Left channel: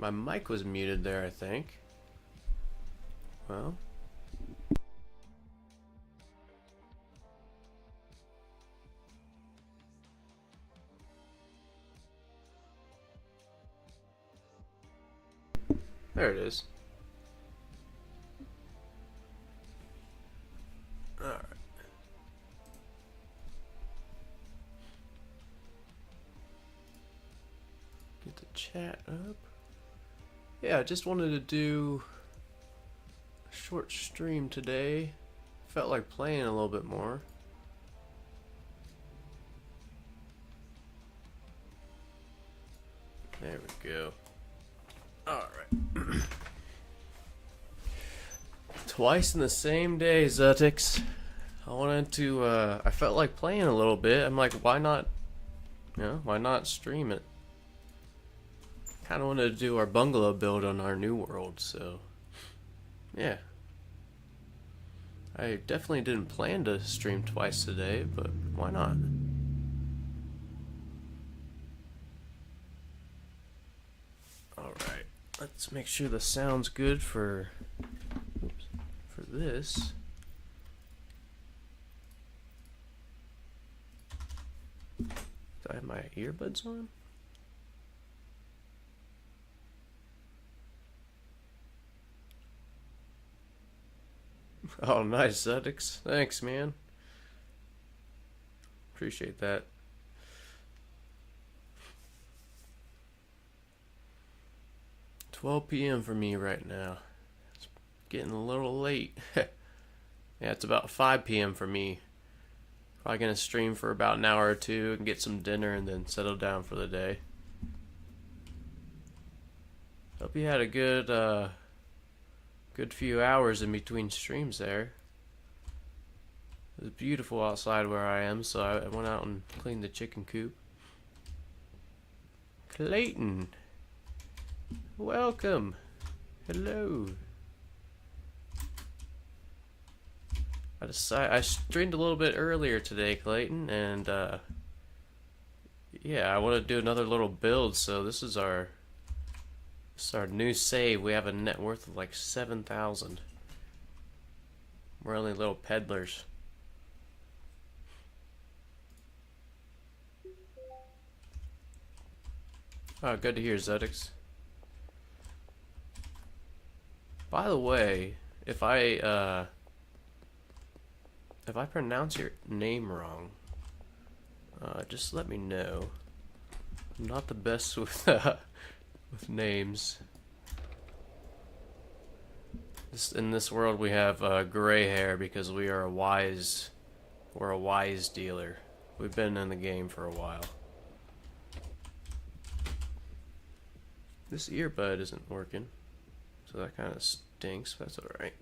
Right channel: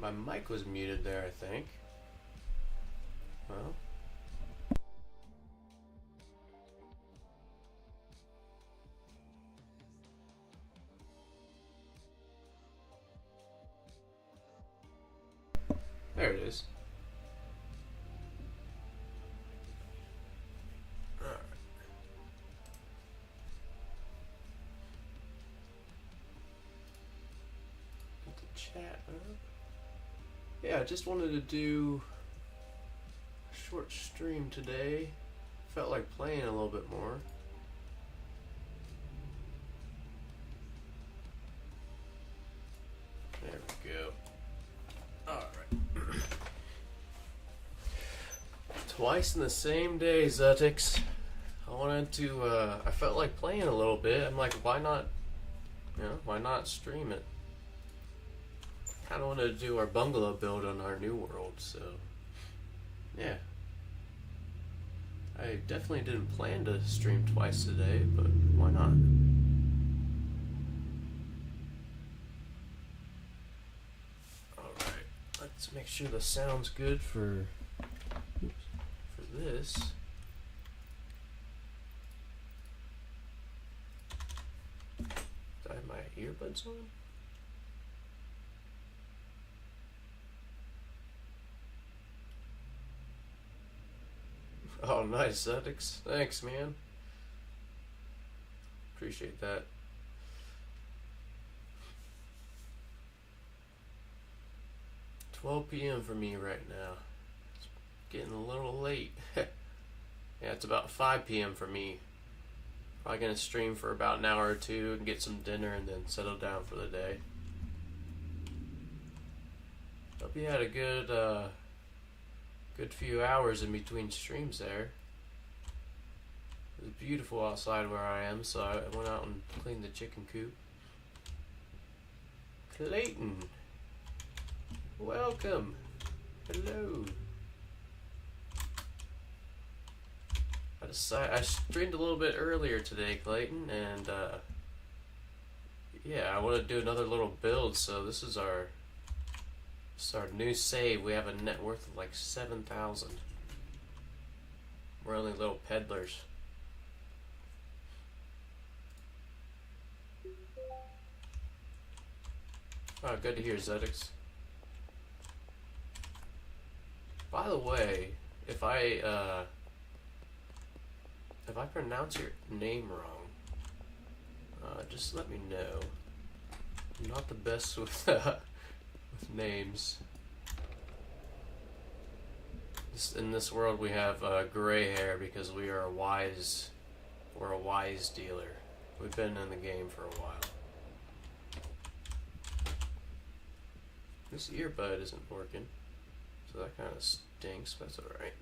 My mic was muted there, I think. Well. There it is. Alright. Get the chat up. Yeah, I just wanted to do a short stream today. Felt like playing a little bit more. There we go. Alright. Twice in the same day, Zutix. I wanted to, I felt like playing a little bit. I'm like, why not, why not stream it? Kind of wanted to do our bungalow build on our new world, so yeah. I definitely didn't plan to stream twice today, but why not? Alright, let's make sure the sound's good for this. Do I have my earbuds on? Oh, nice, Zutix. Thanks, man. Appreciate that. $12 p.m. for me right now. It's getting a little late. Yeah, it's about 5 p.m. for me. Probably gonna stream for about an hour or two and get some dinner and then settle down for the day. Hope you had a good few hours in between streams there. It was beautiful outside where I am, so I went out and cleaned the chicken coop. Clayton, welcome. Hello. I streamed a little bit earlier today, Clayton, and yeah, I want to do another little build. So this is our new save. We have a net worth of like 7,000. We're only little peddlers. Oh, good to hear, Zutix. By the way, if I pronounce your name wrong, just let me know. I'm not the best with names. In this world, we have gray hair because we're a wise dealer. We've been in the game for a while. This earbud isn't working, so that kind of stinks, but that's alright.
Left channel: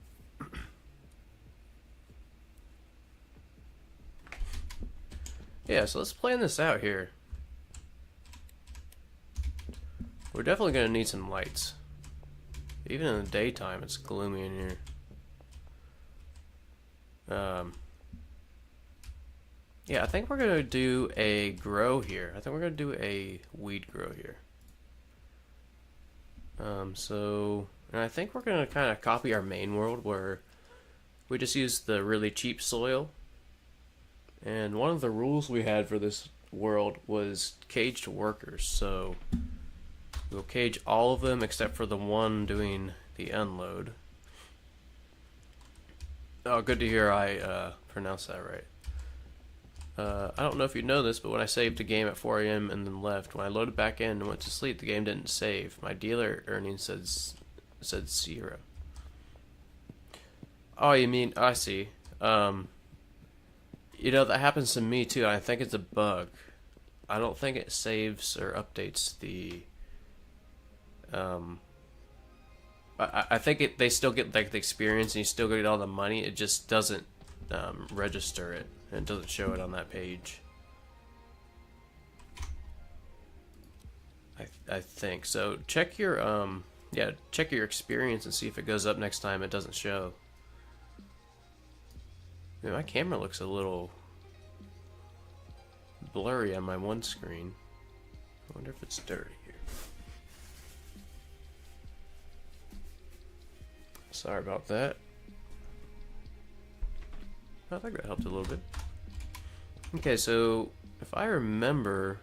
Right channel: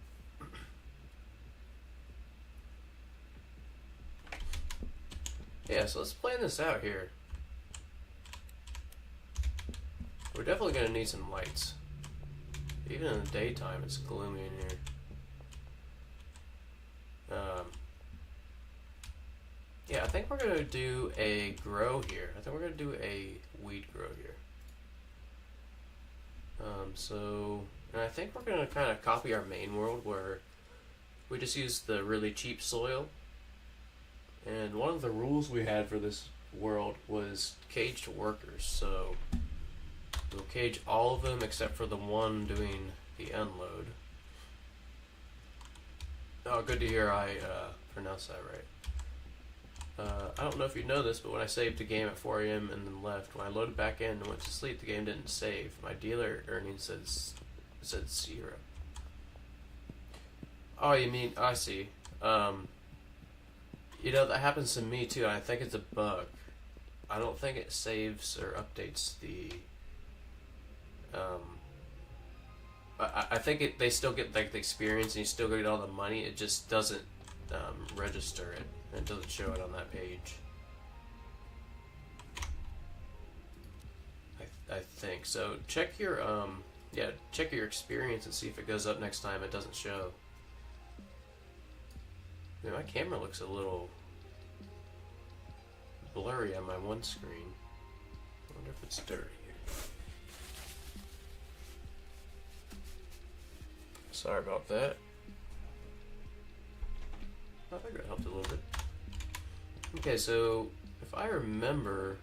Yeah, so let's plan this out here. We're definitely going to need some lights. Even in the daytime, it's gloomy in here. Yeah, I think we're going to do a grow here. I think we're going to do a weed grow here. And I think we're going to kind of copy our main world where we just use the really cheap soil. And one of the rules we had for this world was caged workers, so we'll cage all of them except for the one doing the unload. Oh, good to hear I pronounced that right. I don't know if you know this, but when I saved the game at 4 a.m. and then left, when I loaded back in and went to sleep, the game didn't save. My dealer earnings said 0. Oh, you mean, I see. You know, that happens to me too, and I think it's a bug. I don't think it saves or updates the I think they still get like the experience and you still get all the money. It just doesn't register it. It doesn't show it on that page. I think so. Check your check your experience and see if it goes up next time it doesn't show. Man, my camera looks a little blurry on my one screen. I wonder if it's dirty here. Sorry about that. I think that helped a little bit. Okay, so if I remember,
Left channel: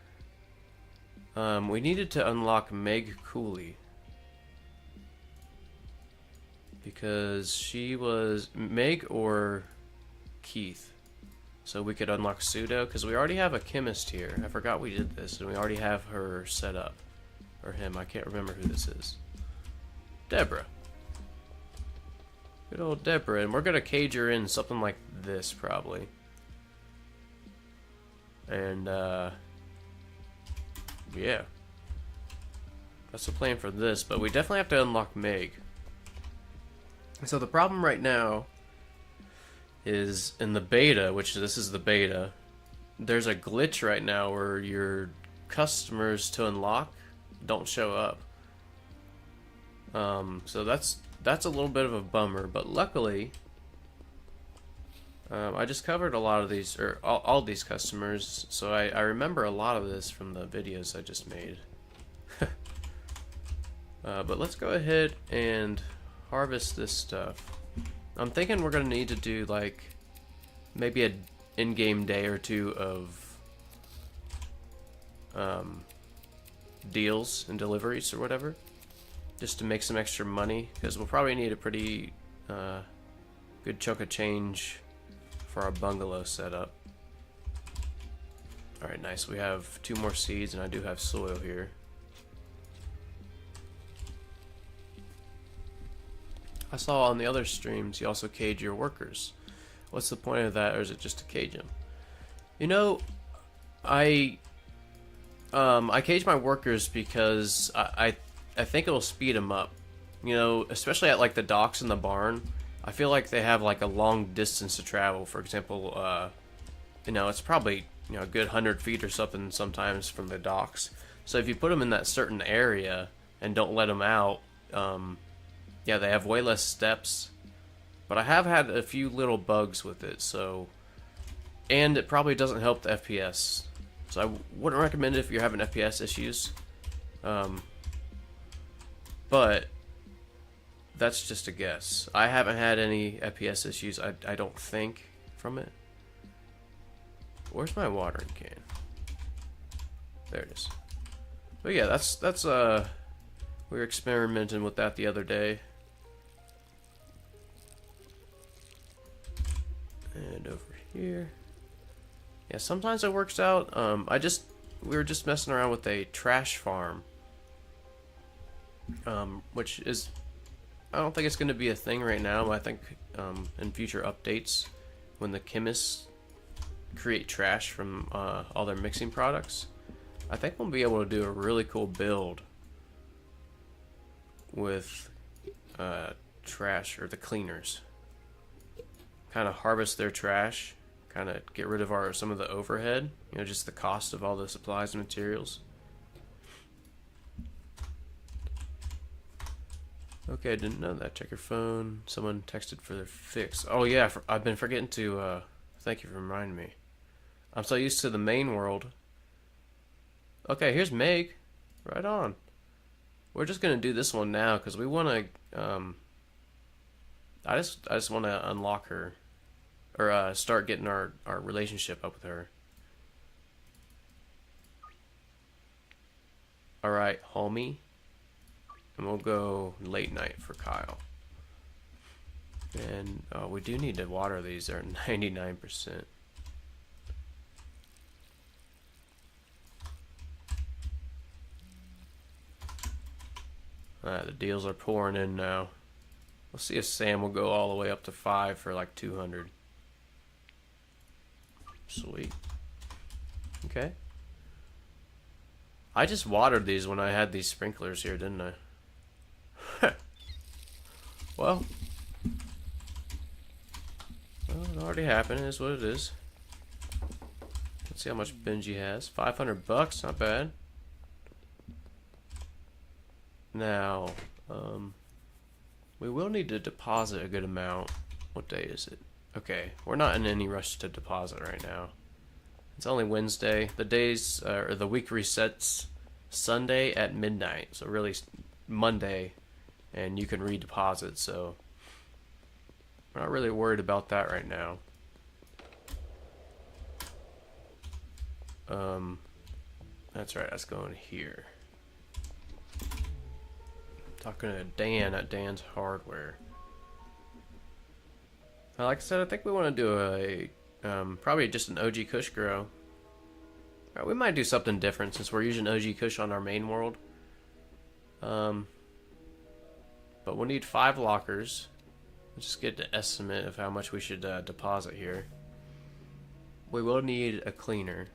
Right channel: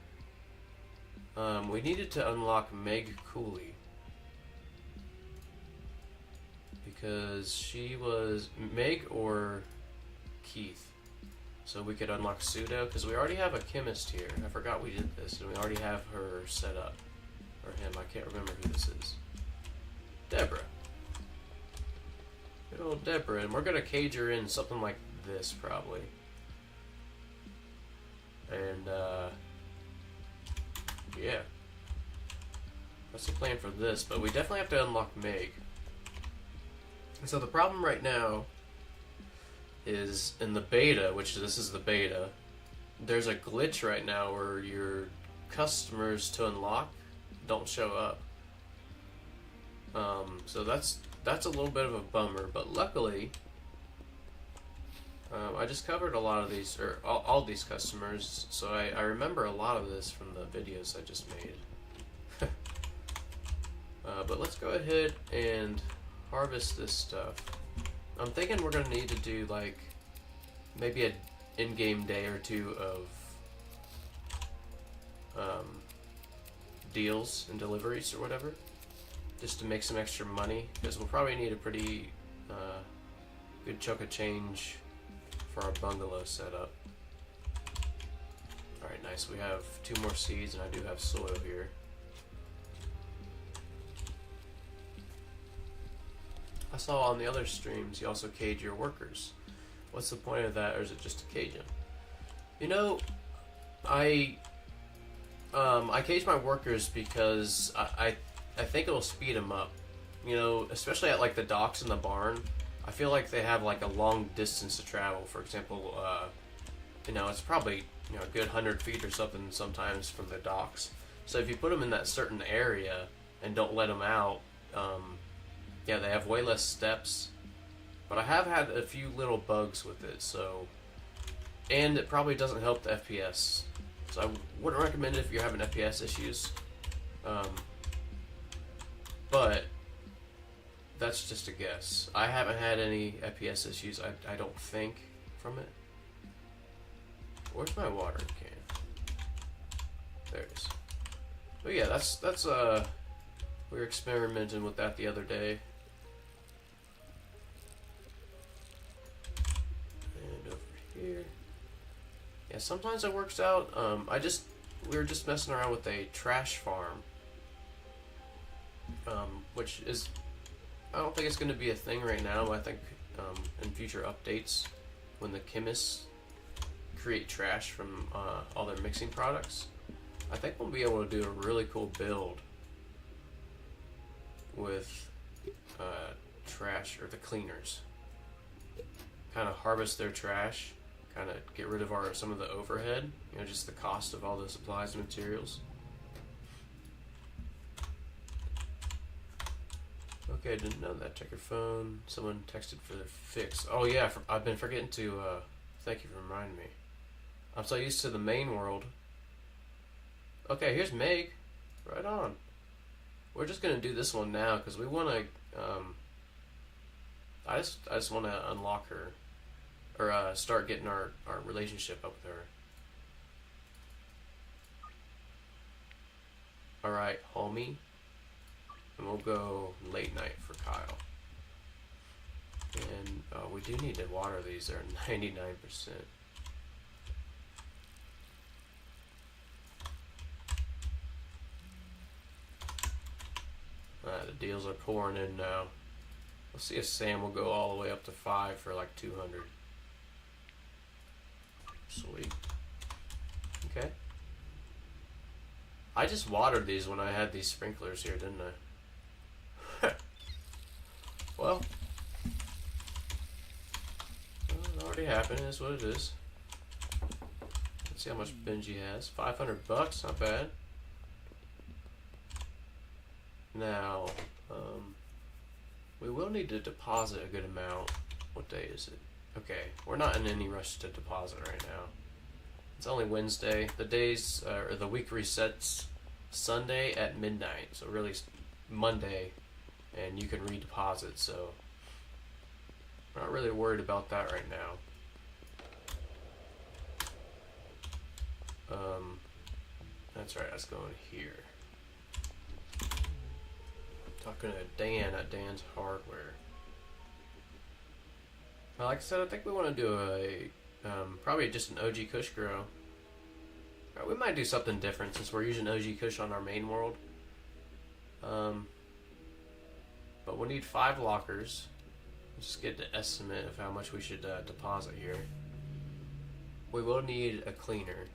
we needed to unlock Meg Cooley because she was Meg or Keith. So we could unlock Pseudo because we already have a chemist here. I forgot we did this, and we already have her set up, or him. I can't remember who this is. Deborah. Good old Deborah, and we're gonna cage her in something like this probably. And yeah, that's the plan for this. But we definitely have to unlock Meg. So the problem right now is in the beta, which this is the beta, there's a glitch right now where your customers to unlock don't show up. So that's a little bit of a bummer, but luckily I just covered a lot of these, or all these customers, so I remember a lot of this from the videos I just made. But let's go ahead and harvest this stuff. I'm thinking we're gonna need to do like maybe an in-game day or two of deals and deliveries or whatever, just to make some extra money, because we'll probably need a pretty good chunk of change for our bungalow setup. Alright, nice. We have 2 more seeds, and I do have soil here. I saw on the other streams you also cage your workers. What's the point of that, or is it just to cage them? You know, I cage my workers because I think it'll speed them up. You know, especially at like the docks in the barn. I feel like they have like a long distance to travel. For example, you know, it's probably, you know, a good 100 feet or something sometimes from the docks. So if you put them in that certain area and don't let them out, yeah, they have way less steps. But I have had a few little bugs with it, so, and it probably doesn't help the FPS. So I wouldn't recommend it if you're having FPS issues. But that's just a guess. I haven't had any FPS issues, I don't think, from it. Where's my watering can? There it is. But yeah, that's we were experimenting with that the other day. And over here. Yeah, sometimes it works out. We were just messing around with a trash farm. Which is, I don't think it's going to be a thing right now, but I think in future updates, when the chemists create trash from all their mixing products, I think we'll be able to do a really cool build with trash, or the cleaners. Kind of harvest their trash, kind of get rid of some of the overhead, you know, just the cost of all the supplies and materials. Okay, I didn't know that. Check your phone. Someone texted for their fix. Oh yeah, I've been forgetting to, thank you for reminding me. I'm so used to the main world. Okay, here's Meg. Right on. We're just gonna do this one now, because we want to, I just want to unlock her, or start getting our relationship up with her. Alright, homie. And we'll go late night for Kyle. And we do need to water these. They're 99%. The deals are pouring in now. We'll see if Sam will go all the way up to 5 for like 200. Sweet. Okay. I just watered these when I had these sprinklers here, didn't I? Well, it already happened. It is what it is. Let's see how much Benji has. 500 bucks, not bad. Now, we will need to deposit a good amount. What day is it? Okay, we're not in any rush to deposit right now. It's only Wednesday. The days, or the week resets Sunday at midnight. So really Monday, and you can redeposit. So We're not really worried about that right now. That's right, that's going here. Talking to Dan at Dan's Hardware. Like I said, I think we want to do a probably just an OG Kush grow. We might do something different since we're using OG Kush on our main world. But we'll need 5 lockers. Let's just get the estimate of how much we should deposit here. We will need a cleaner.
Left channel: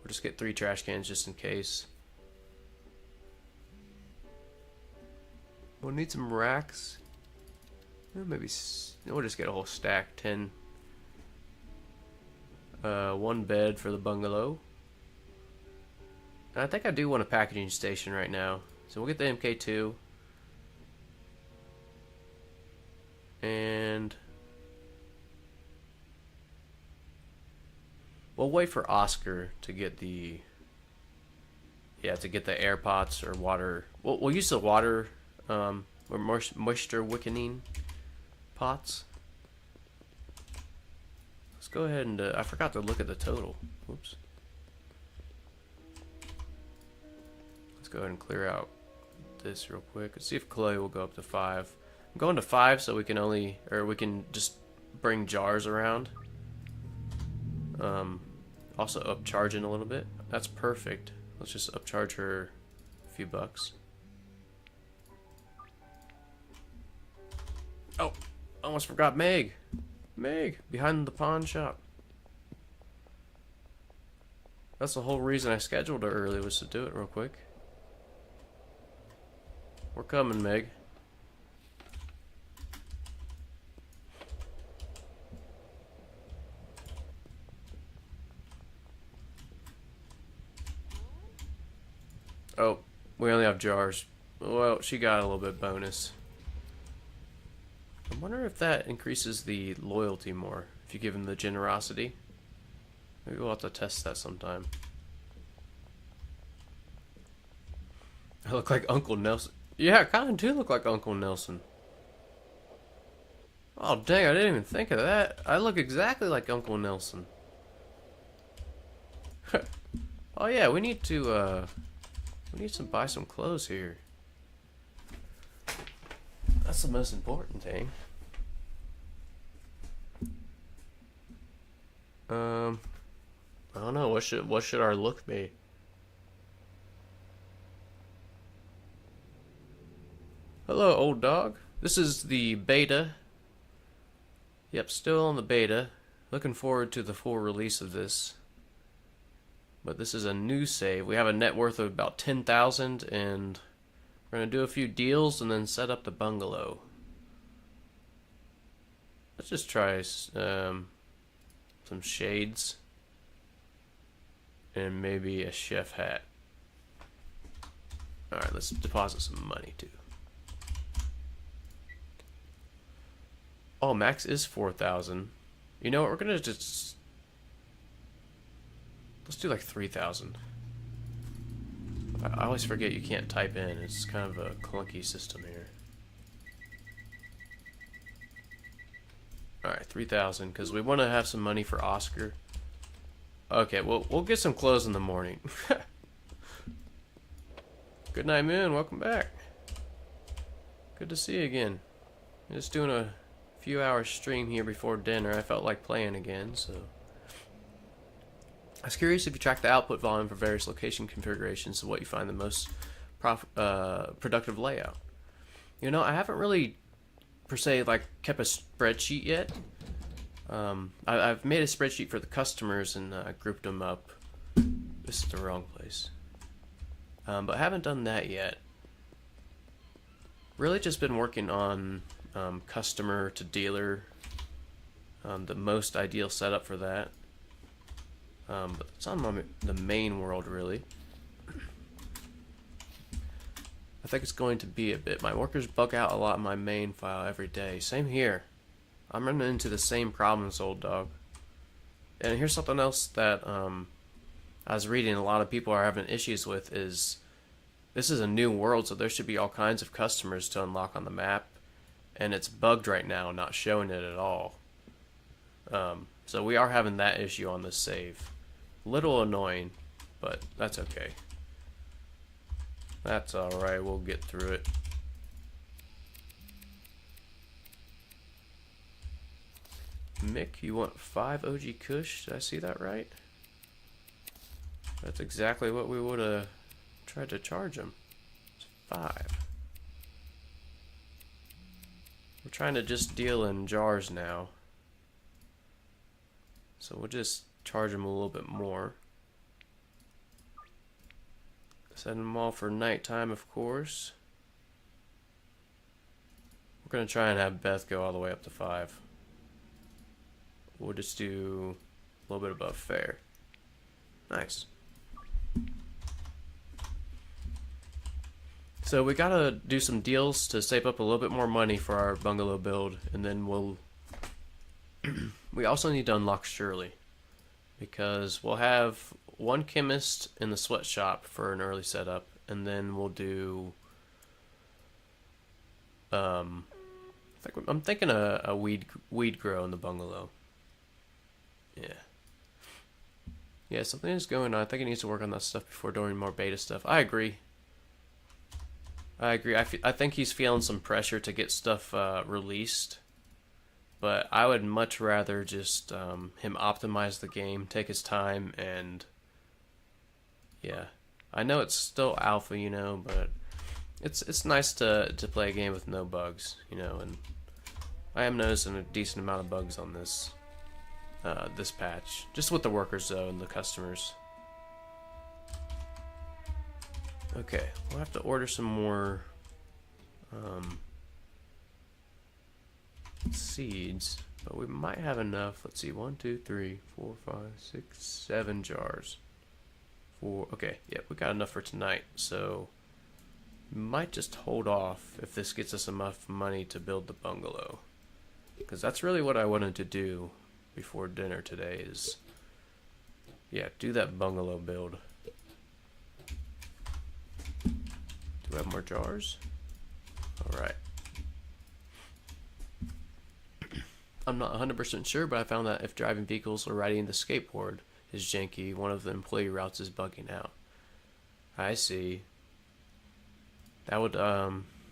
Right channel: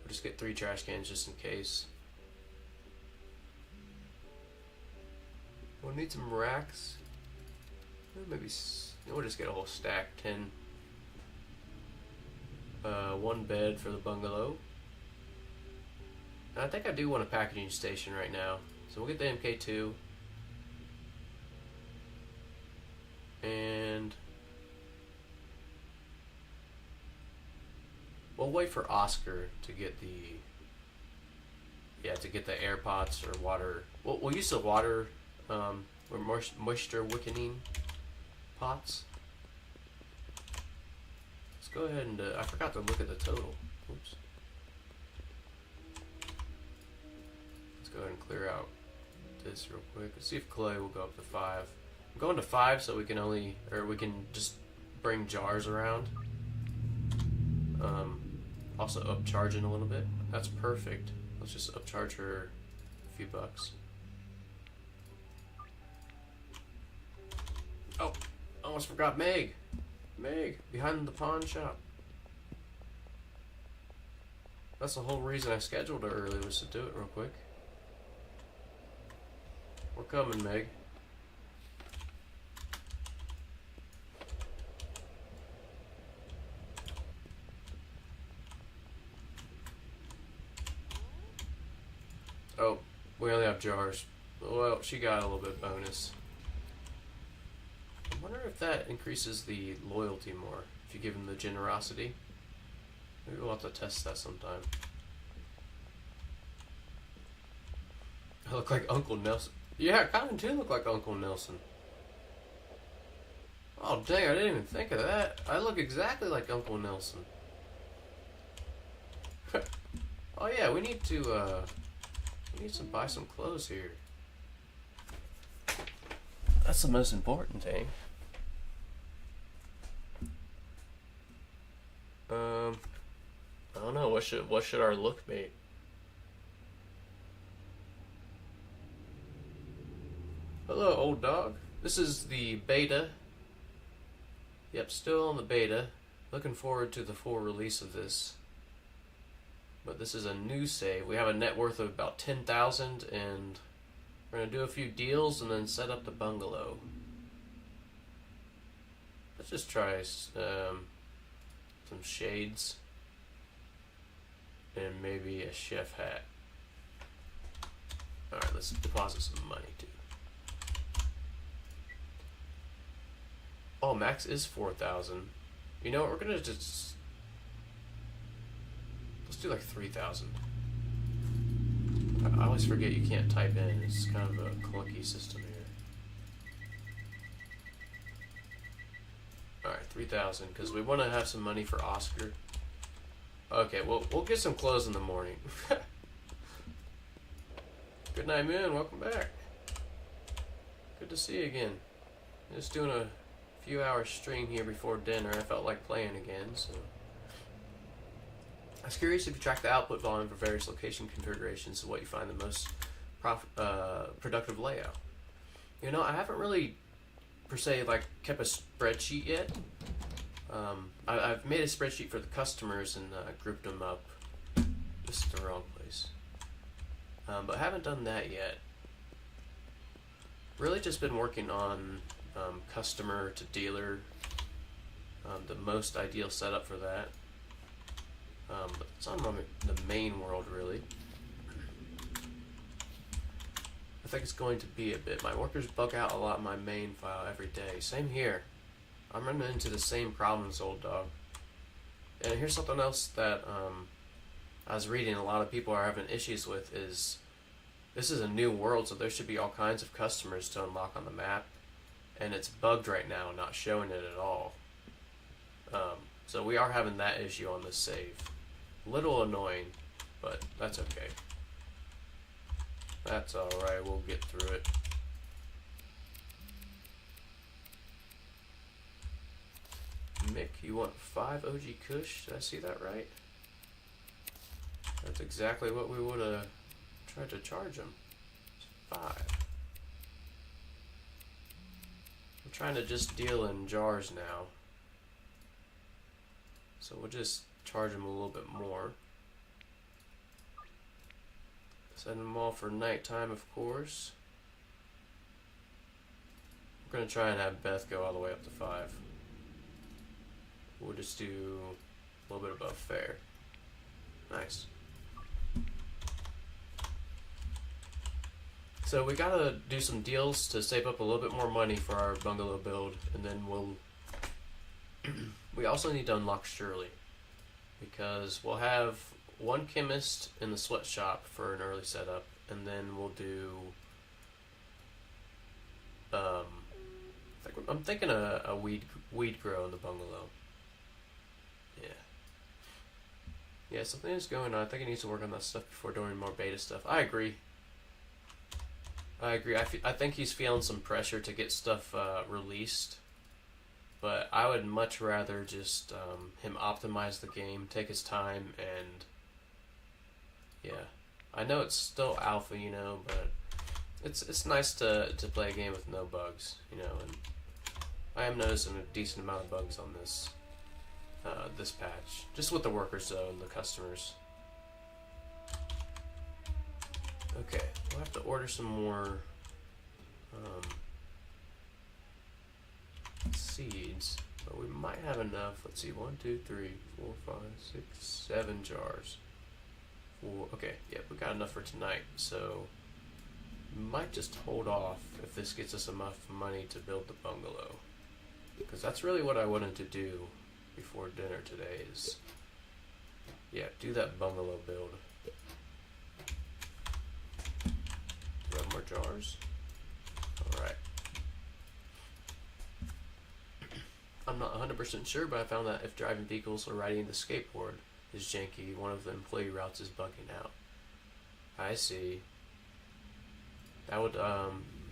We'll just get 3 trash cans just in case. We'll need some racks. Maybe we'll just get a whole stack, 10. 1 bed for the bungalow. And I think I do want a packaging station right now, so we'll get the MK2. And we'll wait for Oscar to get the air pots or water. We'll use the water or moisture wickening pots. Let's go ahead and I forgot to look at the total. Oops. Let's go ahead and clear out this real quick. Let's see if clay will go up to 5. I'm going to 5 so we can just bring jars around. Also upcharging a little bit. That's perfect. Let's just upcharge her a few bucks. Oh, almost forgot Meg. Meg, behind the pawn shop. That's the whole reason I scheduled her early, was to do it real quick. We're coming, Meg. Oh, we only have jars. Well, she got a little bit bonus. I wonder if that increases the loyalty more, if you give him the generosity. Maybe we'll have to test that sometime. I look like Uncle Nelson. Yeah, I kind of do look like Uncle Nelson. Oh, dang, I didn't even think of that. I look exactly like Uncle Nelson. Oh, yeah, we need to, buy some clothes here. That's the most important thing. I don't know, what should our look be? Hello, old dog. This is the beta. Yep, still on the beta. Looking forward to the full release of this. But this is a new save. We have a net worth of about 10,000, and we're gonna do a few deals and then set up the bungalow. Let's just try some shades and maybe a chef hat. Alright, let's deposit some money too. Oh, max is 4,000. You know what, we're gonna just... let's do like 3,000. I always forget you can't type in. It's kind of a clunky system here. Alright, 3,000, because we want to have some money for Oscar. Okay, well, we'll get some clothes in the morning. Good night, Moon. Welcome back. Good to see you again. Just doing a few hours stream here before dinner. I felt like playing again, so... I was curious if you track the output volume for various location configurations, so what you find the most productive layout. You know, I haven't really, per se, like, kept a spreadsheet yet. I've made a spreadsheet for the customers and grouped them up. This is the wrong place. But I haven't done that yet. Really just been working on customer to dealer, the most ideal setup for that. But it's on the main world, really. I think it's going to be a bit. My workers bug out a lot in my main file every day. Same here. I'm running into the same problems, old dog. And here's something else that I was reading a lot of people are having issues with is this is a new world, so there should be all kinds of customers to unlock on the map. and it's bugged right now, not showing it at all. So we are having that issue on this save. Little annoying, but that's okay. That's alright, we'll get through it. Mick, you want 5 OG Kush? Did I see that right? That's exactly what we would have tried to charge him. It's 5. We're trying to just deal in jars now. So we'll just charge him a little bit more. Send them all for nighttime, of course. We're going to try and have Beth go all the way up to 5. We'll just do a little bit above fair. Nice. So we gotta do some deals to save up a little bit more money for our bungalow build, and then we'll we also need to unlock Shirley, because we'll have one chemist in the sweatshop for an early setup, and then we'll do I'm thinking a weed grow in the bungalow. Yeah, something is going on. I think it needs to work on that stuff before doing more beta stuff. I agree. I think he's feeling some pressure to get stuff released, but I would much rather just him optimize the game, take his time, and yeah. I know it's still alpha, you know, but it's nice to play a game with no bugs, you know, and I am noticing a decent amount of bugs on this this patch, just with the workers though and the customers. Okay, we'll have to order some more seeds, but we might have enough. Let's see, 1, 2, 3, 4, 5, 6, 7 jars. Okay, yeah, we got enough for tonight, so we might just hold off if this gets us enough money to build the bungalow, because that's really what I wanted to do before dinner today is, yeah, do that bungalow build. Do we have more jars? Alright. I'm not 100% sure, but I found that if driving vehicles or riding the skateboard is janky, one of the employee routes is bugging out. I see. That would,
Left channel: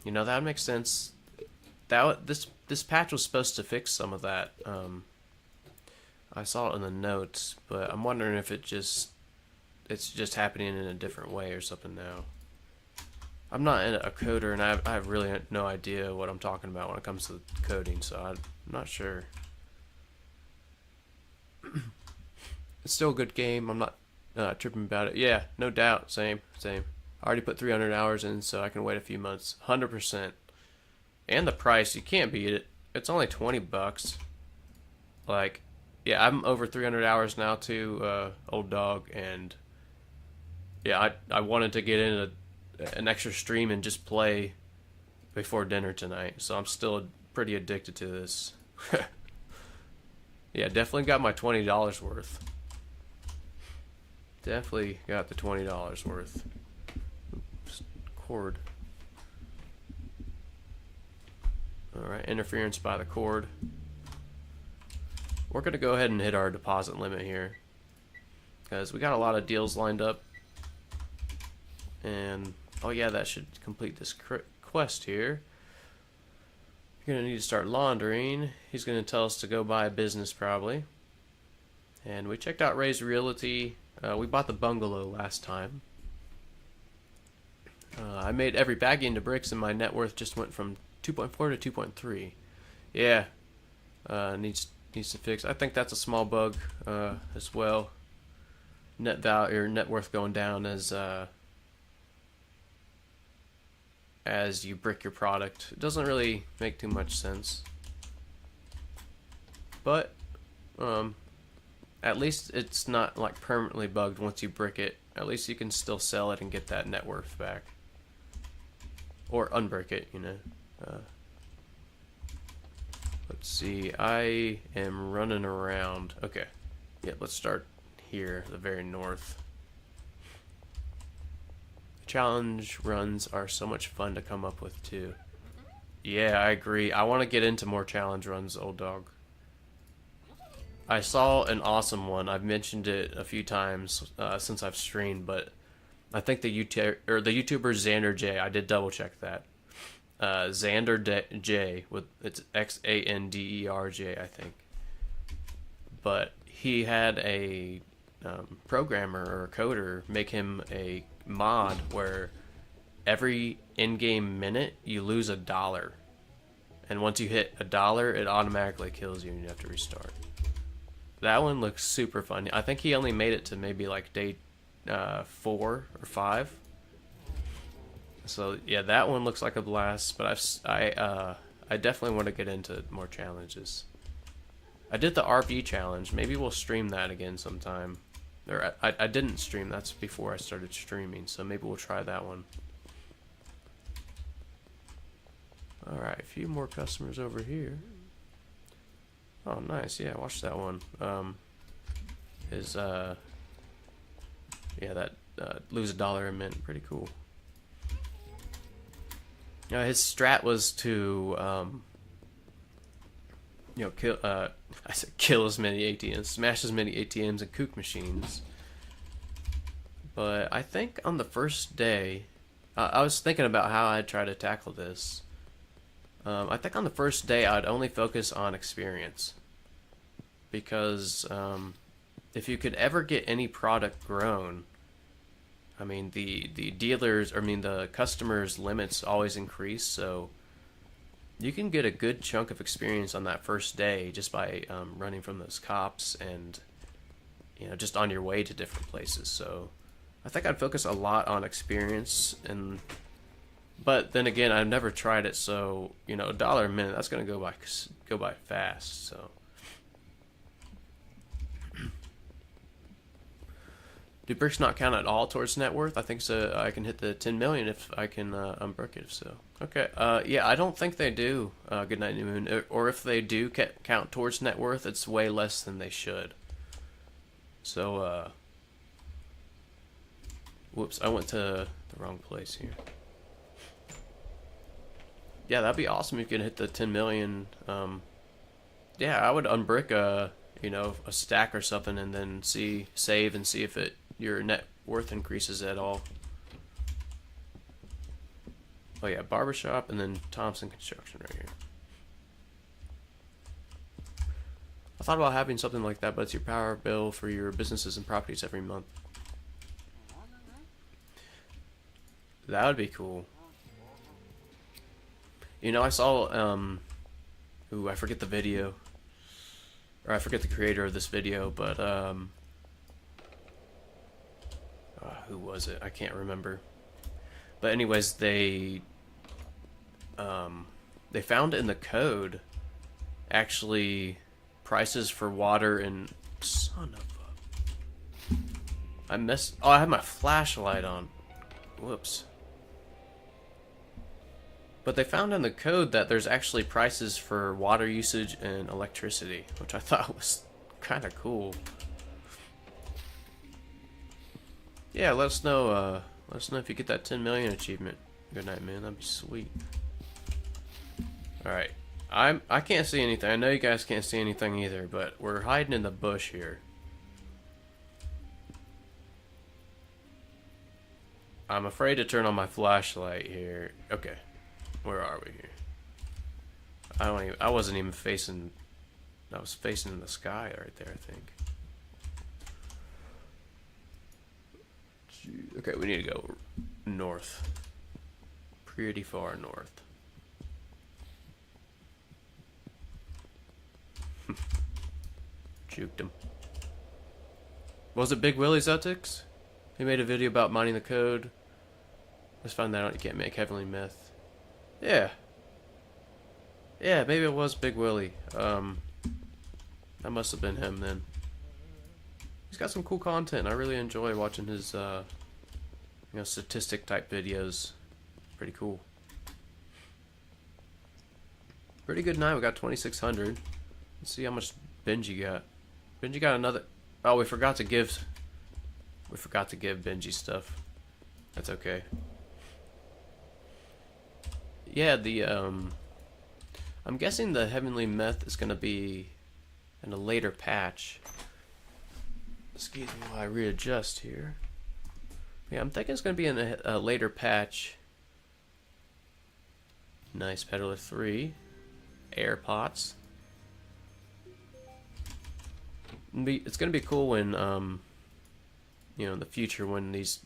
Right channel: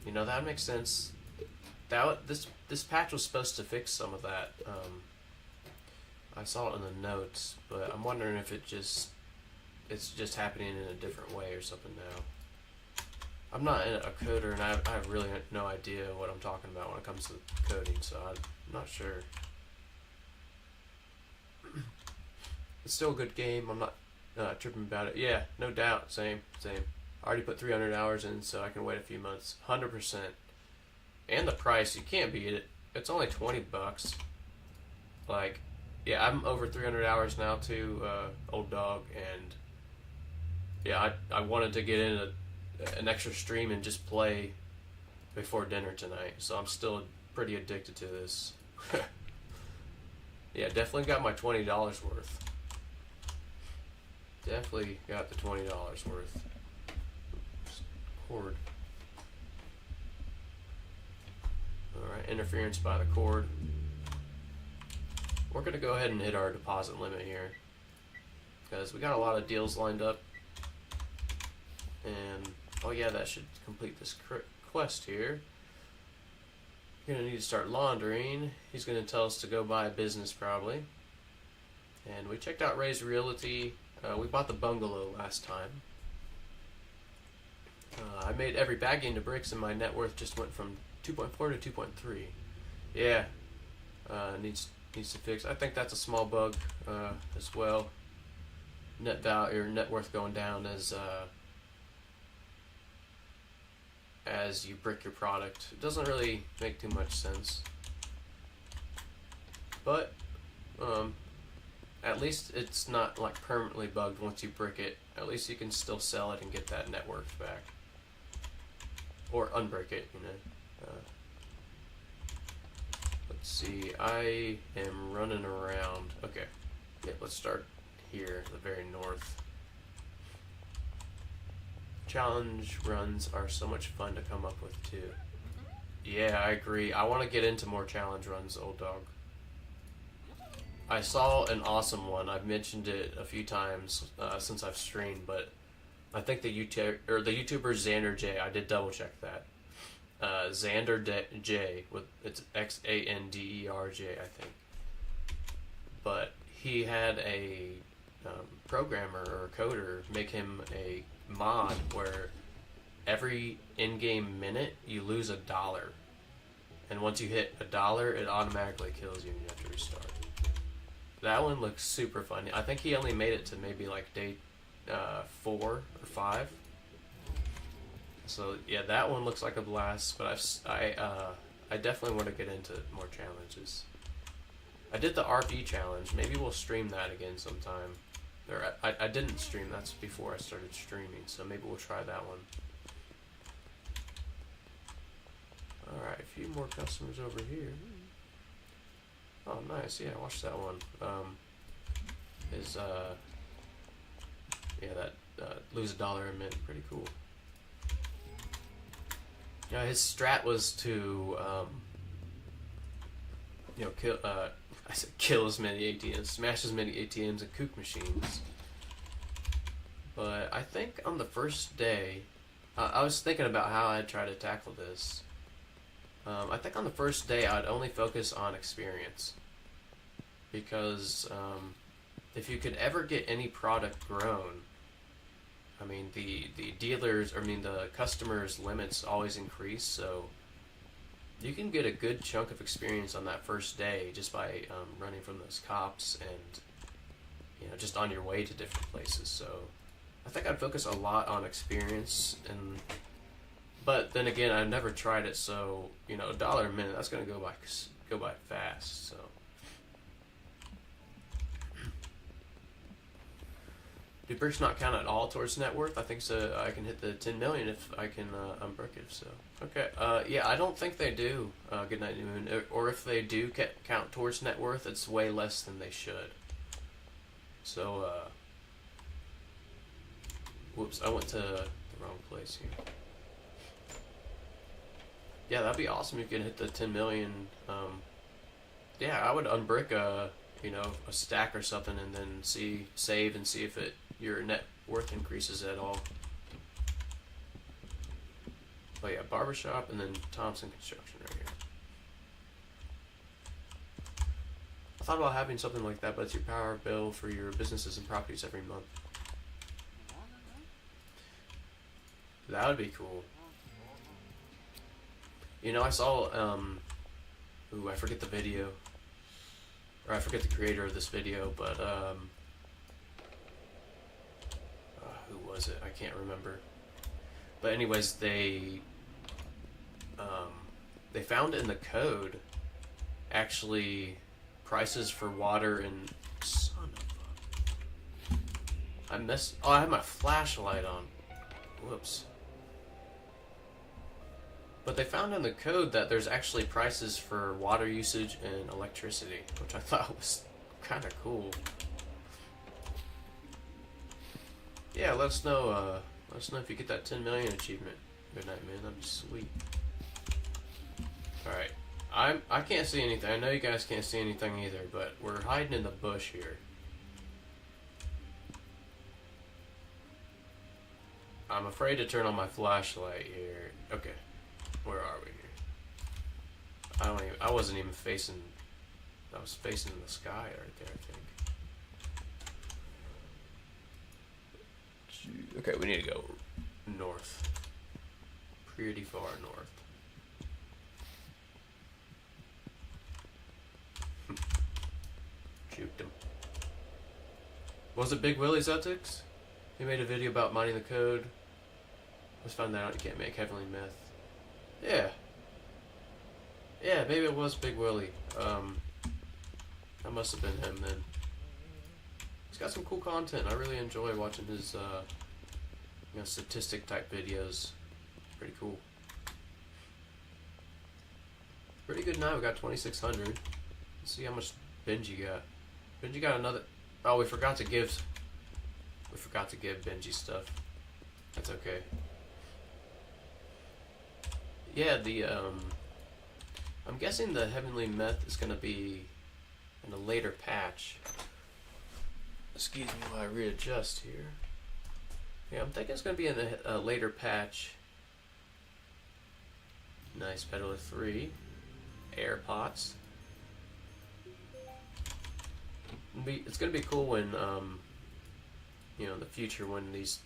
you know, that makes sense. This patch was supposed to fix some of that. I saw it in the notes, but I'm wondering if it's just happening in a different way or something now. I'm not a coder, and I have really no idea what I'm talking about when it comes to coding, so I'm not sure. It's still a good game. I'm not tripping about it. Yeah, no doubt. Same. I already put 300 hours in, so I can wait a few months. 100%. And the price, you can't beat it. It's only 20 bucks. Like, yeah, I'm over 300 hours now too, old dog, and yeah, I wanted to get in an extra stream and just play before dinner tonight, so I'm still pretty addicted to this. Yeah, definitely got my $20 worth. Definitely got the $20 worth. Oops, cord. Alright, interference by the cord. We're going to go ahead and hit our deposit limit here, because we got a lot of deals lined up. And, oh yeah, that should complete this quest here. You're going to need to start laundering. He's going to tell us to go buy a business probably. And we checked out Ray's Realty. We bought the bungalow last time. I made every baggie into bricks, and my net worth just went from 2.4 to 2.3. Yeah, needs to fix. I think that's a small bug as well. Net value or net worth going down as you brick your product. It doesn't really make too much sense, but at least it's not like permanently bugged once you brick it. At least you can still sell it and get that net worth back, or unbrick it, you know. Let's see, I am running around. Okay, yeah, let's start here, the very north. Challenge runs are so much fun to come up with too. Yeah, I agree. I want to get into more challenge runs, old dog. I saw an awesome one. I've mentioned it a few times since I've streamed, but I think the YouTuber Xander J. I did double check that. J with it's Xanderj, I think. But he had a programmer or a coder make him a mod where every in-game minute you lose $1, and once you hit $1, it automatically kills you and you have to restart. That one looks super fun. I think he only made it to maybe like day 4 or 5. So yeah, that one looks like a blast. But I definitely want to get into more challenges. I did the RP challenge. Maybe we'll stream that again sometime. Or I didn't stream. That's before I started streaming. So maybe we'll try that one. All right, a few more customers over here. Oh, nice. Yeah, watch that one. Yeah, that lose $1 a minute. Pretty cool. His strat was to, kill. I said kill as many ATMs, smash as many ATMs and kook machines. But I think on the first day, I was thinking about how I'd try to tackle this. I think on the first day I'd only focus on experience, because if you could ever get any product grown, I mean the customers' limits always increase, so you can get a good chunk of experience on that first day just by running from those cops and just on your way to different places. So I think I'd focus a lot on experience. But then again, I've never tried it, so $1 a minute, that's gonna go by fast. So, do bricks not count at all towards net worth? I think so. I can hit the 10 million if I can unbrick it. So, okay. Yeah, I don't think they do. Good night, New Moon. Or if they do count towards net worth, it's way less than they should. So, whoops, I went to the wrong place here. Yeah, that'd be awesome if you could hit the 10 million. Yeah, I would unbrick a stack or something and then save and see if your net worth increases at all. Oh yeah, barbershop and then Thompson Construction right here. I thought about having something like that, but it's your power bill for your businesses and properties every month. That would be cool. I saw, I forget the video, or I forget the creator of this video, but, who was it? I can't remember. But anyways, they found in the code, actually, prices for water and, son of a, I had my flashlight on. Whoops. But they found in the code that there's actually prices for water usage and electricity, which I thought was kind of cool. Yeah, let us know if you get that 10 million achievement. Good night, man. That'd be sweet. All right, I can't see anything. I know you guys can't see anything either, but we're hiding in the bush here. I'm afraid to turn on my flashlight here. Okay. Where are we here? I wasn't even facing. I was facing the sky right there, I think. Okay, we need to go north. Pretty far north. Juked him. Was it Big Willie Zutix? He made a video about mining the code. Just found that out you can't make heavenly meth. Yeah. Yeah, maybe it was Big Willie. That must have been him then. He's got some cool content. I really enjoy watching his, statistic type videos. Pretty cool. Pretty good night. We got 2,600. Let's see how much Benji got. Benji got another. Oh, we forgot to give Benji stuff. That's okay. Yeah, I'm guessing the Heavenly Meth is going to be in a later patch. Excuse me while I readjust here. Yeah, I'm thinking it's going to be in a later patch. Nice, Peddler 3. Air pots. It's going to be cool when, you know, in the future when these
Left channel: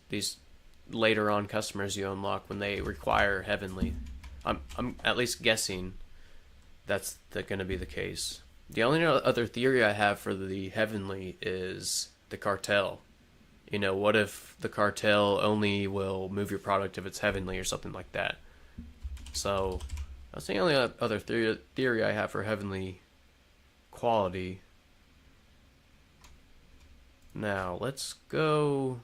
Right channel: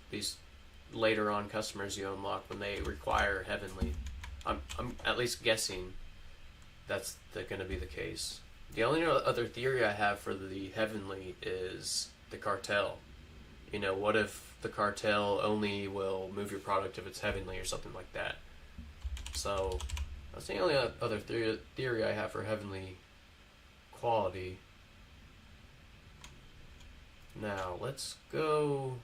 later on customers you unlock, when they require Heavenly. I'm at least guessing that's going to be the case. The only other theory I have for the Heavenly is the cartel. You know, what if the cartel only will move your product if it's Heavenly or something like that? So, that's the only other theory I have for Heavenly quality. Now, let's go...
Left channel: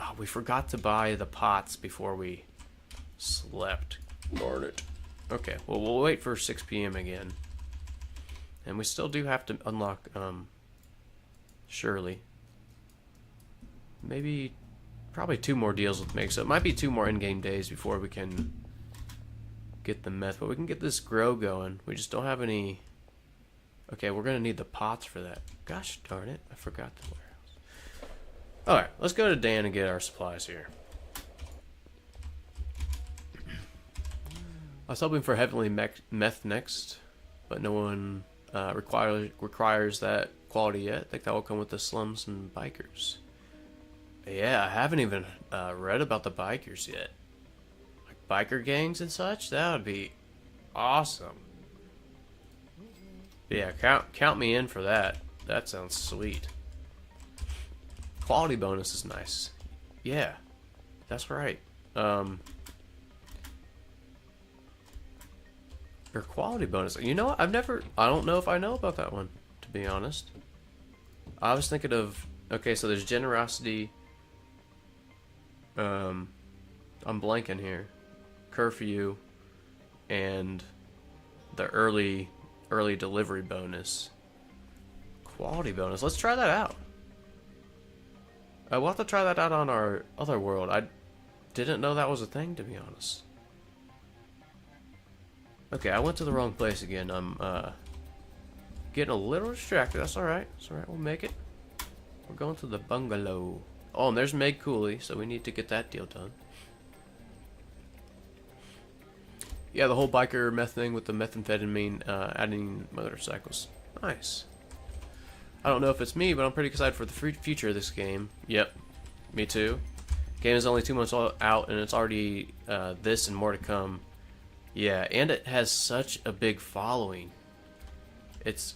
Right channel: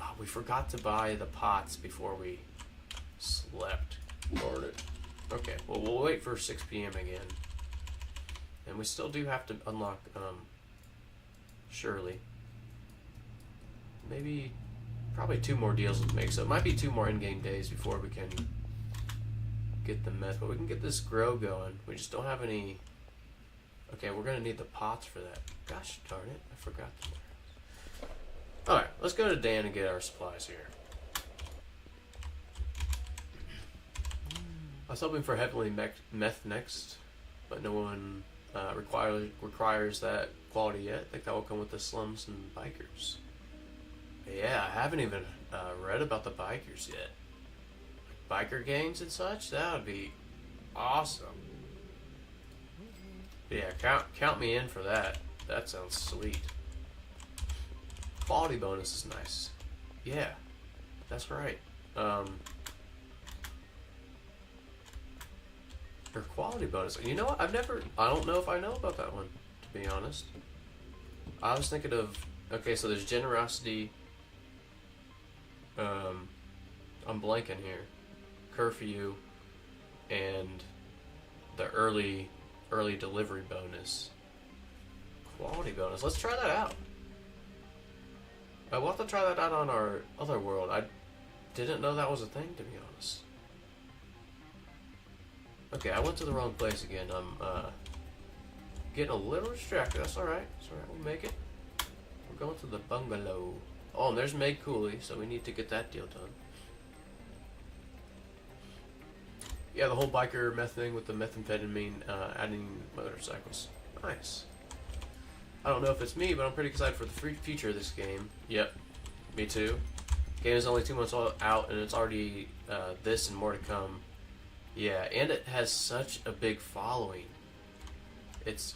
Oh, we forgot to buy the pots before we slept. Darn it. Okay, well, we'll wait for 6 p.m. again. And we still do have to unlock, Shirley. Maybe, probably 2 more deals with Meg, so it might be 2 more in-game days before we can get the meth. But we can get this grow going. We just don't have any... Okay, we're going to need the pots for that. Gosh darn it, I forgot the warehouse. Alright, let's go to Dan and get our supplies here. I was hoping for Heavenly Meth next, but no one requires that quality yet. I think that will come with the slums and bikers. But yeah, I haven't even read about the bikers yet. Like biker gangs and such? That would be awesome. But yeah, count me in for that. That sounds sweet. Quality bonus is nice. Yeah, that's right. Your quality bonus. You know what? I don't know if I know about that one, to be honest. I was thinking of, okay, so there's generosity. I'm blanking here. Curfew and the early delivery bonus. Quality bonus. Let's try that out. We'll have to try that out on our other world. I didn't know that was a thing, to be honest. Okay, I went to the wrong place again. I'm getting a little distracted. That's alright. That's alright. We'll make it. We're going to the bungalow. Oh, and there's Meg Cooley, so we need to get that deal done. Yeah, the whole biker meth thing with the methamphetamine adding motorcycles. Nice. I don't know if it's me, but I'm pretty excited for the future of this game. Yep, me too. Game is only 2 months out, and it's already this and more to come. Yeah, and it has such a big following. It's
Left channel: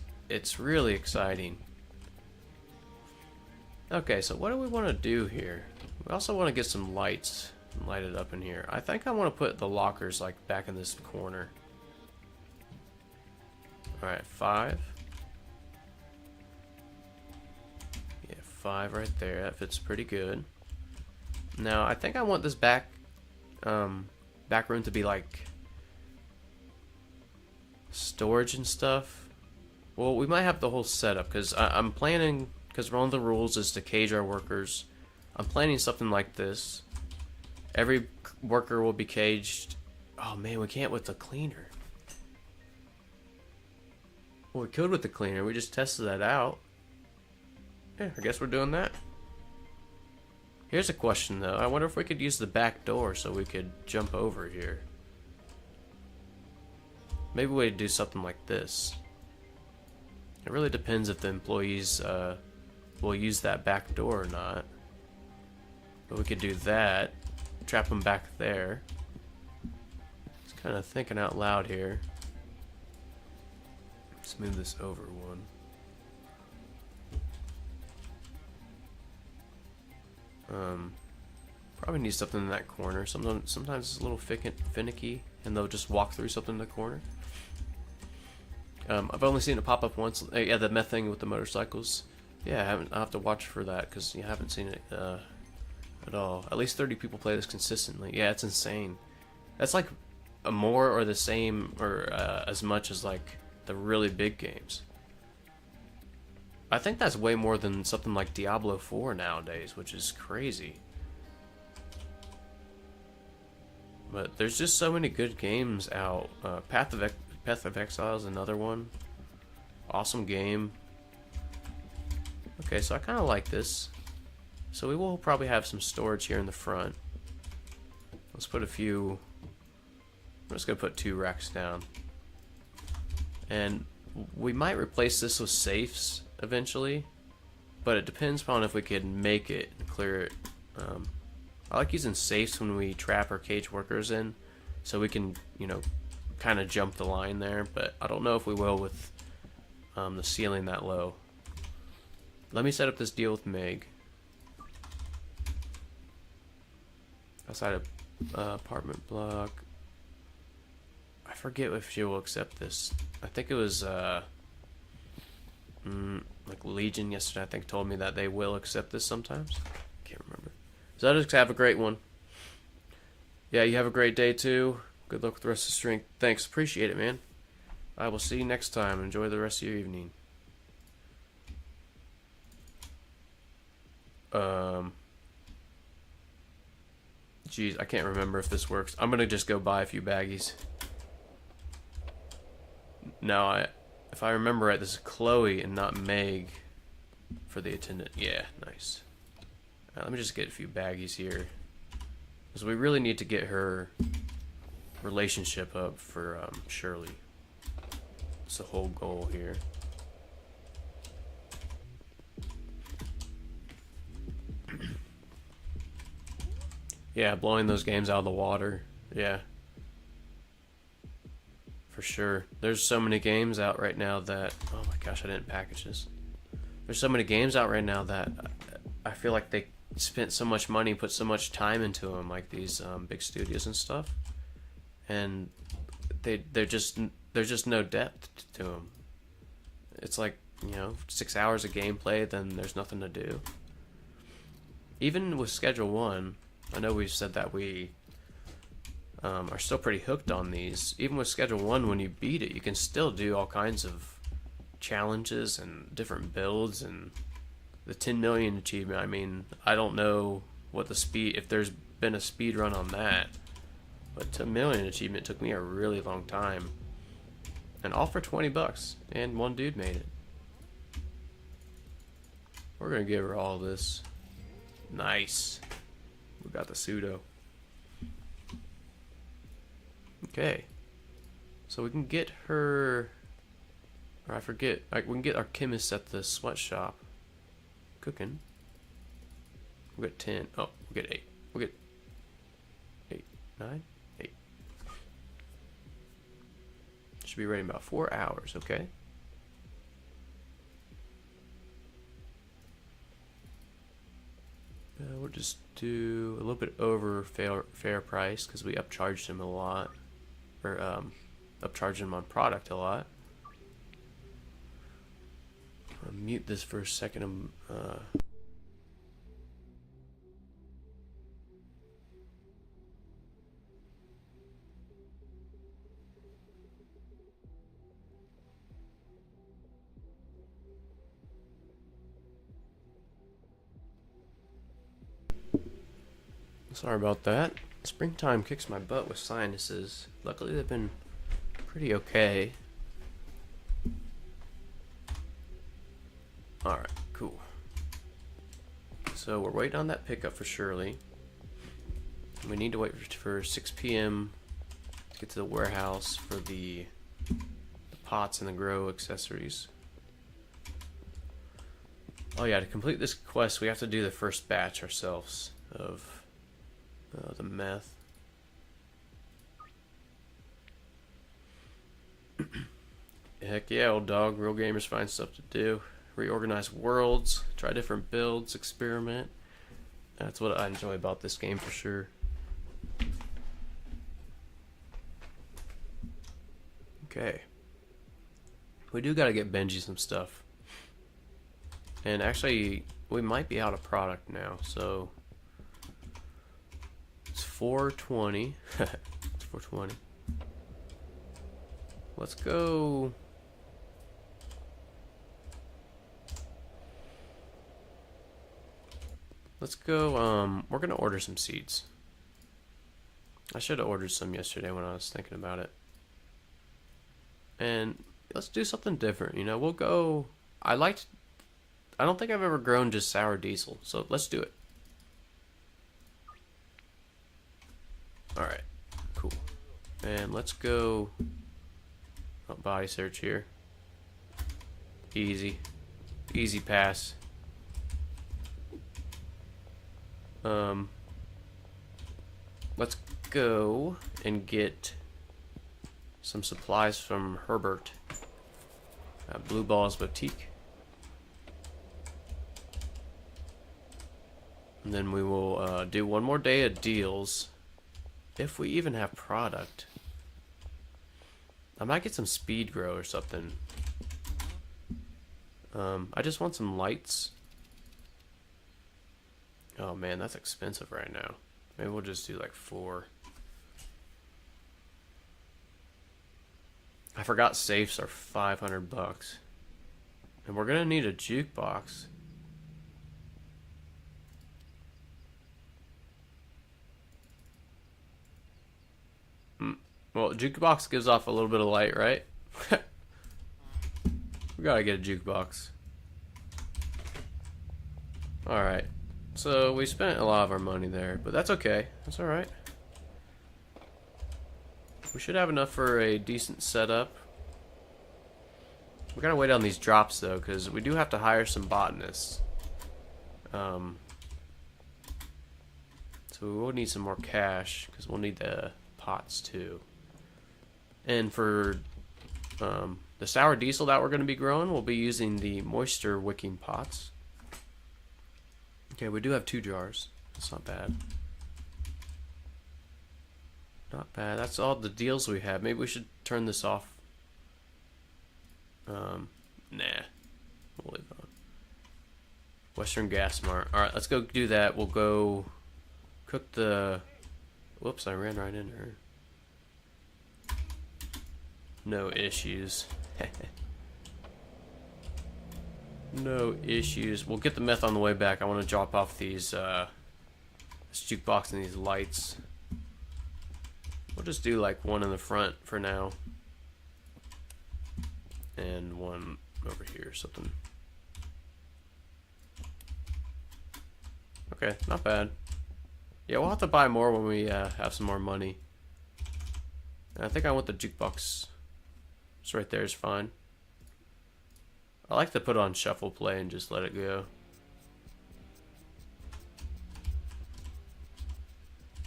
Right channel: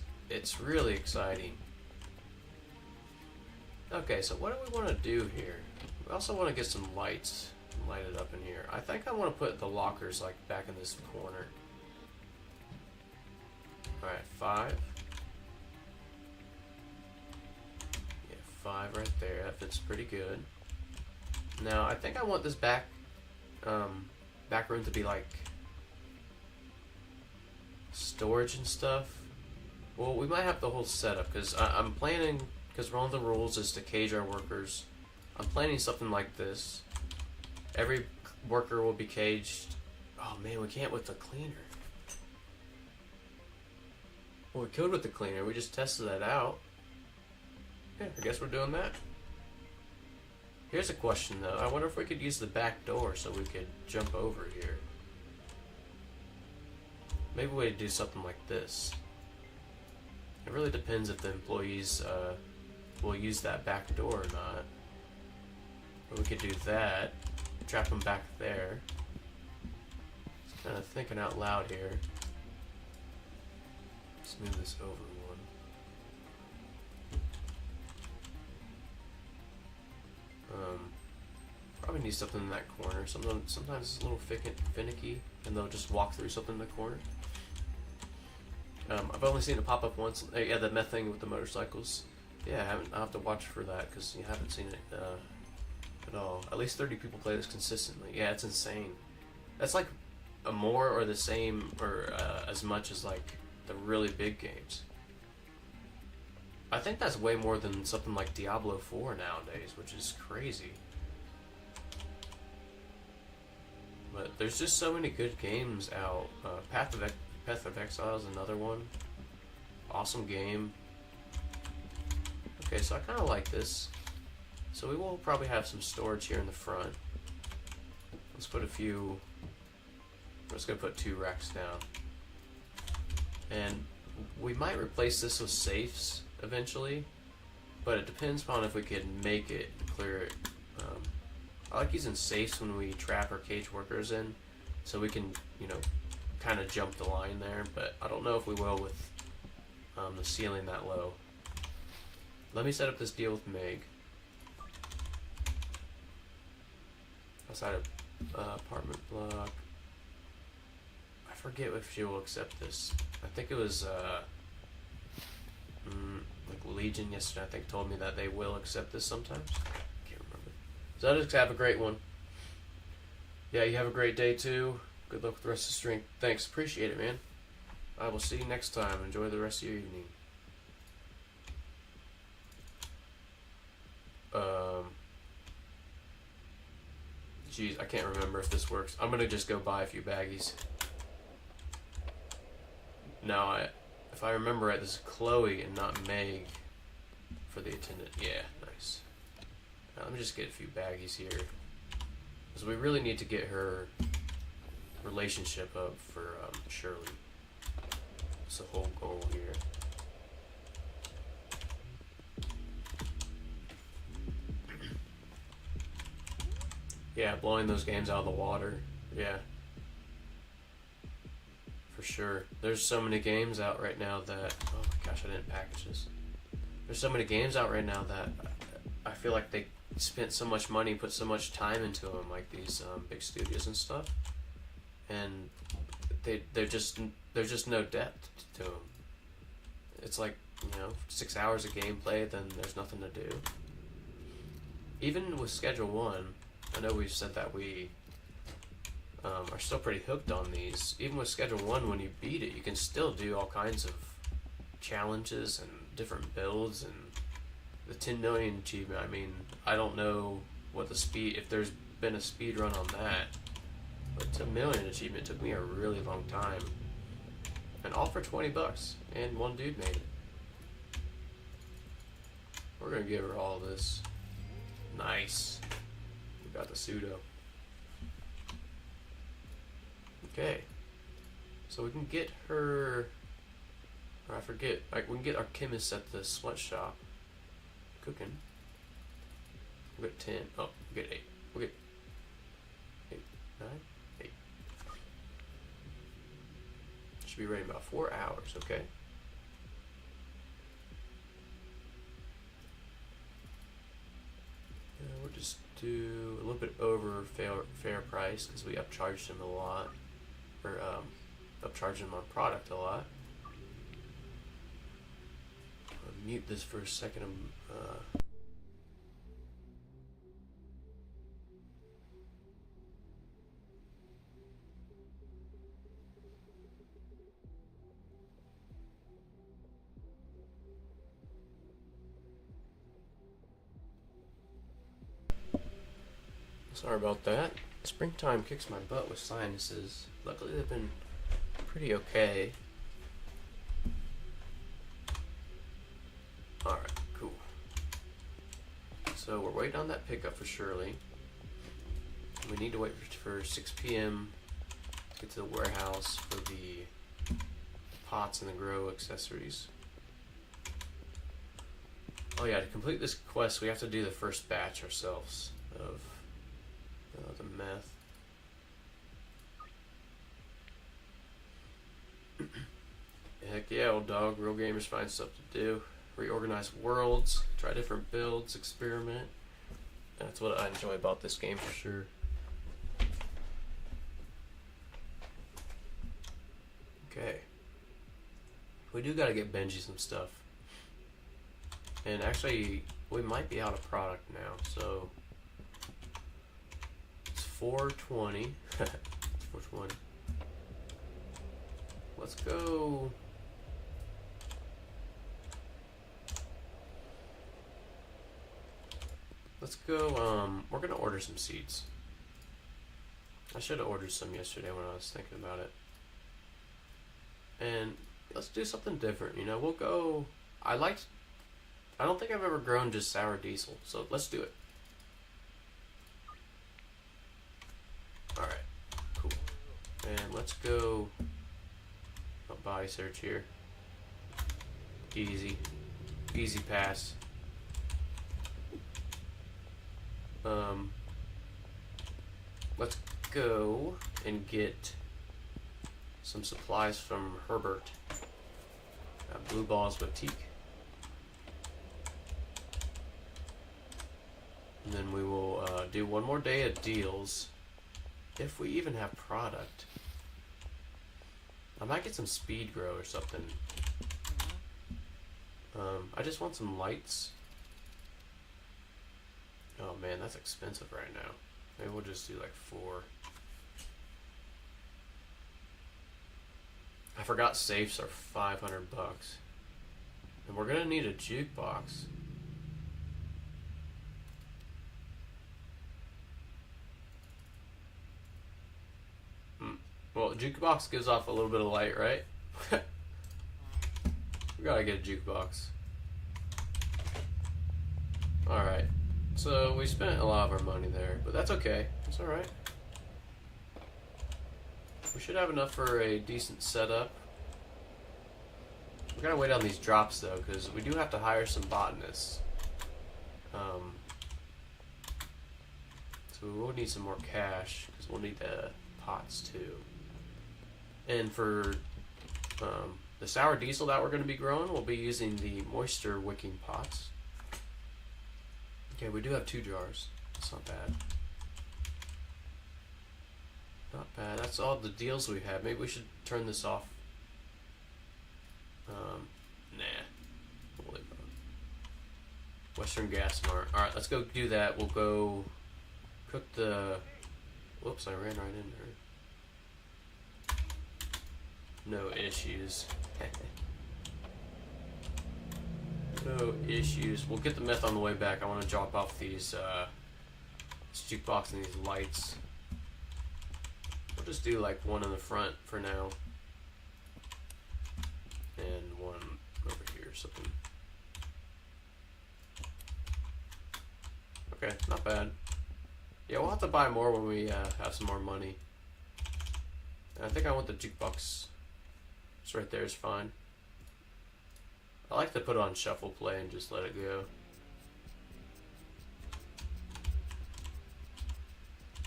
really exciting. Okay, so what do we want to do here? We also want to get some lights lighted up in here. I think I want to put the lockers like back in this corner. Alright, 5. Yeah, 5 right there. That fits pretty good. Now, I think I want this back room to be like storage and stuff. Well, we might have the whole setup because I'm planning, because one of the rules is to cage our workers. I'm planning something like this. Every worker will be caged. Oh man, we can't with the cleaner. Well, we could with the cleaner. We just tested that out. Yeah, I guess we're doing that. Here's a question though. I wonder if we could use the back door so we could jump over here. Maybe we'd do something like this. It really depends if the employees will use that back door or not. But we could do that. Trap them back there. Just kind of thinking out loud here. Let's move this over one. Probably need something in that corner. Sometimes it's a little finicky, and they'll just walk through something in the corner. I've only seen it pop up once. Yeah, the meth thing with the motorcycles. Yeah, I'll have to watch for that because you haven't seen it at all. At least 30 people play this consistently. Yeah, it's insane. That's like a more or the same or as much as like the really big games. I think that's way more than something like Diablo 4 nowadays, which is crazy. But there's just so many good games out. Path of Exile is another one. Awesome game. Okay, so I kind of like this. So we will probably have some storage here in the front. Let's put a few... I'm just going to put 2 racks down. And we might replace this with safes eventually, but it depends upon if we can make it clear it. I like using safes when we trap our cage workers in, so we can, you know, kind of jump the line there, but I don't know if we will with the ceiling that low. Let me set up this deal with Meg. Outside of apartment block. I forget if she will accept this. I think it was like Legion yesterday, I think, told me that they will accept this sometimes. Can't remember. So just have a great one. Yeah, you have a great day too. Good luck with the rest of the string. Thanks, appreciate it, man. I will see you next time. Enjoy the rest of your evening. Geez, I can't remember if this works. I'm gonna just go buy a few baggies. Now, if I remember right, this is Chloe and not Meg for the attendant. Yeah, nice. Let me just get a few baggies here, because we really need to get her relationship up for Shirley. That's the whole goal here. Yeah, blowing those games out of the water. Yeah. For sure. There's so many games out right now that... Oh my gosh, I didn't package this. There's so many games out right now that I feel like they spent so much money, put so much time into them, like these big studios and stuff. And there's just no depth to them. It's like, you know, 6 hours of gameplay, then there's nothing to do. Even with Schedule 1... I know we've said that we are still pretty hooked on these. Even with Schedule 1, when you beat it, you can still do all kinds of challenges and different builds. And the 10 million achievement, I mean, I don't know what the speed, if there's been a speed run on that. But 10 million achievement took me a really long time. And all for 20 bucks. And one dude made it. We're going to give her all this. Nice. We got the pseudo. Okay. So we can get her... Or I forget. We can get our chemist at the sweatshop. Cooking. We'll get 10. Oh, we'll get 8. We'll get 8, 9, 8. Should be ready in about 4 hours, okay? We'll just do a little bit over fair price because we upcharged him a lot, or upcharged him on product a lot. I'll mute this for a second. Sorry about that. Springtime kicks my butt with sinuses. Luckily they've been pretty okay. Alright, cool. So we're waiting on that pickup for Shirley. We need to wait for 6 p.m. to get to the warehouse for the pots and the grow accessories. Oh yeah, to complete this quest we have to do the first batch ourselves of the meth. Heck yeah, old dog. Real gamers find stuff to do. Reorganize worlds, try different builds, experiment. That's what I enjoy about this game for sure. Okay. We do gotta get Benji some stuff. And actually, we might be out of product now, so... It's 420. It's 420. Let's go... we're gonna order some seeds. I should have ordered some yesterday when I was thinking about it. and let's do something different. You know, we'll go. I liked. I don't think I've ever grown just sour diesel, so let's do it. All right, cool. And let's go. Body search here. Easy, easy pass. Let's go and get some supplies from Herbert. Blue Balls Boutique. And then we will do one more day of deals. If we even have product. I might get some speed grow or something. I just want some lights. Oh man, that's expensive right now. Maybe we'll just do like 4. I forgot safes are $500. And we're gonna need a jukebox. Well, jukebox gives off a little bit of light, right? We gotta get a jukebox. Alright. So we spent a lot of our money there, but that's okay. That's alright. We should have enough for a decent setup. We gotta wait on these drops though, because we do have to hire some botanists. So we will need some more cash, because we'll need the pots too. And for the sour diesel that we're going to be growing, we'll be using the moisture wicking pots. Okay, we do have 2 jars. That's not bad. Not bad. That's all the deals we have. Maybe we should turn this off. Nah. We'll leave it on. Western Gas Mart. Alright, let's go do that. We'll go cook the... Whoops, I ran right into her. No issues. No issues. We'll get the meth on the way back. I want to drop off these this jukebox and these lights. We'll just do like one in the front for now. And one over here or something. Okay, not bad. Yeah, we'll have to buy more when we have some more money. And I think I want the jukebox. It's right there is fine. I like to put on shuffle play and just let it go.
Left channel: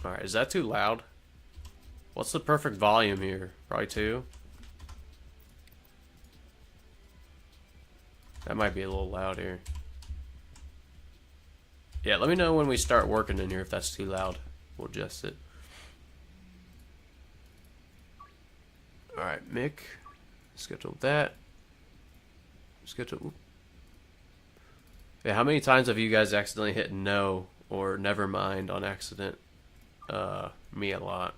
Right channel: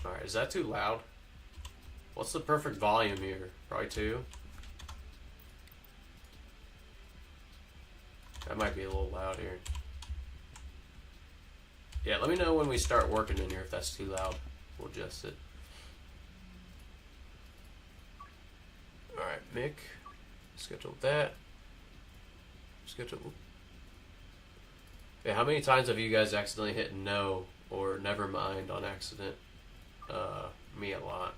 Alright, is that too loud? What's the perfect volume here? Probably 2? That might be a little loud here. Yeah, let me know when we start working in here if that's too loud. We'll adjust it. Alright, Mick. Schedule that. Schedule. Yeah, how many times have you guys accidentally hit no or never mind on accident? Me a lot.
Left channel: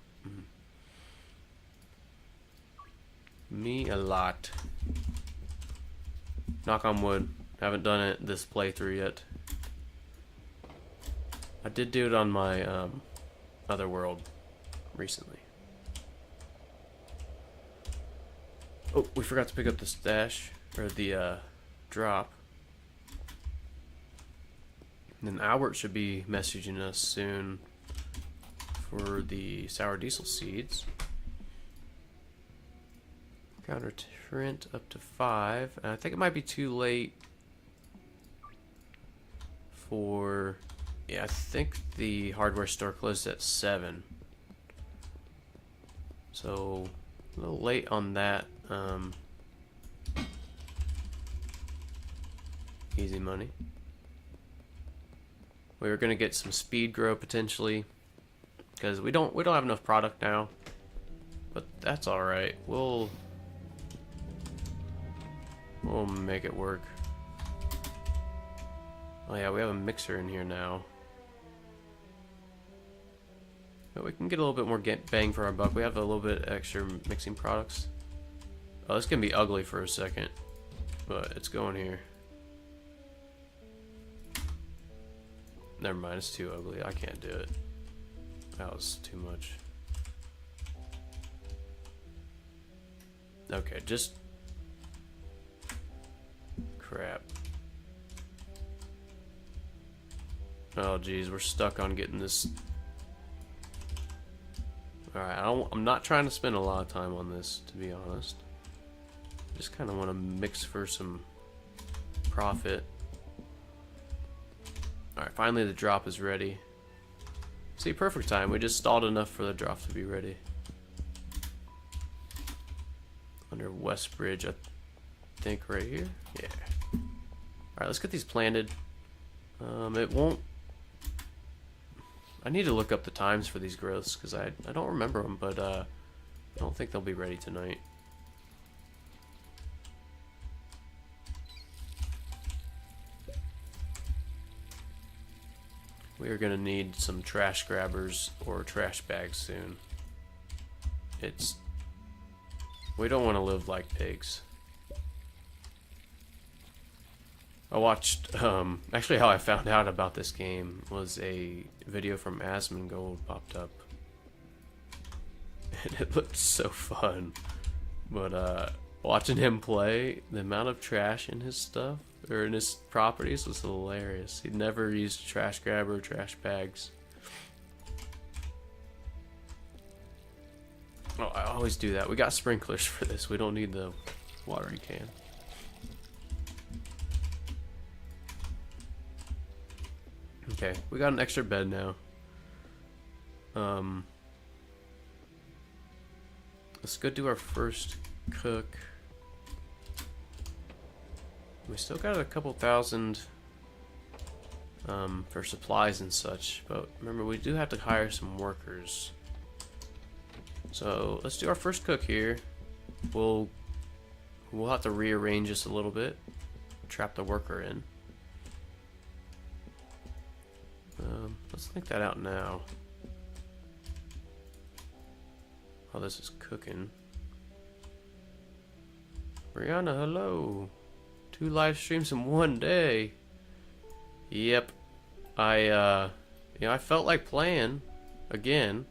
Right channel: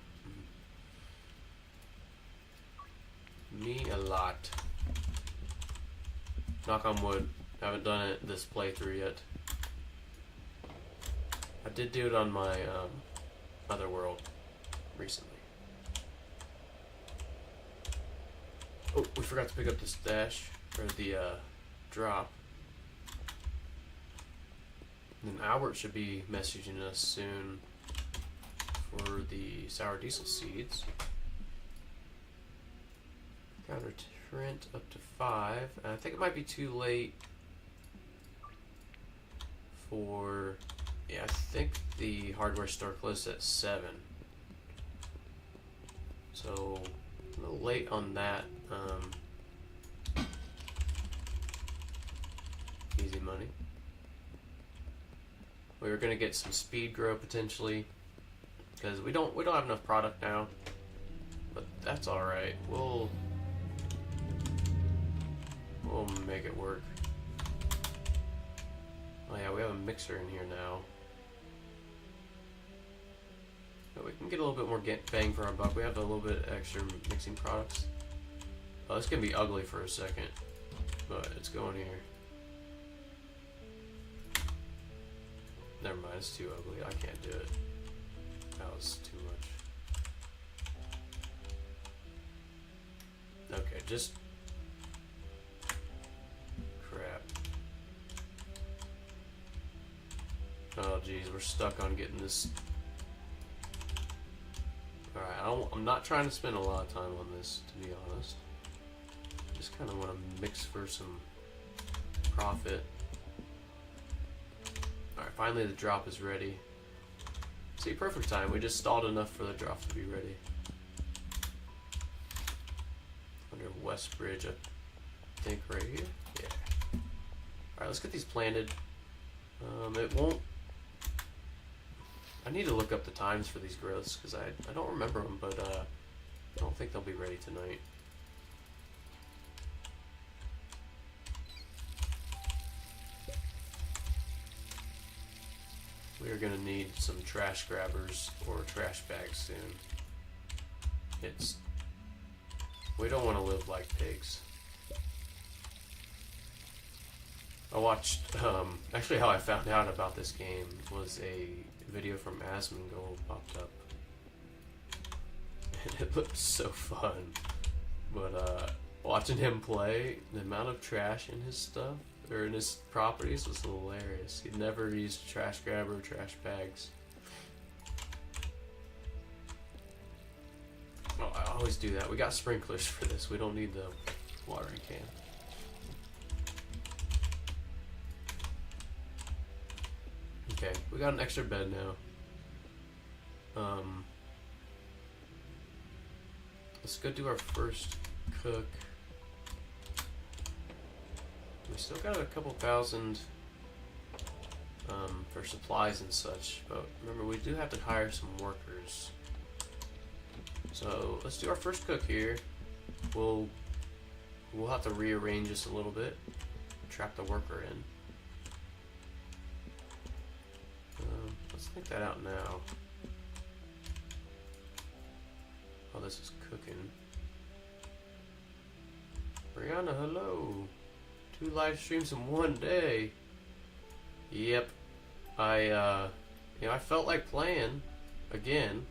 Me a lot. Knock on wood. Haven't done it this playthrough yet. I did do it on my other world recently. Oh, we forgot to pick up the stash, or the drop. And then Albert should be messaging us soon for the sour diesel seeds. Counter Trent up to 5. And I think it might be too late for... Yeah, I think the hardware store closed at 7. So, a little late on that. Easy money. We were gonna get some speed grow potentially, because we don't have enough product now. But that's all right. We'll make it work. Oh yeah, we have a mixer in here now. But we can get a little bit more bang for our buck. We have a little bit extra mixing products. Oh, this can be ugly for a second, but it's going here. Never mind, it's too ugly. I can't do it. That was too much. Okay, just... Crap. Oh, geez, we're stuck on getting this... Alright, I'm not trying to spend a lot of time on this, to be honest. Just kind of want to mix for some profit. Alright, finally the drop is ready. See, perfect time. We just stalled enough for the drop to be ready. Under West Bridge, I think right here. Yeah. Alright, let's get these planted. It won't... I need to look up the times for these growths because I don't remember them, but I don't think they'll be ready tonight. We are going to need some trash grabbers or trash bags soon. We don't want to live like pigs. I watched, actually how I found out about this game was a video from Asmongold popped up. And it looked so fun. But, watching him play, the amount of trash in his stuff, or in his properties, was hilarious. He'd never used trash grabber or trash bags. Oh, I always do that. We got sprinklers for this. We don't need the watering can. Okay, we got an extra bed now. Let's go do our first cook. We still got a couple thousand for supplies and such, but remember we do have to hire some workers. So let's do our first cook here. We'll have to rearrange this a little bit, trap the worker in. Let's think that out now. Oh, this is cooking. Brianna, hello. 2 live streams in one day. Yep. I felt like playing again.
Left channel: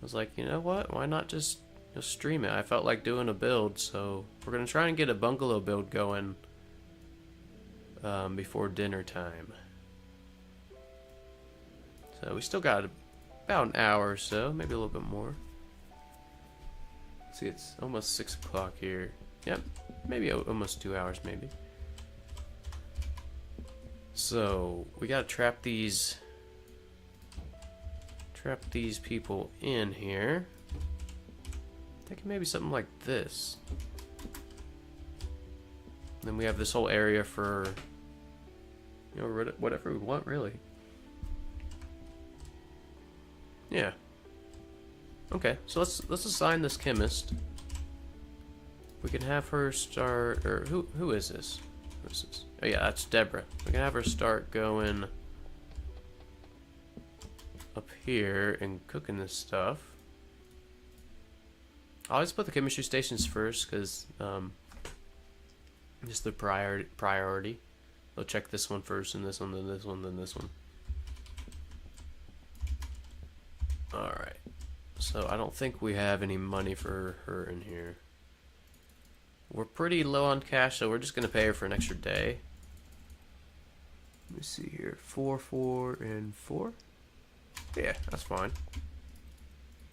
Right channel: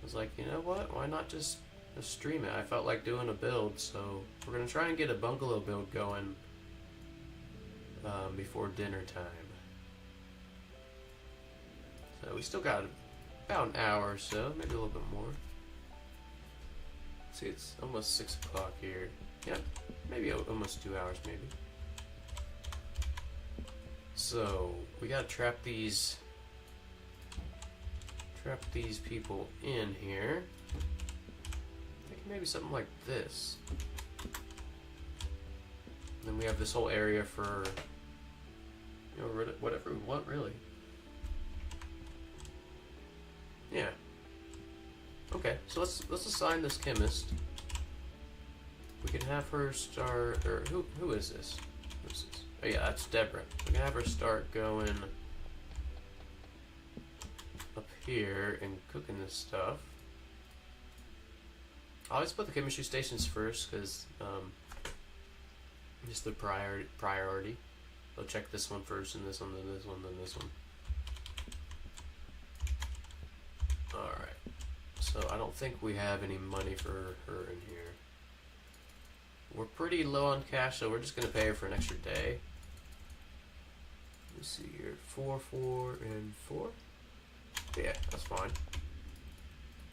I was like, you know what? Why not just stream it? I felt like doing a build, so we're gonna try and get a bungalow build going before dinner time. So we still got about an hour or so, maybe a little bit more. See, it's almost 6 o'clock here. Yep, maybe almost 2 hours, maybe. So we gotta trap these people in here. Thinking maybe something like this. Then we have this whole area for, you know, whatever we want, really. Yeah. Okay, so let's assign this chemist. We can have her start, or who is this? Oh yeah, that's Deborah. We can have her start going up here and cooking this stuff. I always put the chemistry stations first because just the priority. They'll check this one first, and this one, then this one, then this one. Alright, so I don't think we have any money for her in here. We're pretty low on cash, so we're just going to pay her for an extra day. Let me see here. 4, 4, and 4? Yeah, that's fine.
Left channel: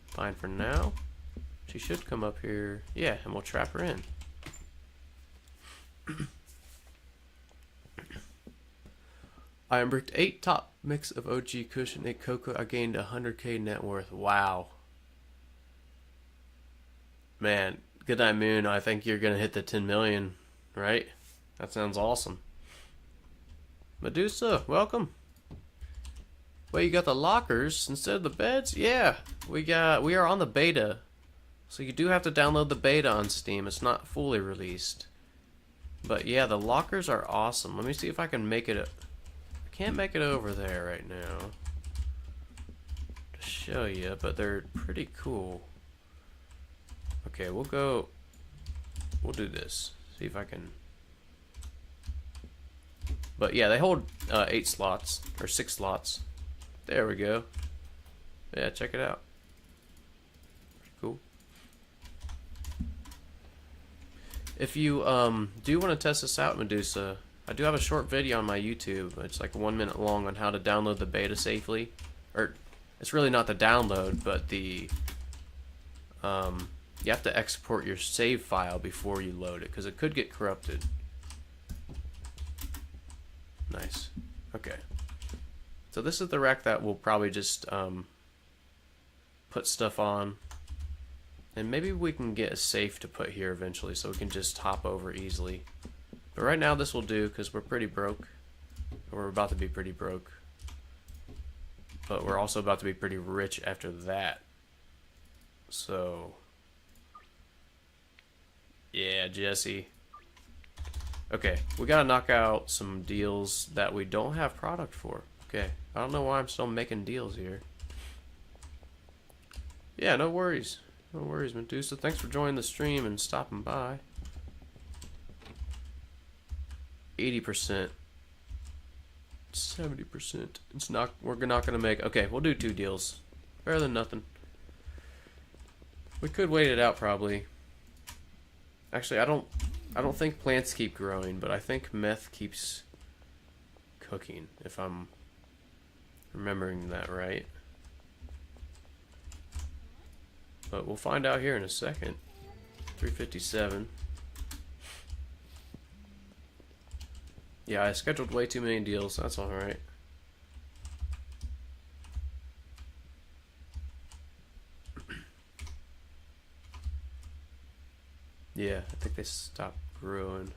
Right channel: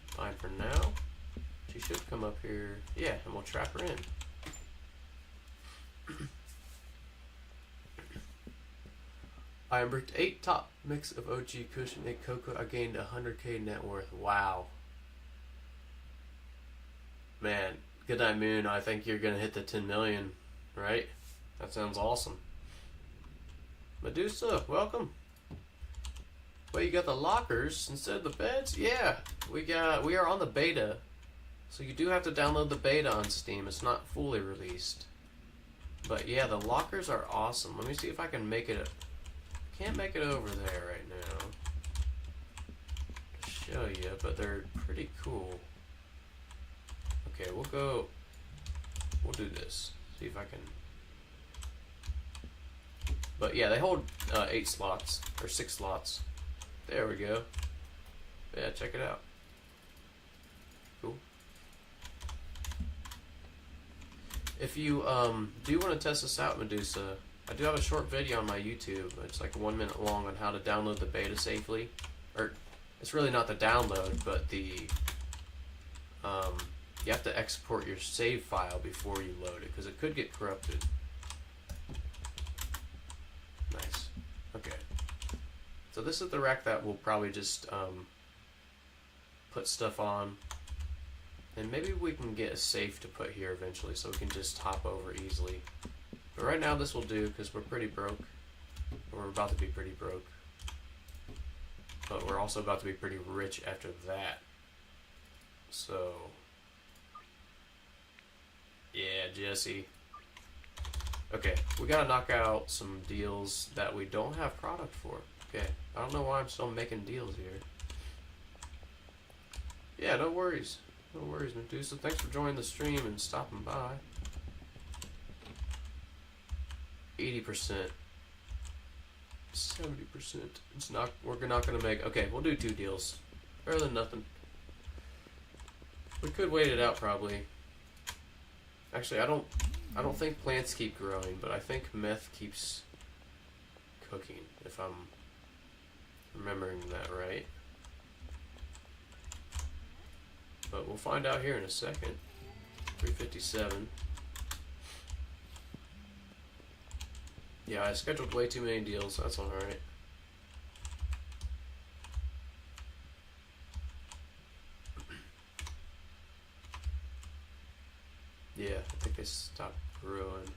Fine for now. She should come up here. Yeah, and we'll trap her in. I unbricked 8 top mix of OG Kush and 8 cocoa. I gained 100k net worth. Wow. Man, good night, Moon. I think you're gonna hit the 10 million, right? That sounds awesome. Medusa, welcome. Well, you got the lockers instead of the beds? Yeah, we are on the beta. So you do have to download the beta on Steam. It's not fully released. But yeah, the lockers are awesome. Let me see if I can make it. I can't make it over there right now to show you, but they're pretty cool. Okay, we'll do this. See if I can. But yeah, they hold 8 slots, or 6 slots. There we go. Yeah, check it out. Cool. If you do want to test this out, Medusa, I do have a short video on my YouTube. It's like 1 minute long on how to download the beta safely. Or, it's really not the download, but the you have to export your save file before you load it, because it could get corrupted. Nice. Okay. So this is the rack that we'll probably just put stuff on. And maybe we can get a safe to put here eventually so we can just hop over easily. But right now this will do because we're pretty broke. We're about to be pretty broke. But we're also about to be pretty rich after that. So... yeah, Jesse. Okay, we gotta knock out some deals that we don't have product for. Okay, I don't know why I'm still making deals here. Yeah, no worries. No worries, Medusa. Thanks for joining the stream and stopping by. 80%. 70%. It's not. We're not gonna make. Okay, we'll do 2 deals. Better than nothing. We could wait it out probably. Actually, I don't think plants keep growing, but I think meth keeps cooking. If I'm remembering that right. But we'll find out here in a second. 357. Yeah, I scheduled way too many deals. That's alright. Yeah, I think they stopped growing.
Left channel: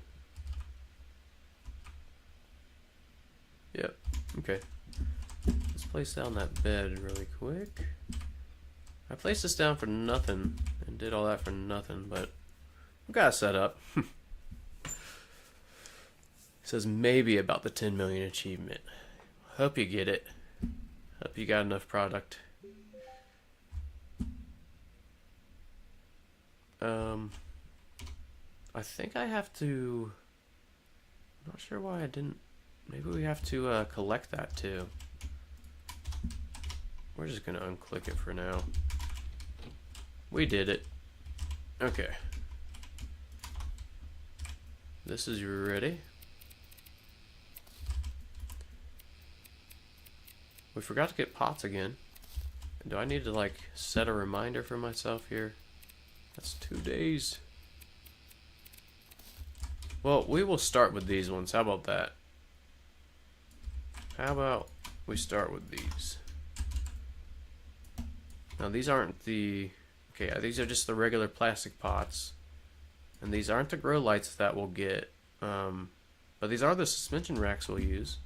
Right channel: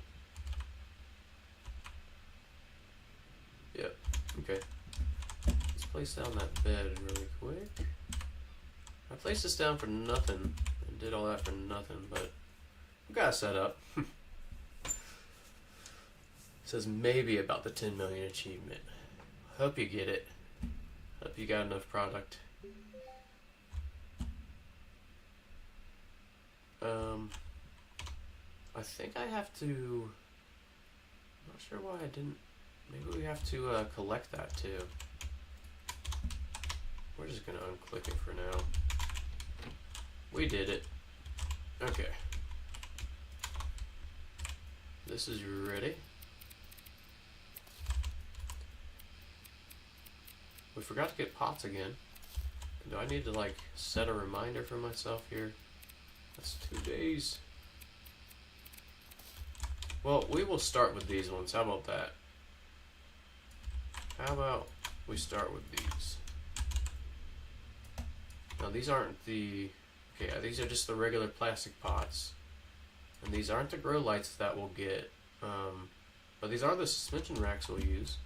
Yep. Okay. Let's place down that bed really quick. I placed this down for nothing and did all that for nothing, but we got it set up. It says maybe about the 10 million achievement. Hope you get it. Hope you got enough product. I think I have to... I'm not sure why I didn't... Maybe we have to collect that too. We're just gonna unclick it for now. We did it. Okay. This is ready. We forgot to get pots again. Do I need to like set a reminder for myself here? That's 2 days. Well, we will start with these ones. How about that? How about we start with these? Now these aren't the... okay, these are just the regular plastic pots. And these aren't the grow lights that we'll get. But these are the suspension racks we'll use.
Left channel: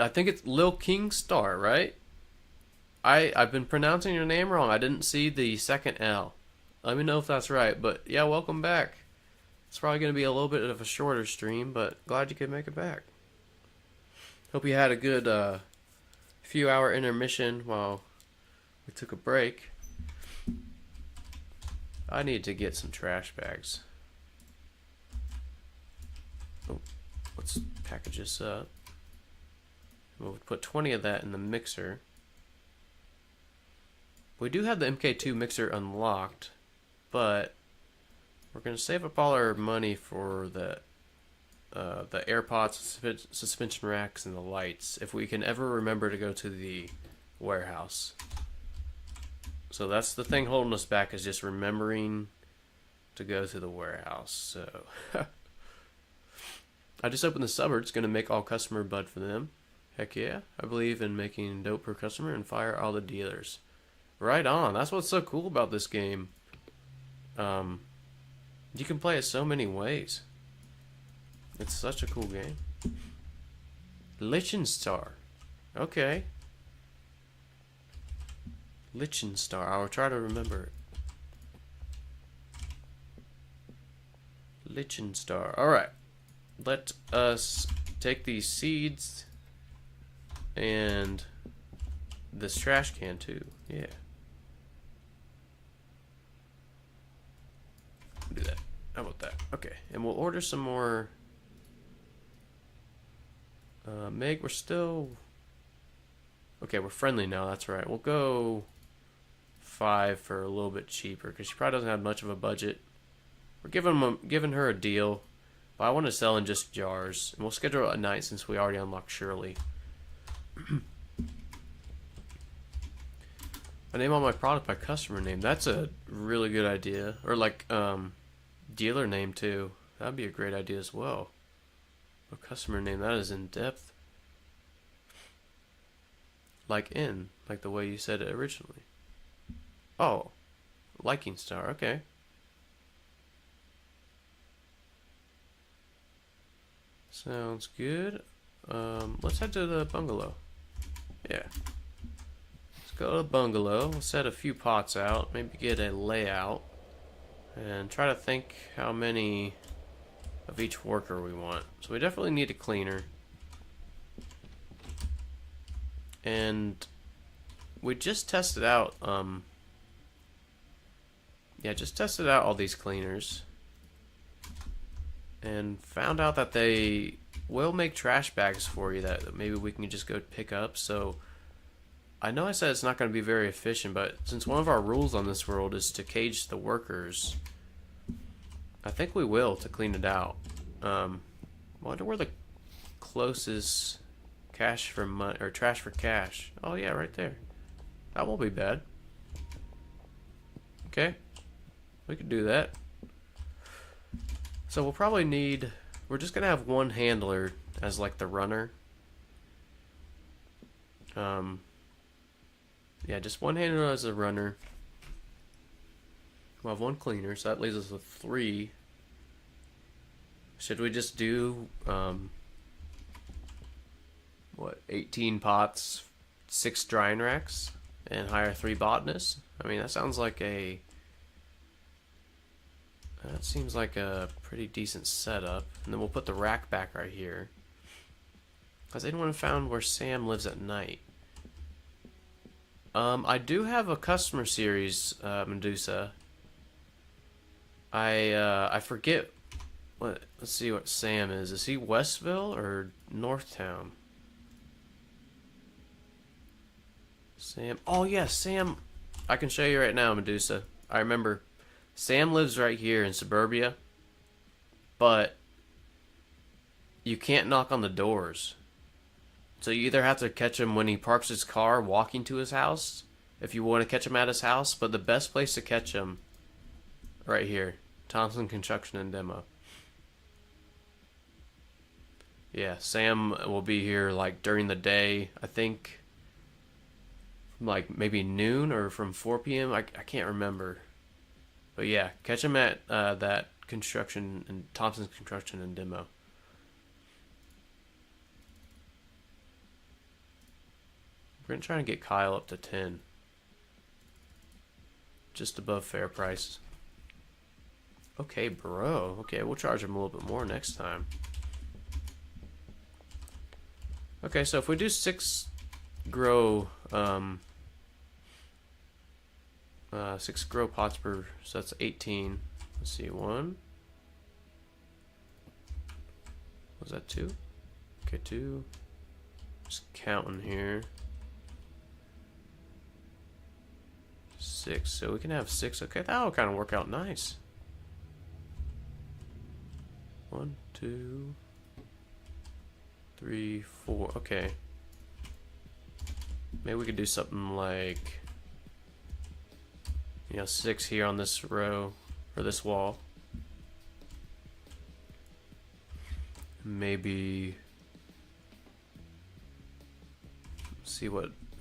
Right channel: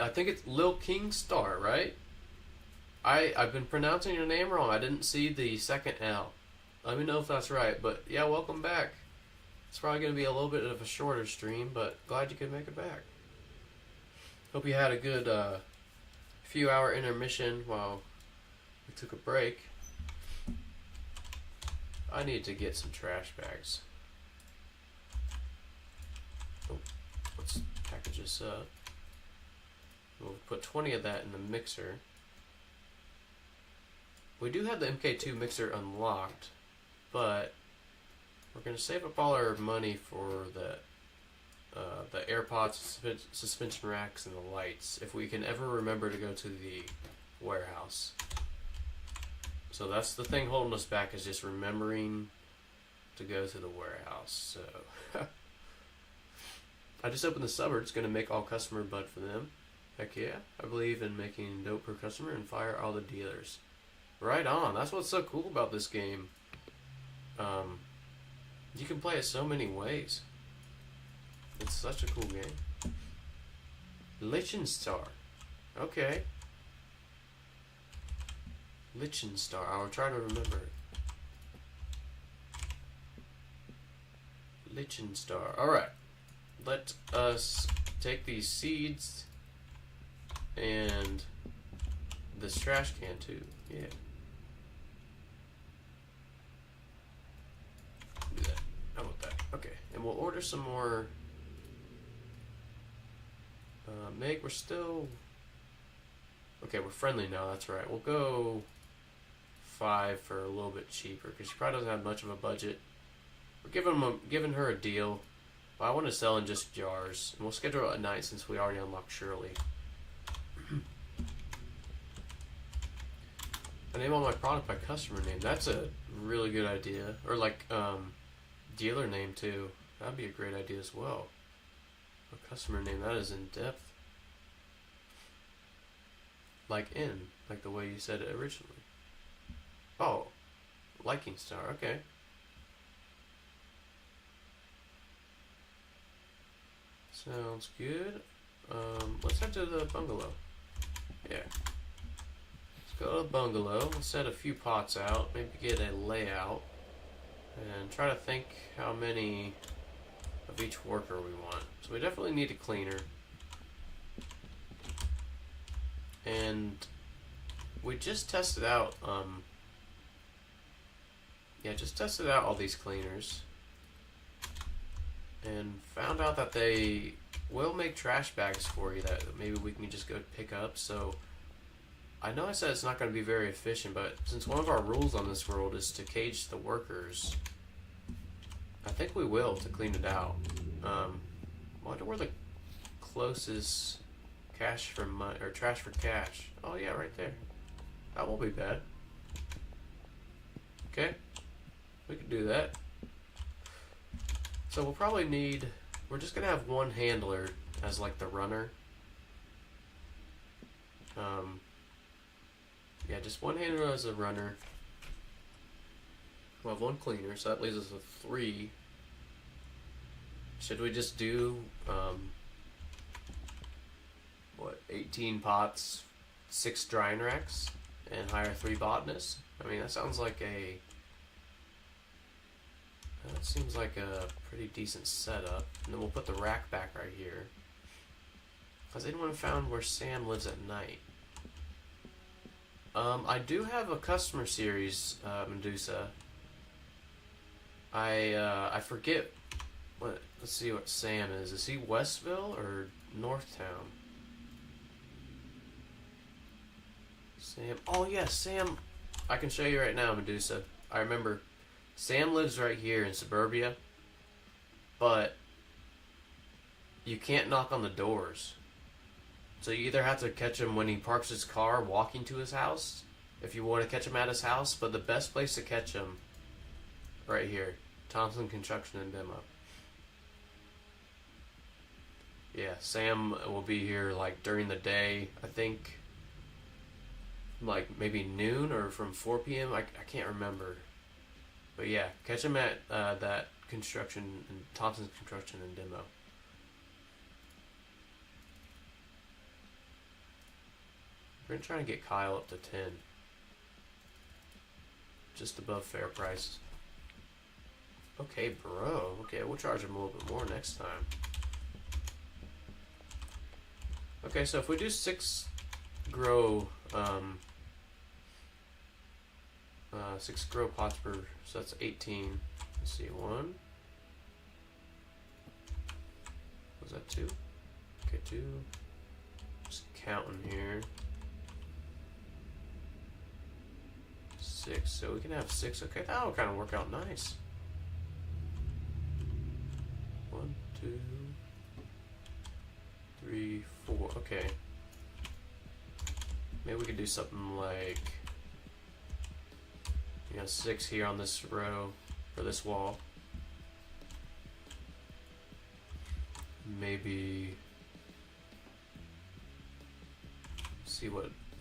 I think it's Lil King Star, right? I've been pronouncing your name wrong. I didn't see the second L. Let me know if that's right. But yeah, welcome back. It's probably going to be a little bit of a shorter stream, but glad you could make it back. Hope you had a good few hour intermission while we took a break. I need to get some trash bags. Oh, let's package this up. We'll put 20 of that in the mixer. We do have the MK2 mixer unlocked, but we're going to save up all our money for the AirPods, suspension racks, and the lights if we can ever remember to go to the warehouse. So that's the thing holding us back, is just remembering to go to the warehouse. So I just opened the suburb. It's going to make all customer bud for them. Heck yeah. I believe in making dope per customer and fire all the dealers. Right on. That's what's so cool about this game. You can play it so many ways. It's such a cool game. Lichenstar. Okay. Lichenstar. I'll try to remember it. Lichenstar. Alright. Let us take these seeds and this trash can too. Yeah. Do that. How about that? Okay. And we'll order some more. Meg, we're still... okay, we're friendly now. That's right. We'll go 5 for a little bit cheaper because she probably doesn't have much of a budget. We're giving her a deal, but I want to sell in just jars, and we'll schedule it at night since we already unlocked Shirley. I name all my product by customer name. That's a really good idea. Or like dealer name too. That'd be a great idea as well. A customer name, that is in depth. Like the way you said it originally. Oh, liking star. Okay. Sounds good. Let's head to the bungalow. Yeah. Let's go to the bungalow. We'll set a few pots out. Maybe get a layout. And try to think how many of each worker we want. So we definitely need a cleaner. And we just tested out, just tested out all these cleaners. And found out that they will make trash bags for you that maybe we can just go pick up. So I know I said it's not going to be very efficient, but since one of our rules on this world is to cage the workers, I think we will to clean it out. Wonder where the closest cash for money or trash for cash. Oh yeah, right there. That won't be bad. Okay, we can do that. So we'll probably need. We're just gonna have one handler as like the runner. Yeah, just one handler as a runner. We'll have one cleaner, so that leaves us with 3. Should we just do, 18 pots, 6 drying racks, and hire 3 botanists? I mean, that sounds like a... That seems like a pretty decent setup. And then we'll put the rack back right here. Has anyone found where Sam lives at night? I do have a customer series, Medusa. I forget what. Let's see what Sam is. Is he Westville or Northtown? Sam. Oh yes, Sam. I can show you right now, Medusa. I remember. Sam lives right here in suburbia, but you can't knock on the doors. So you either have to catch him when he parks his car walking to his house, if you want to catch him at his house, but the best place to catch him, right here, Thompson Construction and Demo. Yeah, Sam will be here like during the day, I think, like maybe noon or from 4 p.m. I can't remember. But yeah, catch him at that construction and Thompson's Construction and Demo. We're gonna try and get Kyle up to 10. Just above fair price. Okay, bro. Okay, we'll charge him a little bit more next time. Okay, so if we do 6 grow, 6 grow pots per, so that's 18. Let's see, 1. Was that 2? Okay, 2. Just counting here. 6, so we can have 6. Okay, that'll kind of work out nice. 1, 2, 3, 4. Okay. Maybe we could do something like, 6 here on this row, or this wall. Maybe see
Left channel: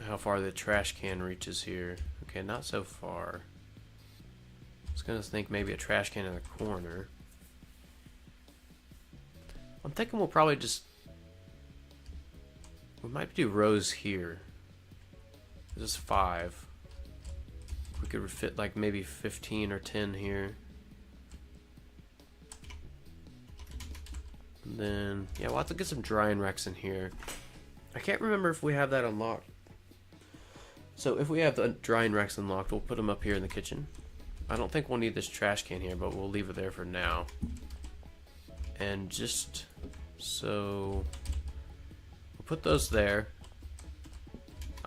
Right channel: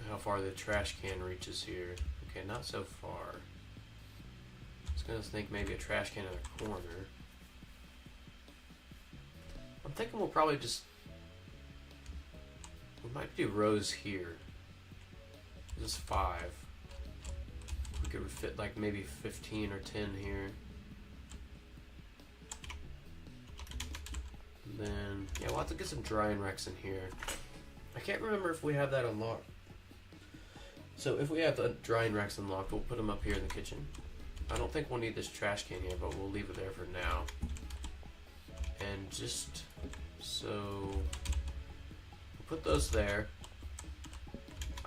how far the trash can reaches here. Okay, not so far. I was gonna think maybe a trash can in the corner. I'm thinking we'll probably we might do rows here. This is 5. We could fit like maybe 15 or 10 here. And then, yeah, we'll have to get some drying racks in here. I can't remember if we have that unlocked. So if we have the drying racks unlocked, we'll put them up here in the kitchen. I don't think we'll need this trash can here, but we'll leave it there for now. And just so we'll put those there.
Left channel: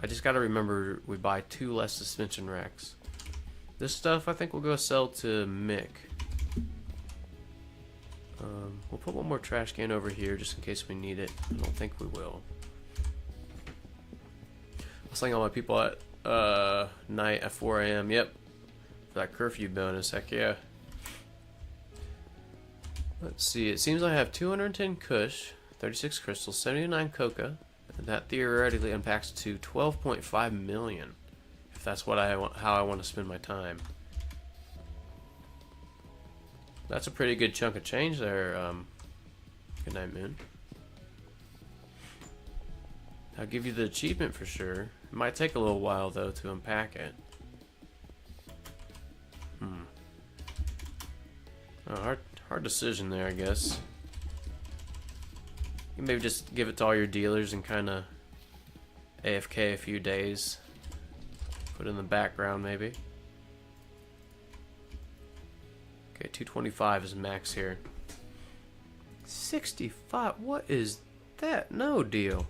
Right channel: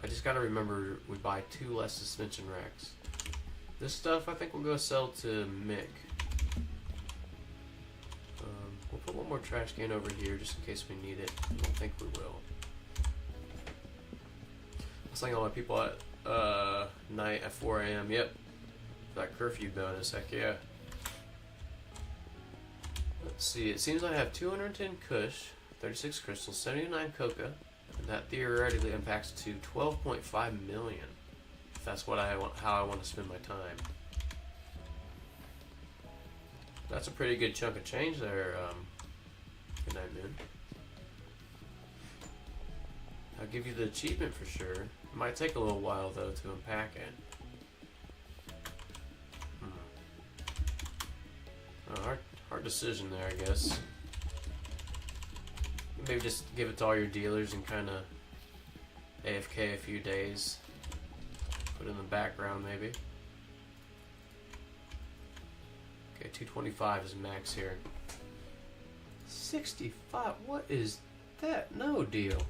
I just gotta remember we buy 2 less suspension racks. This stuff I think we'll go sell to Mick. We'll put one more trash can over here just in case we need it. I don't think we will. I'll sling all my people at night at 4 a.m. Yep. That curfew bonus, heck yeah. Let's see, it seems I have 210 Kush, 36 crystals, 79 coca, and that theoretically impacts to 12.5 million. If that's what I want, how I want to spend my time. That's a pretty good chunk of change there, Good night, Moon. I'll give you the achievement for sure. It might take a little while though to unpack it. Hard decision there, I guess. You can maybe just give it to all your dealers and kind of AFK a few days. Put it in the background, maybe. Okay, 225 is max here. 65? What is that? No deal.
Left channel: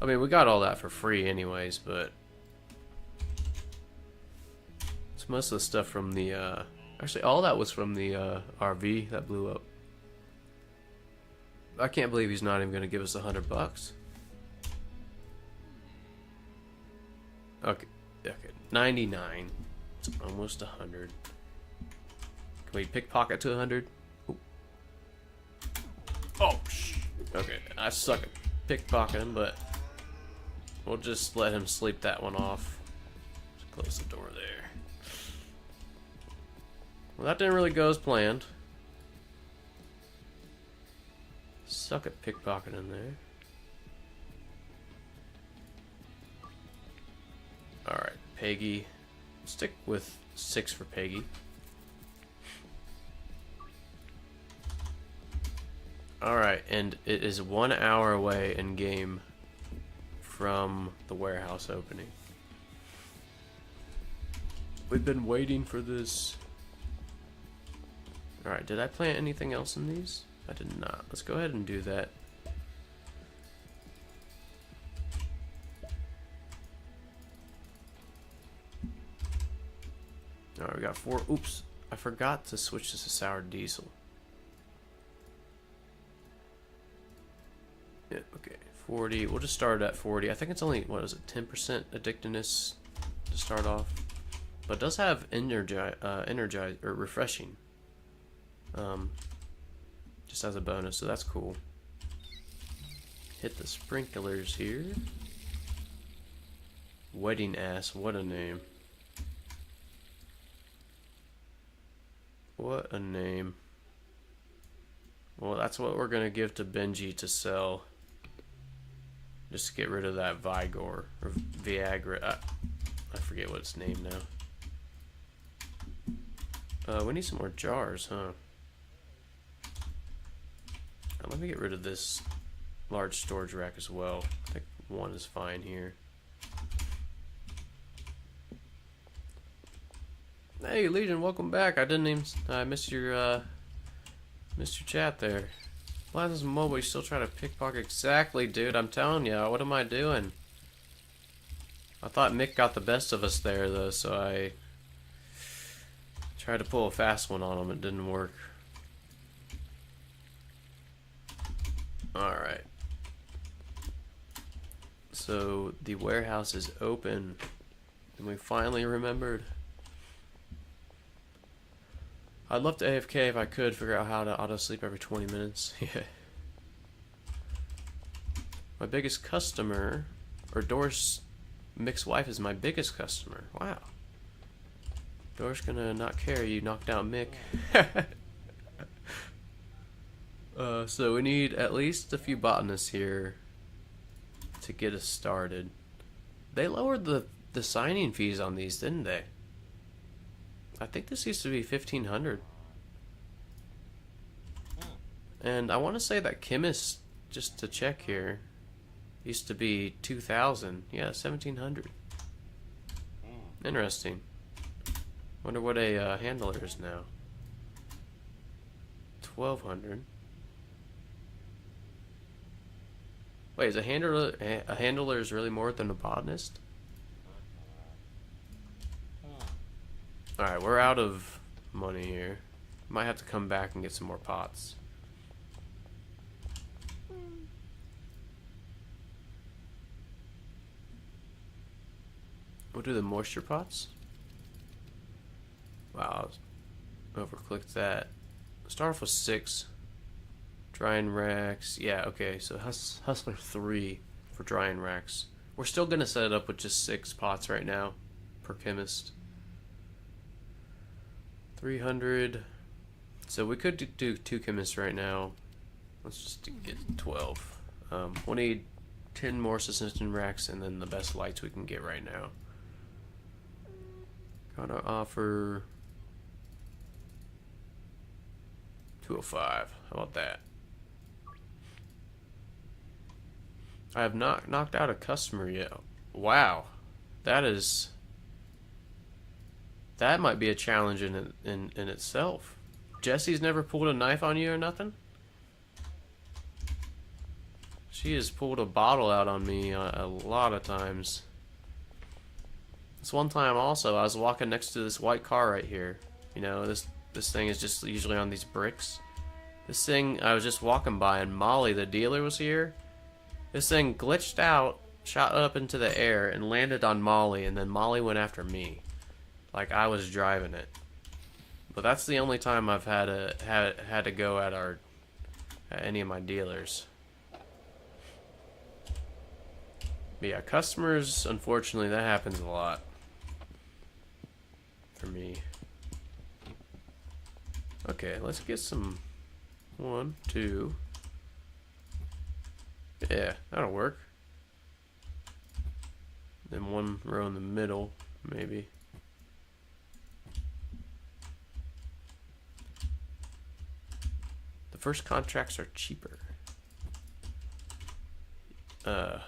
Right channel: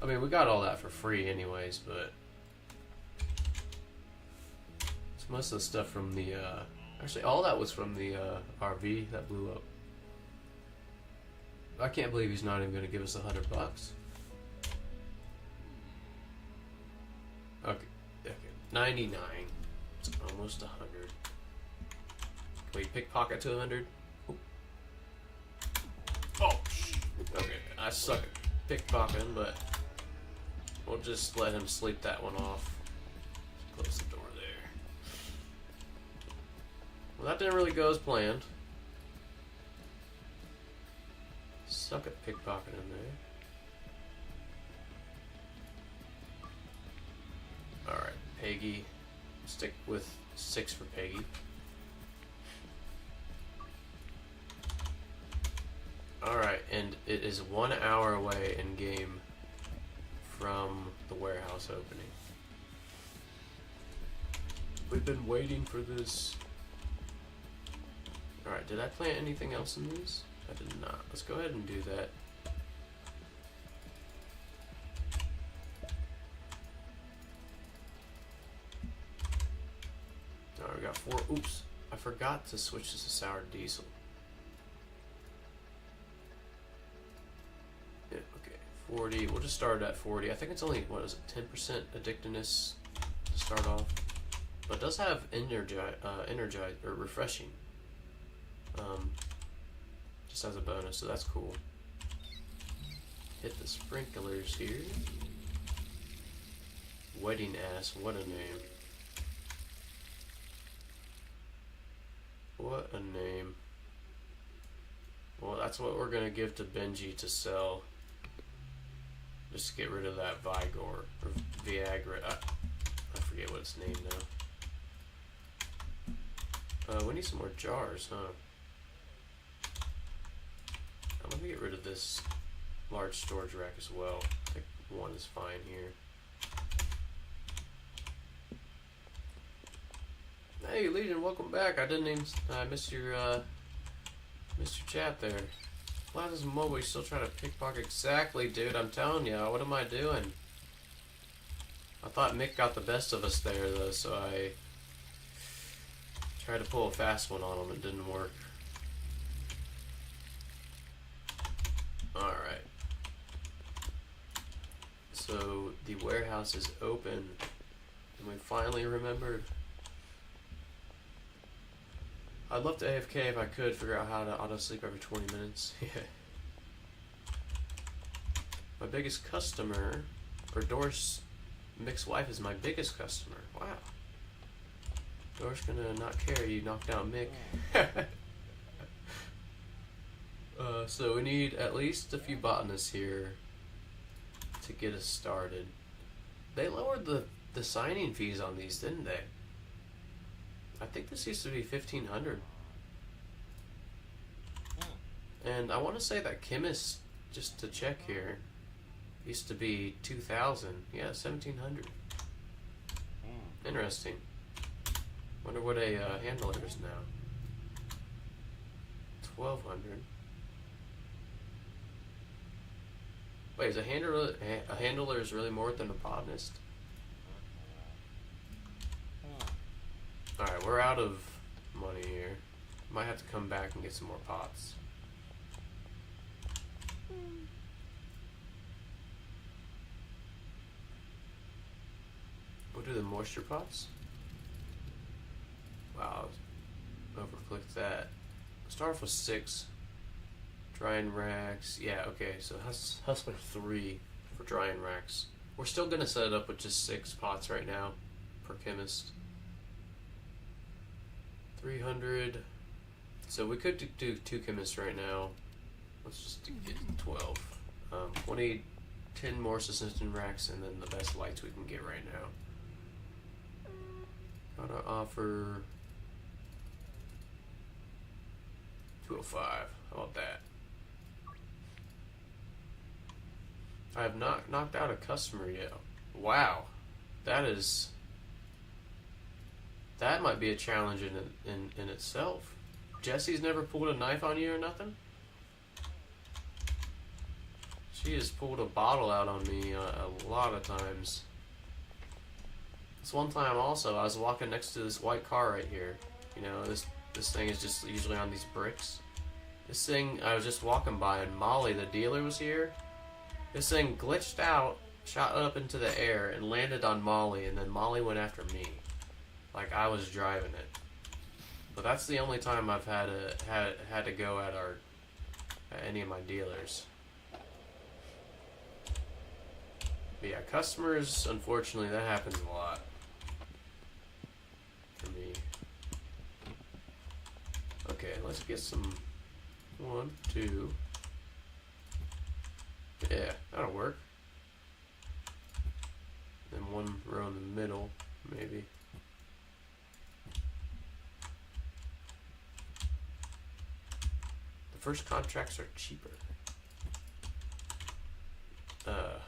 I mean, we got all that for free anyways, but it's most of the stuff from the, actually, all that was from the RV that blew up. I can't believe he's not even going to give us $100. Okay, 99. It's almost 100. Can we pickpocket to 100? Oh, okay. I suck at pickpocketing, but we'll just let him sleep that one off. Close the door there. Well, that didn't really go as planned. Suck at pickpocketing there. Alright, Peggy. Stick with 6 for Peggy. Alright, and it is 1 hour away in game from the warehouse opening. We've been waiting for this. Alright, did I plant anything else in these? I did not. Let's go ahead and do that. Alright, we got 4. Oops, I forgot to switch this to sour diesel. Yeah, okay, 40. We'll just start at 40. I think it's only, what is it, 10% addictiveness to start off. But it does have energize or refreshing. Just as a bonus, so that's cool. Hit the sprinklers here. Wedding ass, what a name. What a name. Well, that's what we're gonna give to Benji to sell. Just to get rid of that Vigor or Viagra. I forget what it's named now. We need some more jars, huh? Let me get rid of this large storage rack as well. I think 1 is fine here. Hey Legion, welcome back. I didn't even missed your chat there. Why does Mobile still try to pickpocket? Exactly, dude. I'm telling you, what am I doing? I thought Mick got the best of us there though, so I tried to pull a fast one on him. It didn't work. Alright. So the warehouse is open. And we finally remembered. I'd love to AFK if I could figure out how to auto sleep every 20 minutes. Yeah. My biggest customer, or Doris Mick's wife is my biggest customer. Wow. Doris gonna not care you knocked out Mick. So we need at least a few botanists here to get us started. They lowered the signing fees on these, didn't they? I think this used to be 1,500. And I want to say that chemist, just to check here, used to be 2,000. Yeah, 1,700. Interesting. Wonder what a handler is now. 1,200. Wait, is a handler is really more than a botanist? Alright, we're out of money here. Might have to come back and get some more pots. We'll do the moisture pots. Wow, overclicked that. Start off with 6. Drying racks. Yeah, okay, so Hustler 3 for drying racks. We're still gonna set it up with just 6 pots right now per chemist. 300. So we could do 2 chemists right now. Let's just get 12. We'll need 10 more subsistence racks and then the best lights we can get right now. Gotta offer 205. How about that? I have not knocked out a customer yet. Wow, that might be a challenge in itself. Jesse's never pulled a knife on you or nothing? She has pulled a bottle out on me a lot of times. This one time also, I was walking next to this white car right here. You know, this thing is just usually on these bricks. This thing, I was just walking by and Molly, the dealer, was here. This thing glitched out, shot up into the air, and landed on Molly, and then Molly went after me. Like I was driving it. But that's the only time I've had to go at any of my dealers. But yeah, customers, unfortunately, that happens a lot for me. Okay, let's get some 1, 2. Yeah, that'll work. Then 1 row in the middle, maybe. The first contracts are cheaper. And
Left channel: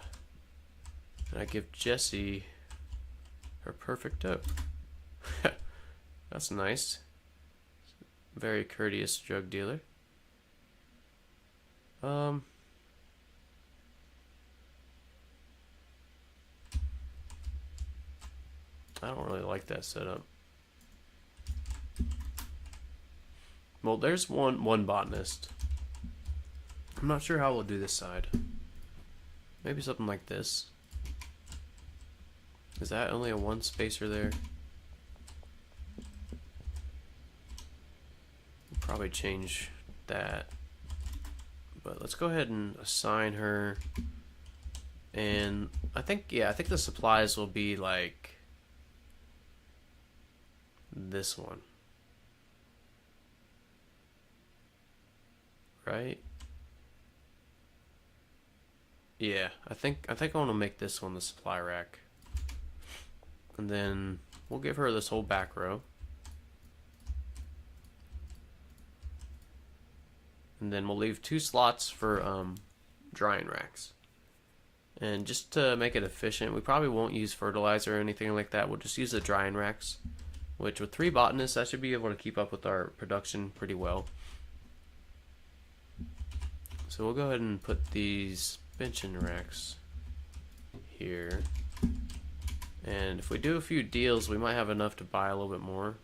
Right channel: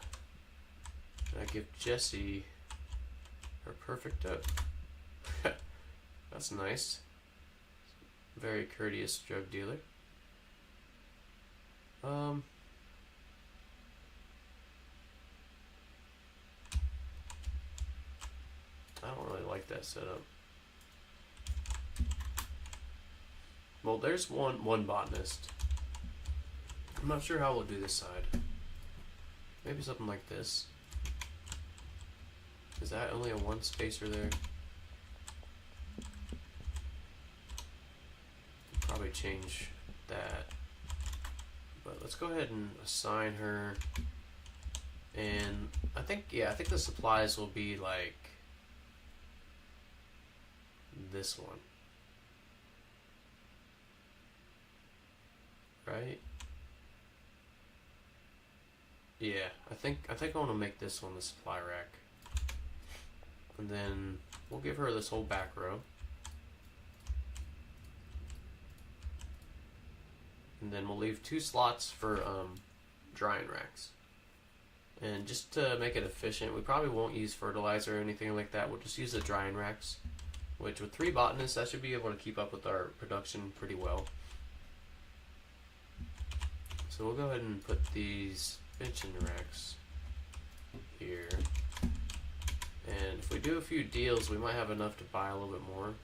I give Jessie her perfect dope. That's nice. Very courteous drug dealer. I don't really like that setup. Well, there's one botanist. I'm not sure how we'll do this side. Maybe something like this. Is that only a 1 spacer there? Probably change that. But let's go ahead and assign her. And I think the supplies will be like this one. Right? Yeah, I think I want to make this one the supply rack. And then we'll give her this whole back row. And then we'll leave 2 slots for drying racks. And just to make it efficient, we probably won't use fertilizer or anything like that. We'll just use the drying racks, which with 3 botanists, I should be able to keep up with our production pretty well. So we'll go ahead and put these benching racks here. And if we do a few deals, we might have enough to buy a little bit more.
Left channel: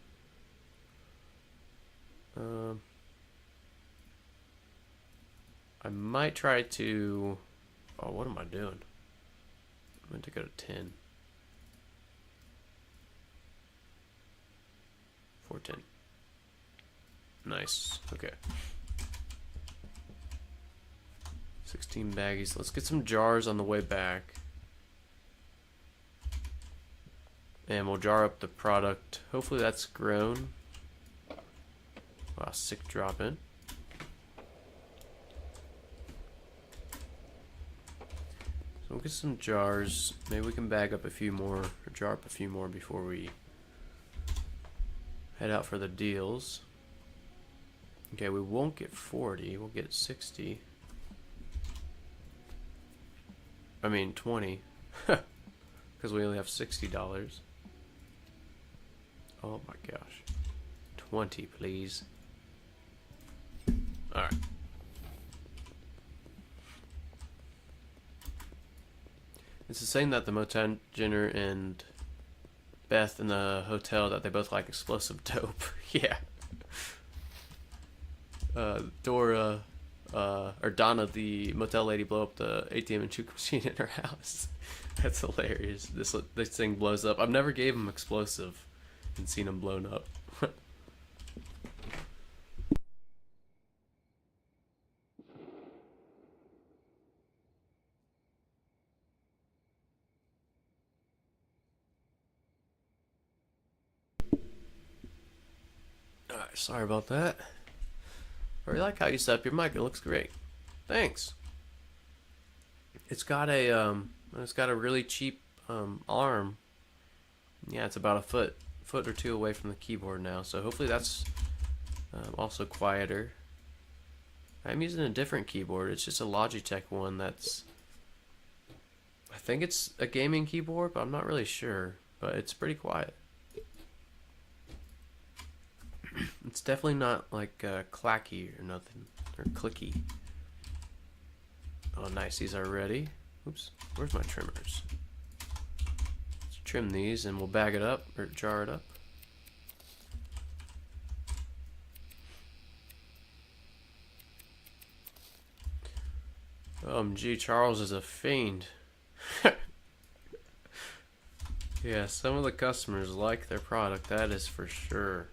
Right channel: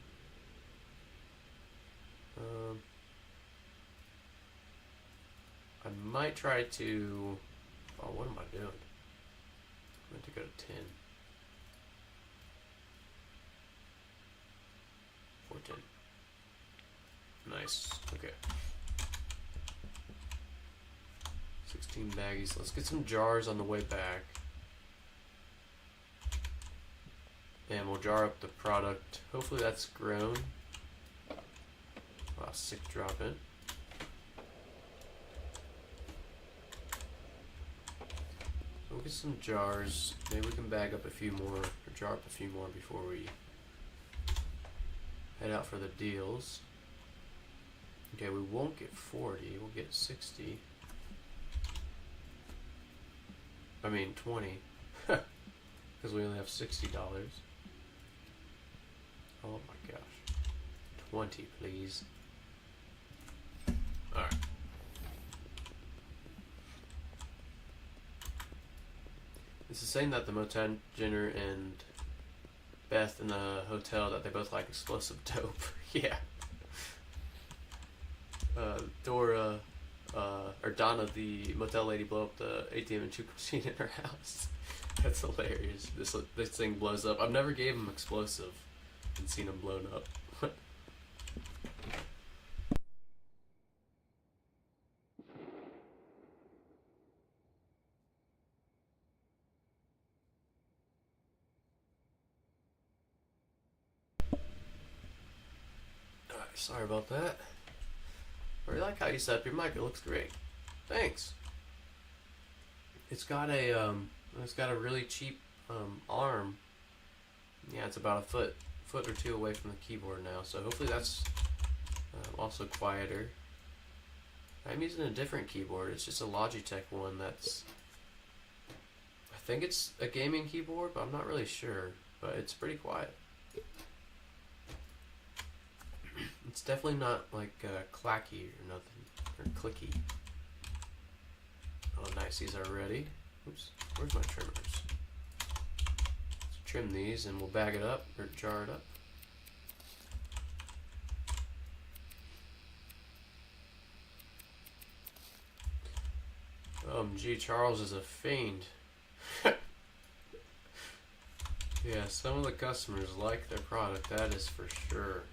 I might try to... Oh, what am I doing? I'm going to go to 10. 410. Nice. Okay. 16 baggies. Let's get some jars on the way back. And we'll jar up the product. Hopefully that's grown. Wow, sick drop in. So we'll get some jars. Maybe we can bag up a few more, or jar up a few more before we head out for the deals. Okay, we won't get 40. We'll get 60. I mean 20. Because we only have $60. Oh my gosh. 20, please. Alright. This is saying that the mutagener and Beth in the hotel that they both like explosive dope. Yeah. Dora, or Donna, the motel lady, blow up the ATM and juke machine in her house. That's hilarious. This thing blows up. I've never gave him explosive and seen him blown up. Alright, sorry about that. I really like how you set up your mic. It looks great. Thanks. It's got a really cheap arm. Yeah, it's about a foot or two away from the keyboard now. So hopefully that's also quieter. I'm using a different keyboard. It's just a Logitech one that's, I think it's a gaming keyboard, but I'm not really sure. But it's pretty quiet. It's definitely not like clacky or nothing, or clicky. Oh, nice. These are ready. Oops. Where's my trimmers? Let's trim these and we'll bag it up or jar it up. Gee, Charles is a fiend. Yeah, some of the customers like their product, that is for sure.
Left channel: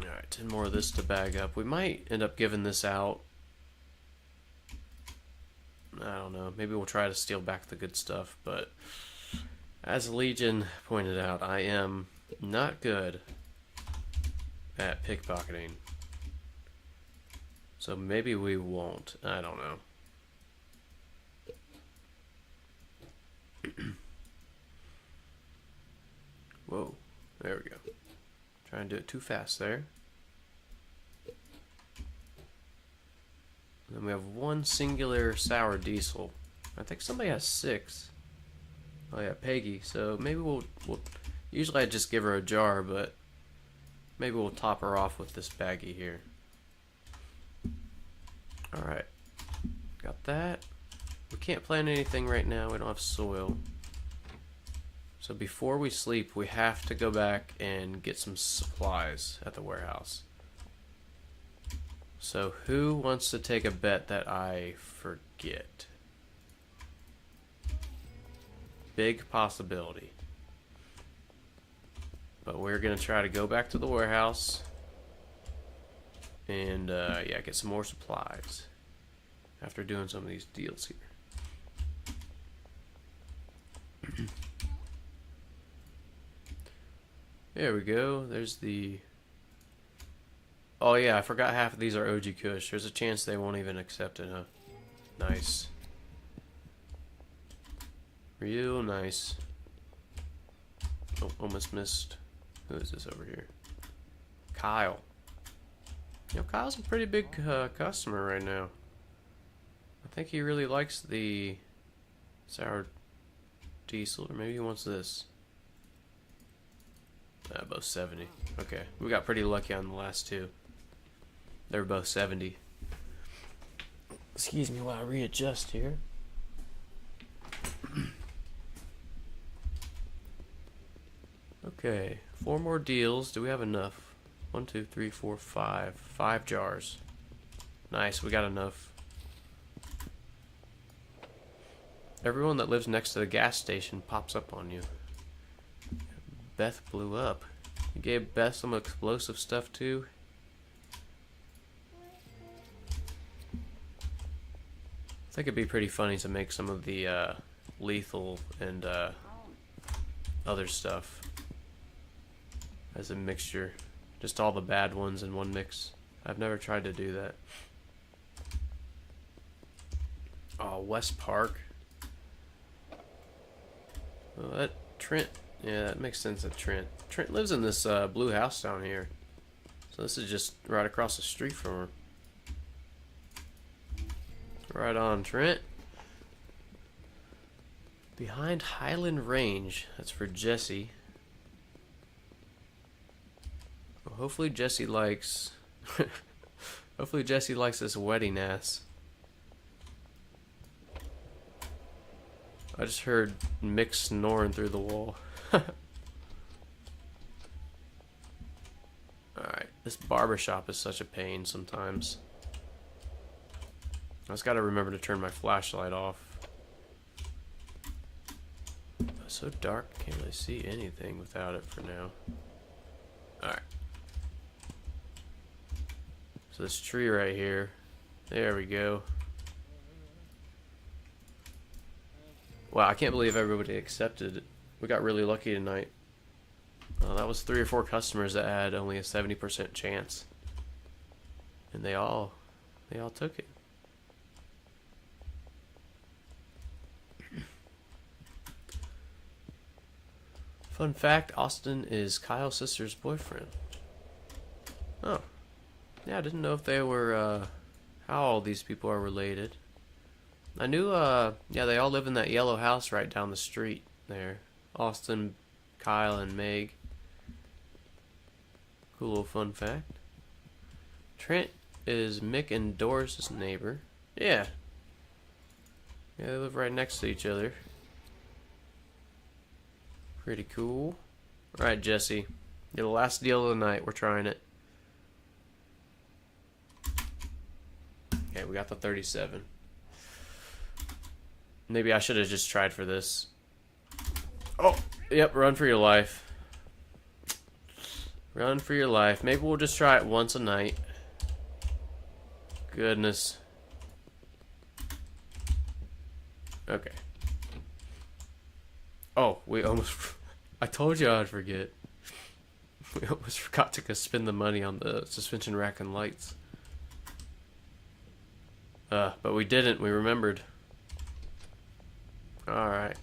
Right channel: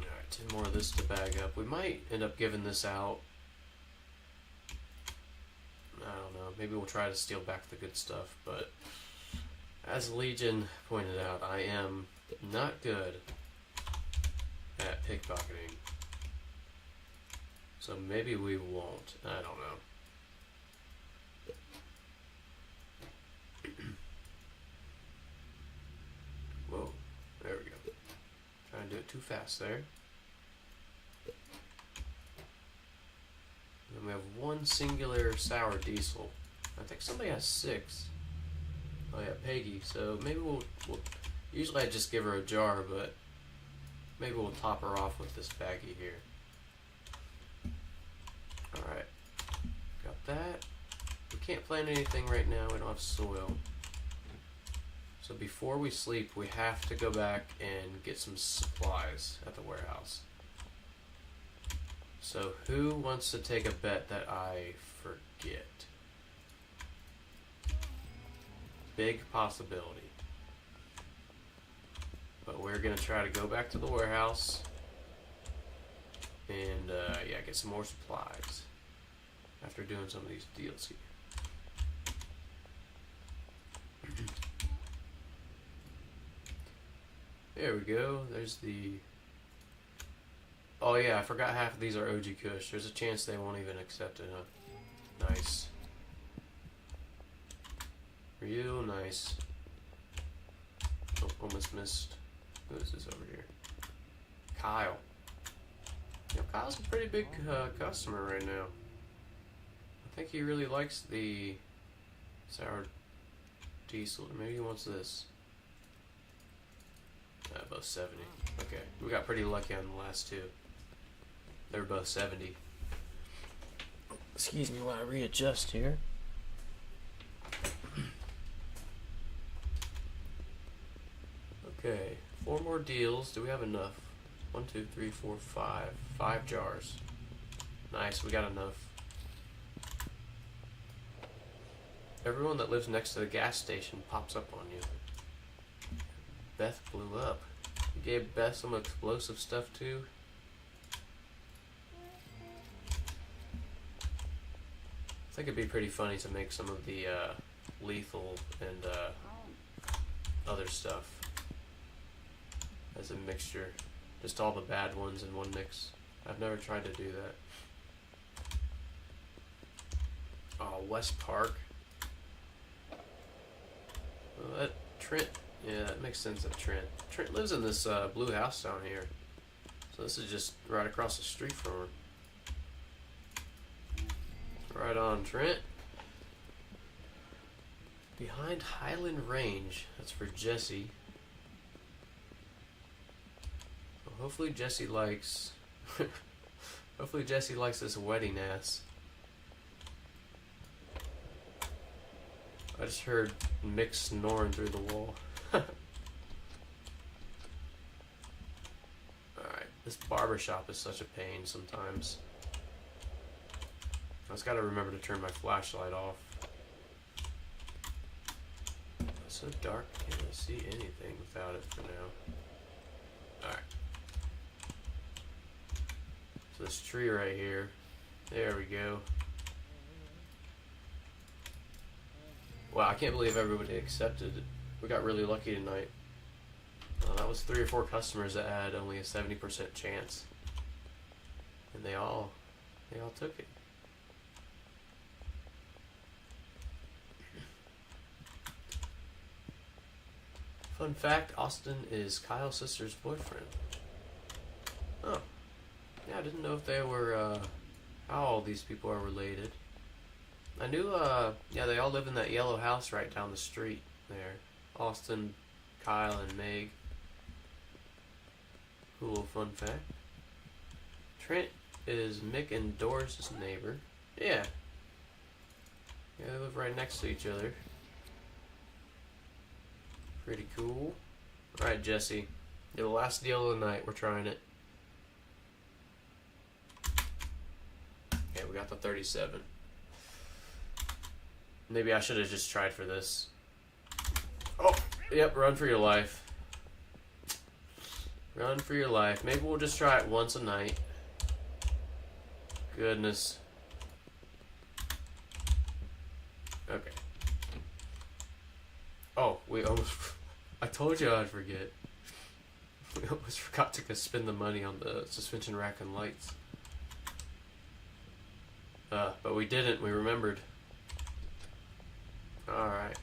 Alright, 10 more of this to bag up. We might end up giving this out. I don't know. Maybe we'll try to steal back the good stuff, but as Legion pointed out, I am not good at pickpocketing. So maybe we won't. I don't know. Whoa. There we go. Trying to do it too fast there. And then we have one singular sour diesel. I think somebody has 6. Oh yeah, Peggy. So maybe we'll usually I just give her a jar, but maybe we'll top her off with this baggie here. Alright. Got that. We can't plant anything right now. We don't have soil. So before we sleep, we have to go back and get some supplies at the warehouse. So who wants to take a bet that I forget? Big possibility. But we're going to try to go back to the warehouse and yeah, get some more supplies after doing some of these deals here. There we go. There's the... Oh yeah, I forgot half of these are OG Kush. There's a chance they won't even accept it, huh? Nice. Real nice. Oh, almost missed. Who is this over here? Kyle. You know, Kyle's a pretty big customer right now. I think he really likes the sour diesel, or maybe he wants this. Both 70. Okay, we got pretty lucky on the last two. They were both 70. Excuse me while I readjust here. Okay, 4 more deals. Do we have enough? 1, 2, 3, 4, 5. 5 jars. Nice, we got enough. Everyone that lives next to the gas station pops up on you. Beth blew up. You gave Beth some explosive stuff too. I think it'd be pretty funny to make some of the lethal and other stuff as a mixture. Just all the bad ones in one mix. I've never tried to do that. Oh, West Park. Well, that Trent. Yeah, that makes sense that Trent. Trent lives in this blue house down here. So this is just right across the street from her. Right on, Trent. Behind Highland Range. That's for Jesse. Well, hopefully Jesse likes... hopefully Jesse likes this wedding ass. I just heard Mick snoring through the wall. Alright, this barbershop is such a pain sometimes. I just gotta remember to turn my flashlight off. It's so dark, I can't really see anything without it for now. Alright. So this tree right here, there we go. Wow, I can't believe everybody accepted it. We got really lucky tonight. That was 3 or 4 customers that had only a 70% chance. And they all took it. Fun fact, Austin is Kyle's sister's boyfriend. Oh. Yeah, I didn't know if they were, how all these people are related. I knew, yeah, they all live in that yellow house right down the street there. Austin, Kyle, and Meg. Cool little fun fact. Trent is Mick and Doris' neighbor. Yeah. Yeah, they live right next to each other. Pretty cool. Alright, Jesse. You're the last deal of the night. We're trying it. Okay, we got the 37. Maybe I should have just tried for this. Oh, yep, run for your life. Run for your life. Maybe we'll just try it once a night. Goodness. Okay. Oh, we almost... I told you I'd forget. We almost forgot to spend the money on the suspension rack and lights. But we didn't. We remembered. Alright.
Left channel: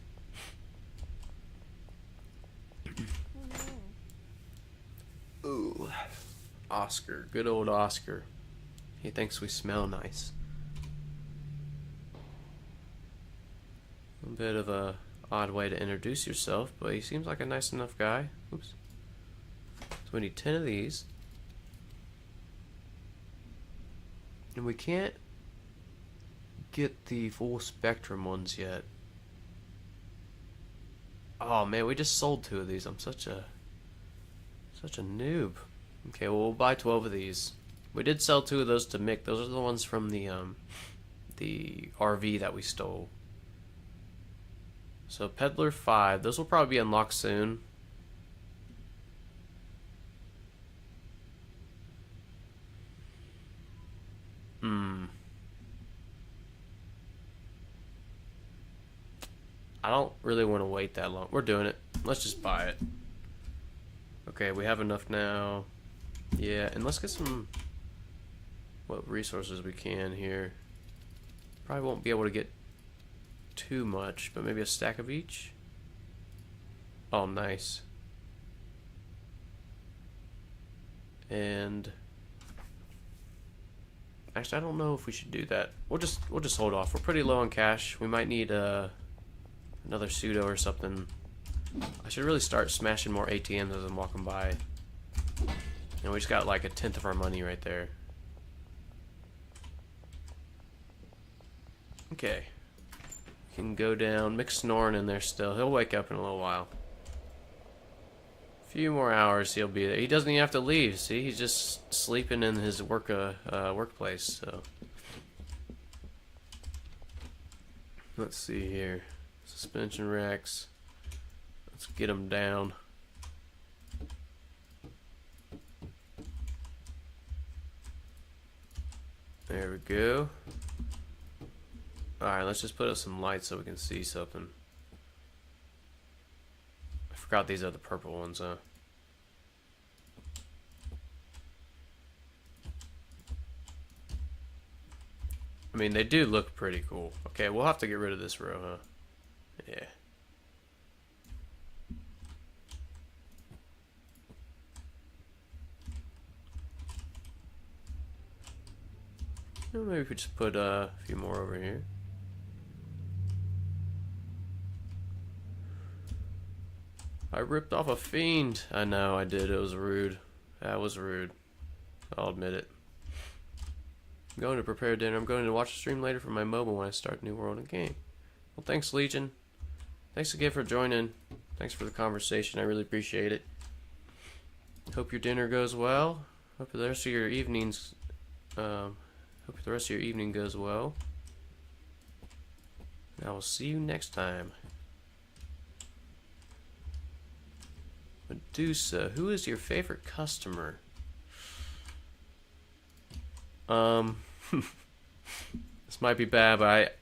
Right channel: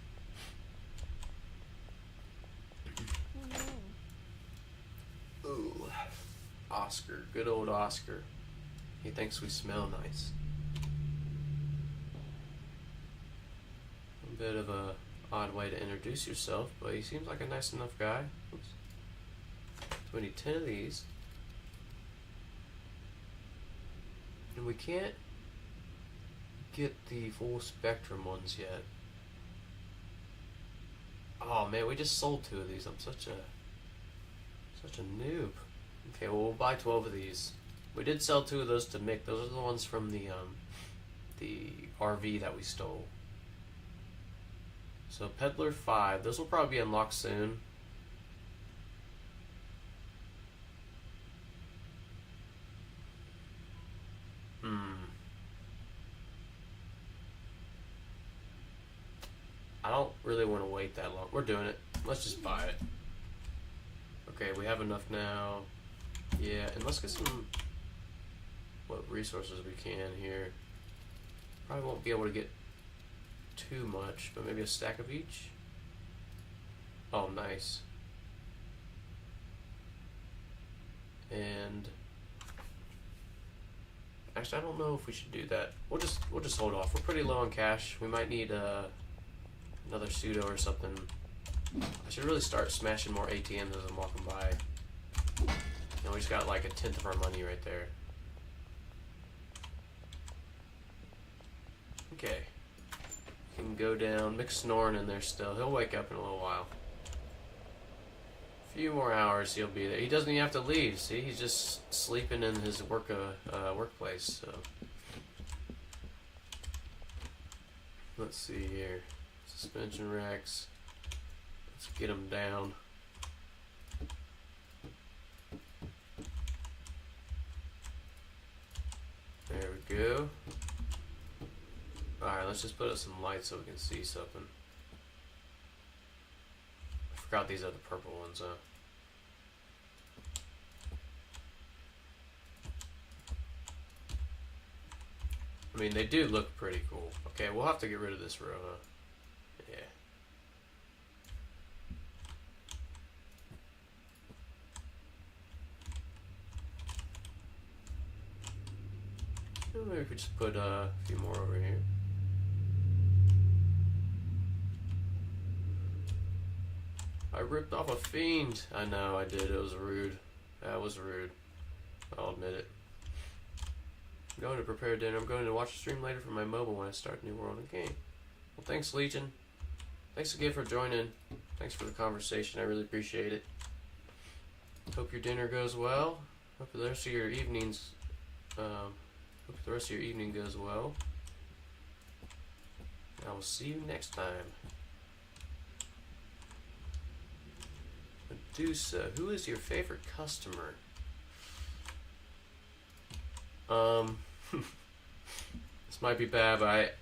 Ooh. Oscar. Good old Oscar. He thinks we smell nice. A bit of a odd way to introduce yourself, but he seems like a nice enough guy. Oops. So we need 10 of these. And we can't get the full spectrum ones yet. Oh man, we just sold 2 of these. I'm such a noob. Okay, well we'll buy 12 of these. We did sell 2 of those to Mick. Those are the ones from the RV that we stole. So Peddler 5, those will probably be unlocked soon. I don't really want to wait that long. We're doing it. Let's just buy it. Okay, we have enough now. Yeah, and let's get some what resources we can here. Probably won't be able to get too much, but maybe a stack of each. Oh, nice. And actually, I don't know if we should do that. We'll just hold off. We're pretty low on cash. We might need another pseudo or something. I should really start smashing more ATMs as I'm walking by. And we just got like 1/10 of our money right there. Okay. Can go down. Mick's snoring in there still. He'll wake up in a little while. A few more hours he'll be there. He doesn't even have to leave. See, he's just sleeping in his workplace. So let's see here. Suspension racks. Let's get them down. There we go. Alright, let's just put up some lights so we can see something. I forgot these are the purple ones, huh? I mean, they do look pretty cool. Okay, we'll have to get rid of this row, huh? Yeah. Maybe we could just put a few more over here. I ripped off a fiend. I know, I did. It was rude. That was rude. I'll admit it. I'm going to prepare dinner. I'm going to watch the stream later for my mobile when I start New World in game. Well, thanks, Legion. thanks again for joining. Thanks for the conversation. I really appreciate it. Hope your dinner goes well. Hope the rest of your evenings. Hope the rest of your evening goes well. I will see you next time. Medusa, who is your favorite customer? This might be bad, but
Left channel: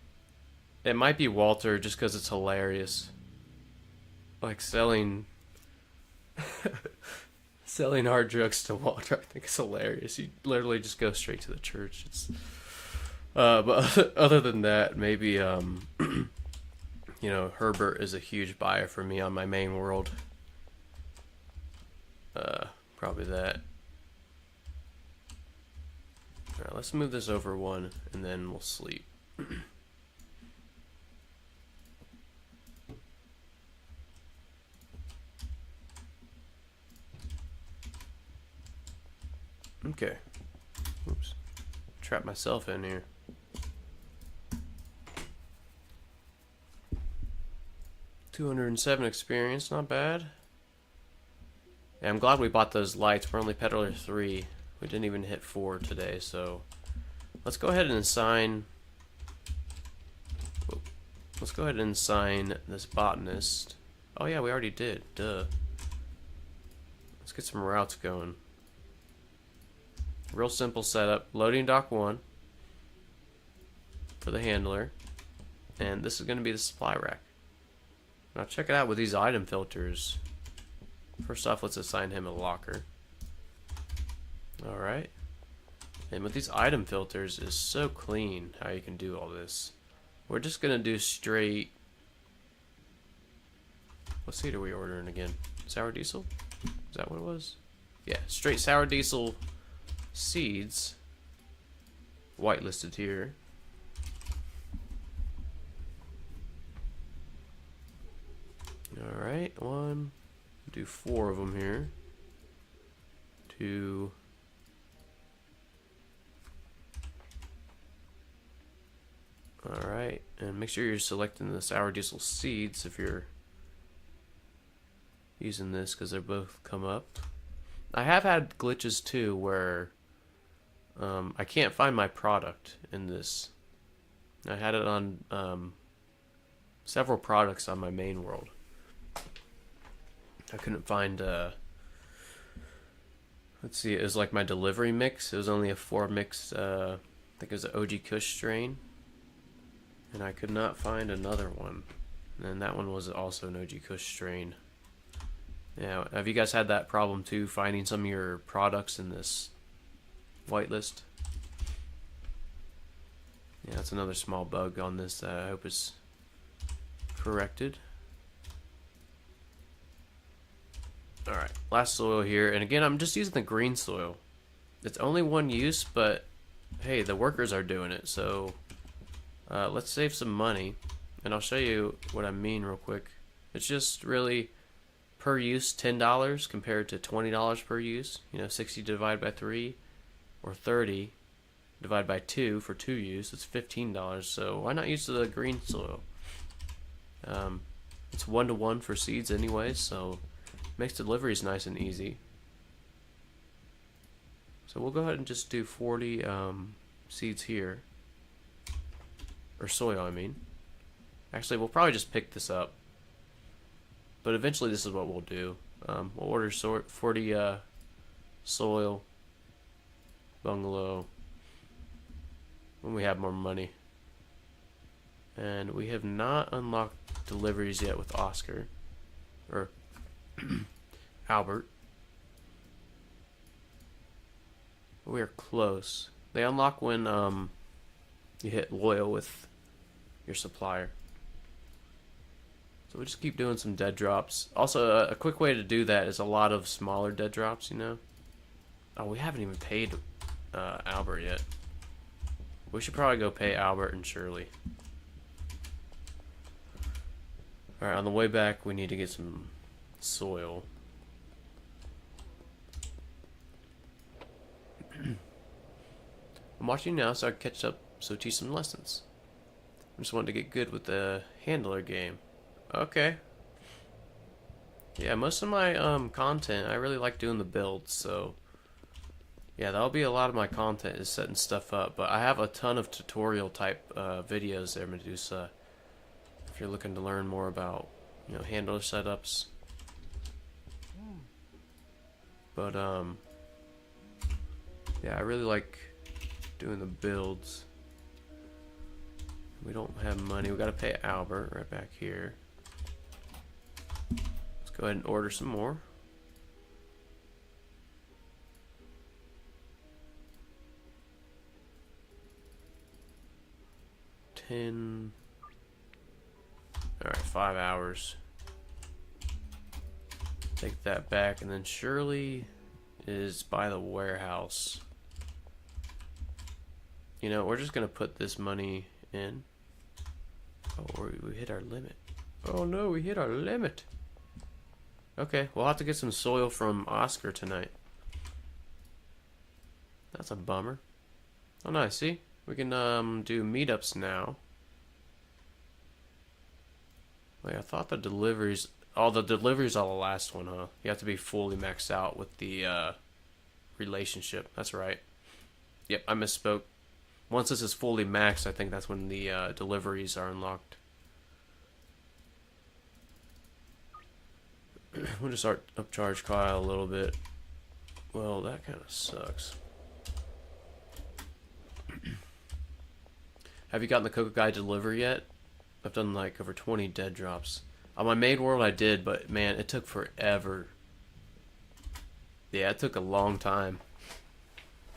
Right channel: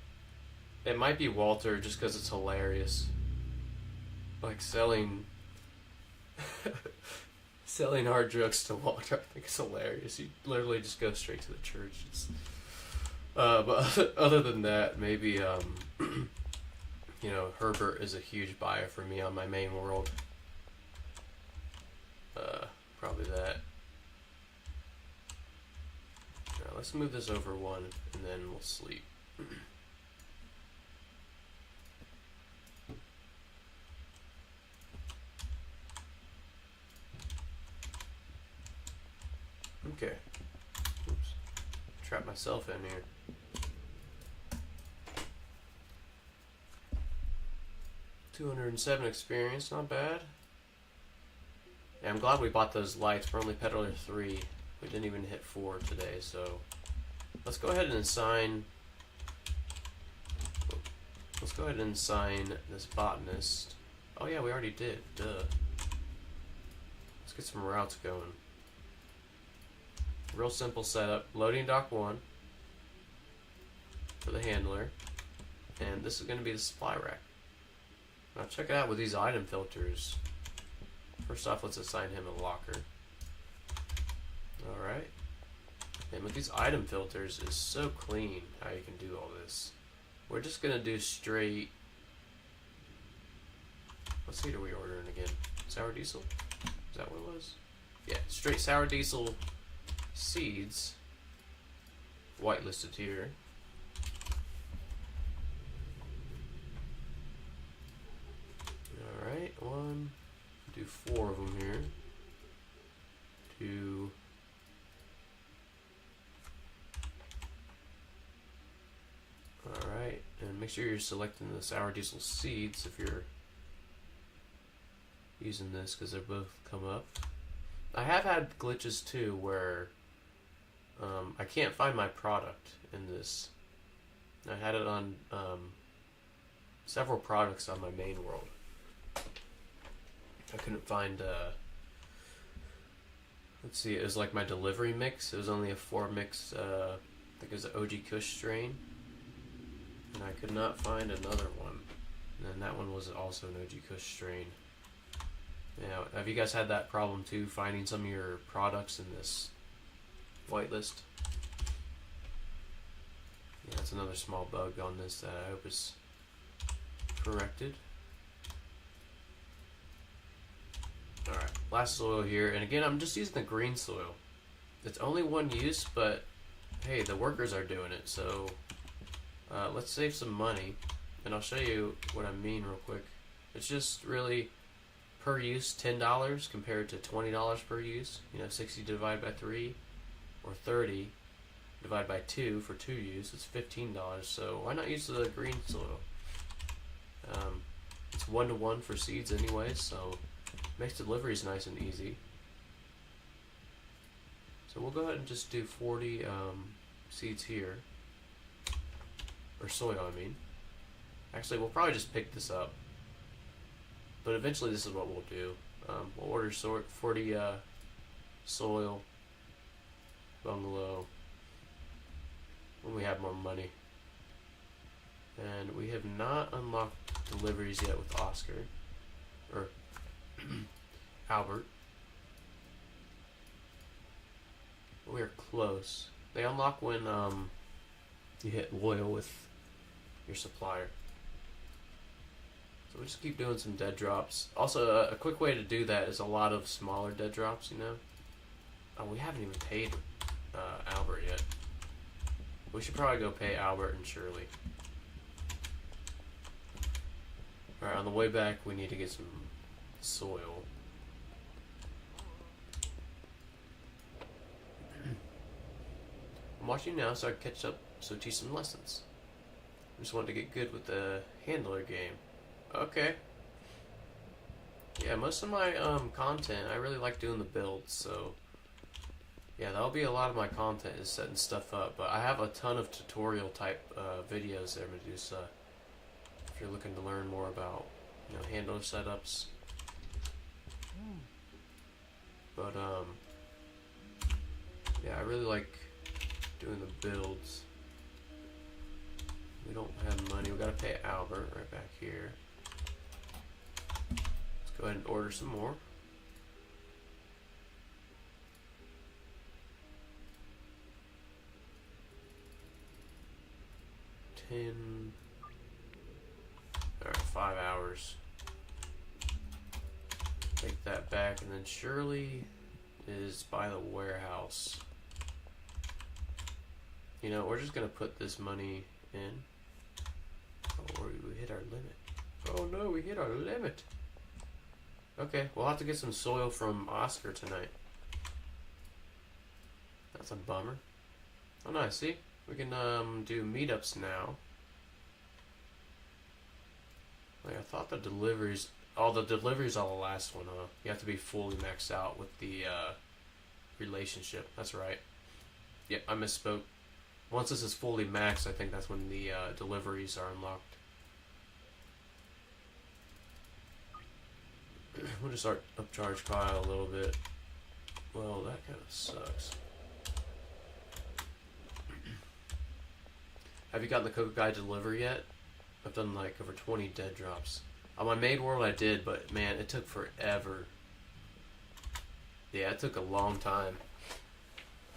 it might be Walter just because it's hilarious. Like selling selling hard drugs to Walter, I think it's hilarious. You literally just go straight to the church. It's but other than that, maybe you know, Herbert is a huge buyer for me on my main world. Probably that. Alright, let's move this over one and then we'll sleep. Okay. Oops. Trap myself in here. $207 experience, not bad. Yeah, I'm glad we bought those lights. We're only peddler 3. We didn't even hit 4 today, so let's go ahead and assign. Let's go ahead and assign this botanist. Oh yeah, we already did. Duh. Let's get some routes going. Real simple setup. Loading dock 1 for the handler, and this is going to be the supply rack. Now check it out with these item filters. First off, let's assign him a locker. Alright. And with these item filters, it's so clean how you can do all this. We're just going to do straight... What seed are we ordering again? Sour diesel? Is that what it was? Yeah, straight sour diesel seeds. Whitelisted here. Alright, one. Do 4 of them here. 2. Alright, and make sure you're selecting the sour diesel seeds if you're using this, because they both come up. I have had glitches too where I can't find my product in this. I had it on several products on my main world. I couldn't find, let's see, it was like my delivery mix. It was only a 4 mix, I think it was an OG Kush strain. And I could not find another one. And that one was also an OG Kush strain. Yeah, have you guys had that problem too, finding some of your products in this whitelist? Yeah, that's another small bug on this that I hope is corrected. Alright, last soil here, and again, I'm just using the green soil. It's only one use, but hey, the workers are doing it, so let's save some money, and I'll show you what I mean real quick. It's just really per use $10 compared to $20 per use. You know, 60 divided by 3, or 30 divided by 2 for 2 use. It's $15. So why not use the green soil? It's 1-to-1 for seeds anyway, so makes deliveries nice and easy. So we'll go ahead and just do 40 seeds here. Or soil, I mean. Actually, we'll probably just pick this up. But eventually this is what we'll do. We'll order 40 soil, bungalow, when we have more money. And we have not unlocked deliveries yet with Oscar. Or Albert. We are close. They unlock when you hit loyal with your supplier. So we'll just keep doing some dead drops. Also, a quick way to do that is a lot of smaller dead drops, you know? Oh, we haven't even paid Albert yet. We should probably go pay Albert and Shirley. Alright, on the way back, we need to get some soil. I'm watching now so I can catch up, so teach some lessons. I just wanted to get good with the handler game. Okay. Yeah, most of my content, I really like doing the builds, so yeah, that'll be a lot of my content is setting stuff up. But I have a ton of tutorial type videos there, Medusa. If you're looking to learn more about, handler setups. But yeah, I really like doing the builds. We don't have money. We gotta pay Albert right back here. Let's go ahead and order some more. Alright, 5 hours. Take that back, and then Shirley is by the warehouse. We're just gonna put this money in. Oh, we hit our limit. Oh no, we hit our limit. Okay, we'll have to get some soil from Oscar tonight. That's a bummer. Oh nice, see? We can do meetups now. Wait, I thought the deliveries... Oh, the deliveries are the last one, huh? You have to be fully maxed out with the relationship. That's right. Yep, I misspoke. Once this is fully maxed, I think that's when the deliveries are unlocked. We'll just upcharge Kyle a little bit. Well, that kind of sucks. Have you gotten the Cocoa Guy deliver yet? I've done like over 20 dead drops. On my main world I did, but man, it took forever. Yeah, it took a long time.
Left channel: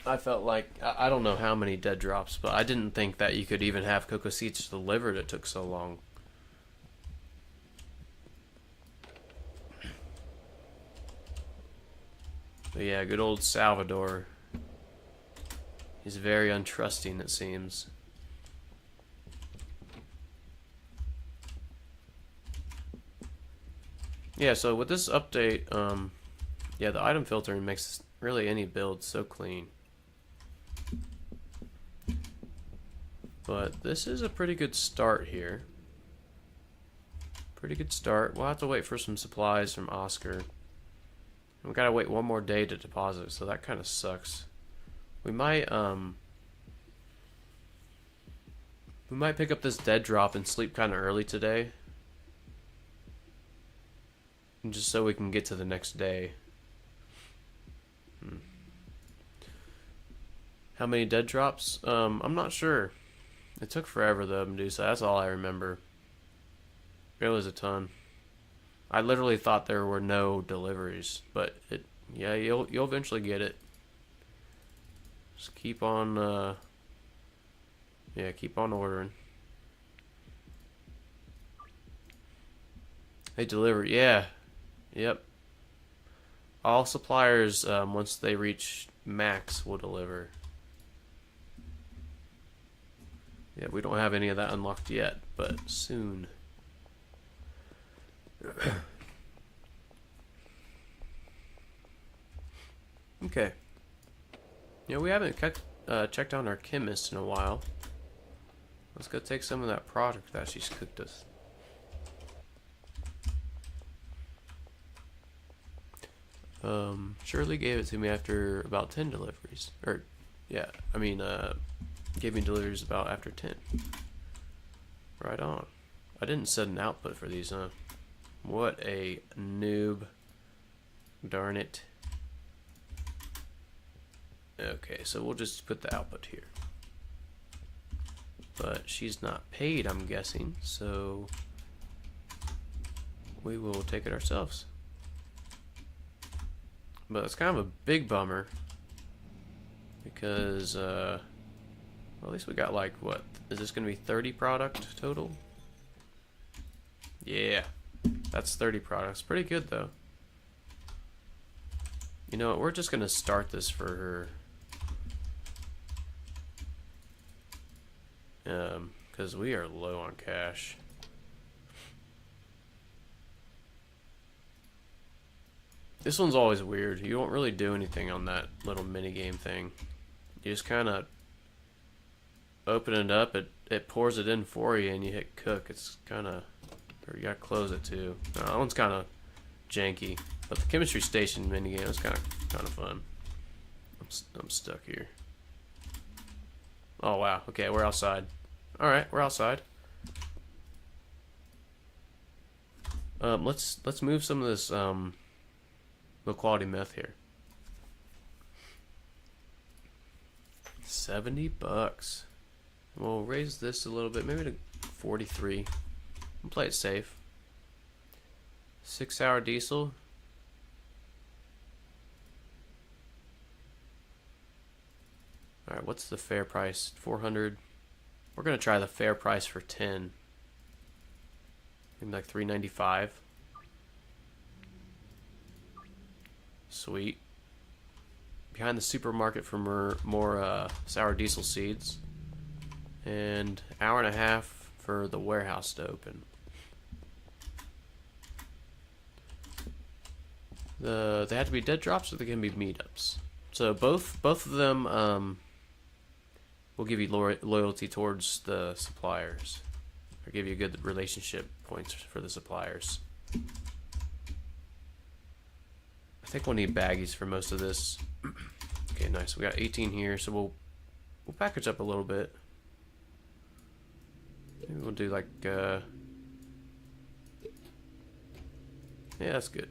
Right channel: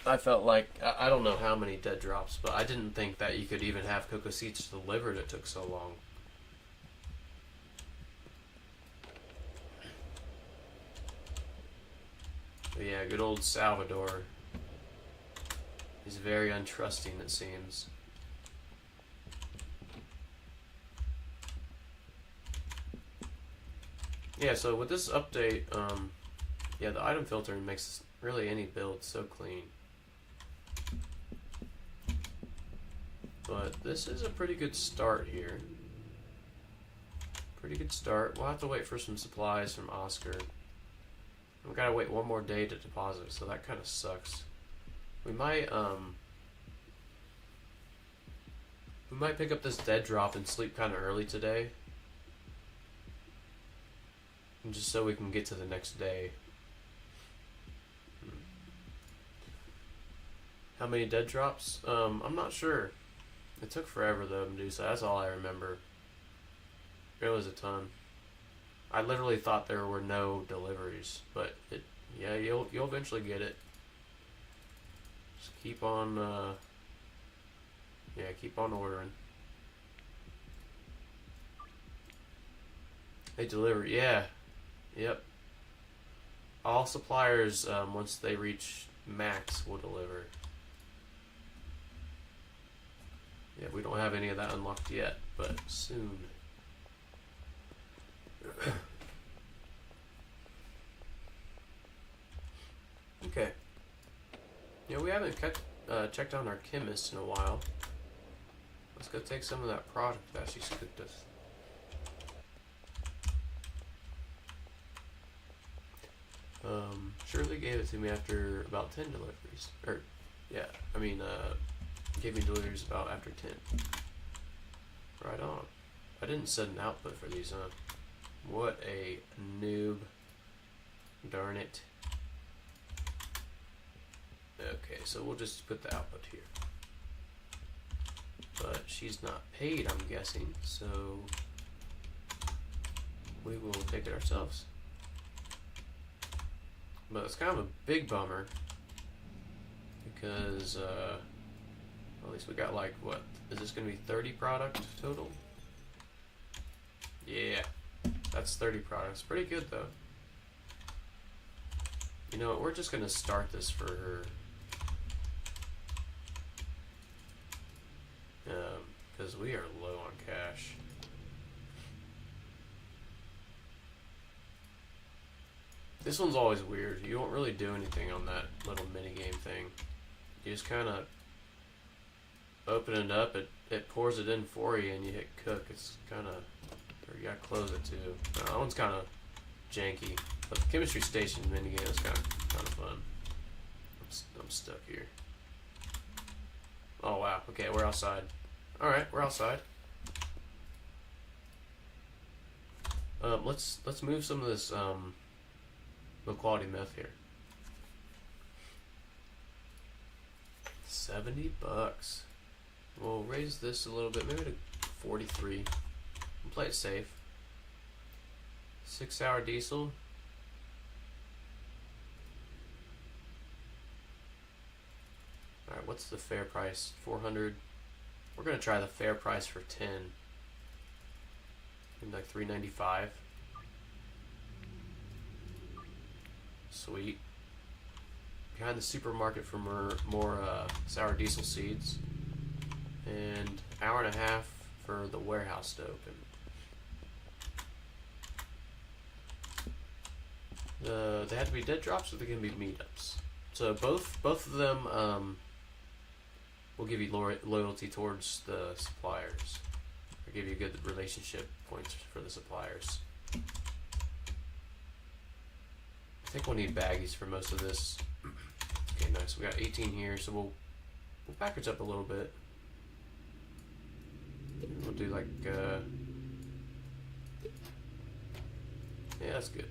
I felt like, I don't know how many dead drops, but I didn't think that you could even have cocoa seeds delivered. It took so long. But yeah, good old Salvador. He's very untrusting, it seems. Yeah, so with this update, yeah, the item filtering makes really any build so clean. But this is a pretty good start here. Pretty good start. We'll have to wait for some supplies from Oscar. We gotta wait one more day to deposit, so that kind of sucks. We might pick up this dead drop and sleep kind of early today. Just so we can get to the next day. How many dead drops? I'm not sure. It took forever though, Medusa. That's all I remember. It was a ton. I literally thought there were no deliveries, but yeah, you'll eventually get it. Just keep on, yeah, keep on ordering. They deliver, yeah, yep. All suppliers, once they reach max, will deliver. Yeah, we don't have any of that unlocked yet, but soon. Okay. Yeah, we haven't checked on our chemist in a while. Let's go take some of that product that she's cooked us. Shirley gave it to me after about 10 deliveries. Or, yeah, I mean, gave me deliveries about after 10. Right on. I didn't set an output for these, huh? What a noob. Darn it. Okay, so we'll just put the output here. But she's not paid, I'm guessing, so we will take it ourselves. But it's kind of a big bummer because well, at least we got like, what, is this going to be 30 product total? Yeah, that's 30 products. Pretty good though. You know what, we're just going to start this for her. Because we are low on cash. This one's always weird. You don't really do anything on that little mini game thing. You just kind of open it up, it pours it in for you, and you hit cook. It's kind of Or you gotta close it too. No, that one's kind of janky. But the chemistry station minigame is kind of fun. I'm stuck here. Oh wow. Okay, we're outside. All right, we're outside. Let's move some of this low quality meth here. $70. We'll raise this a little bit, maybe to 43. And play it safe. 6 hour diesel. Alright, what's the fair price? 400. We're gonna try the fair price for 10. Maybe like 395. Sweet. Behind the supermarket for more sour diesel seeds. And hour and a half for the warehouse to open. They have to be dead drops, or they can be meetups. So both of them will give you loyalty towards the suppliers, or give you good relationship points for the suppliers. I think we'll need baggies for most of this. Okay, nice. We got 18 here, so we'll package up a little bit. Maybe we'll do like yeah, that's good.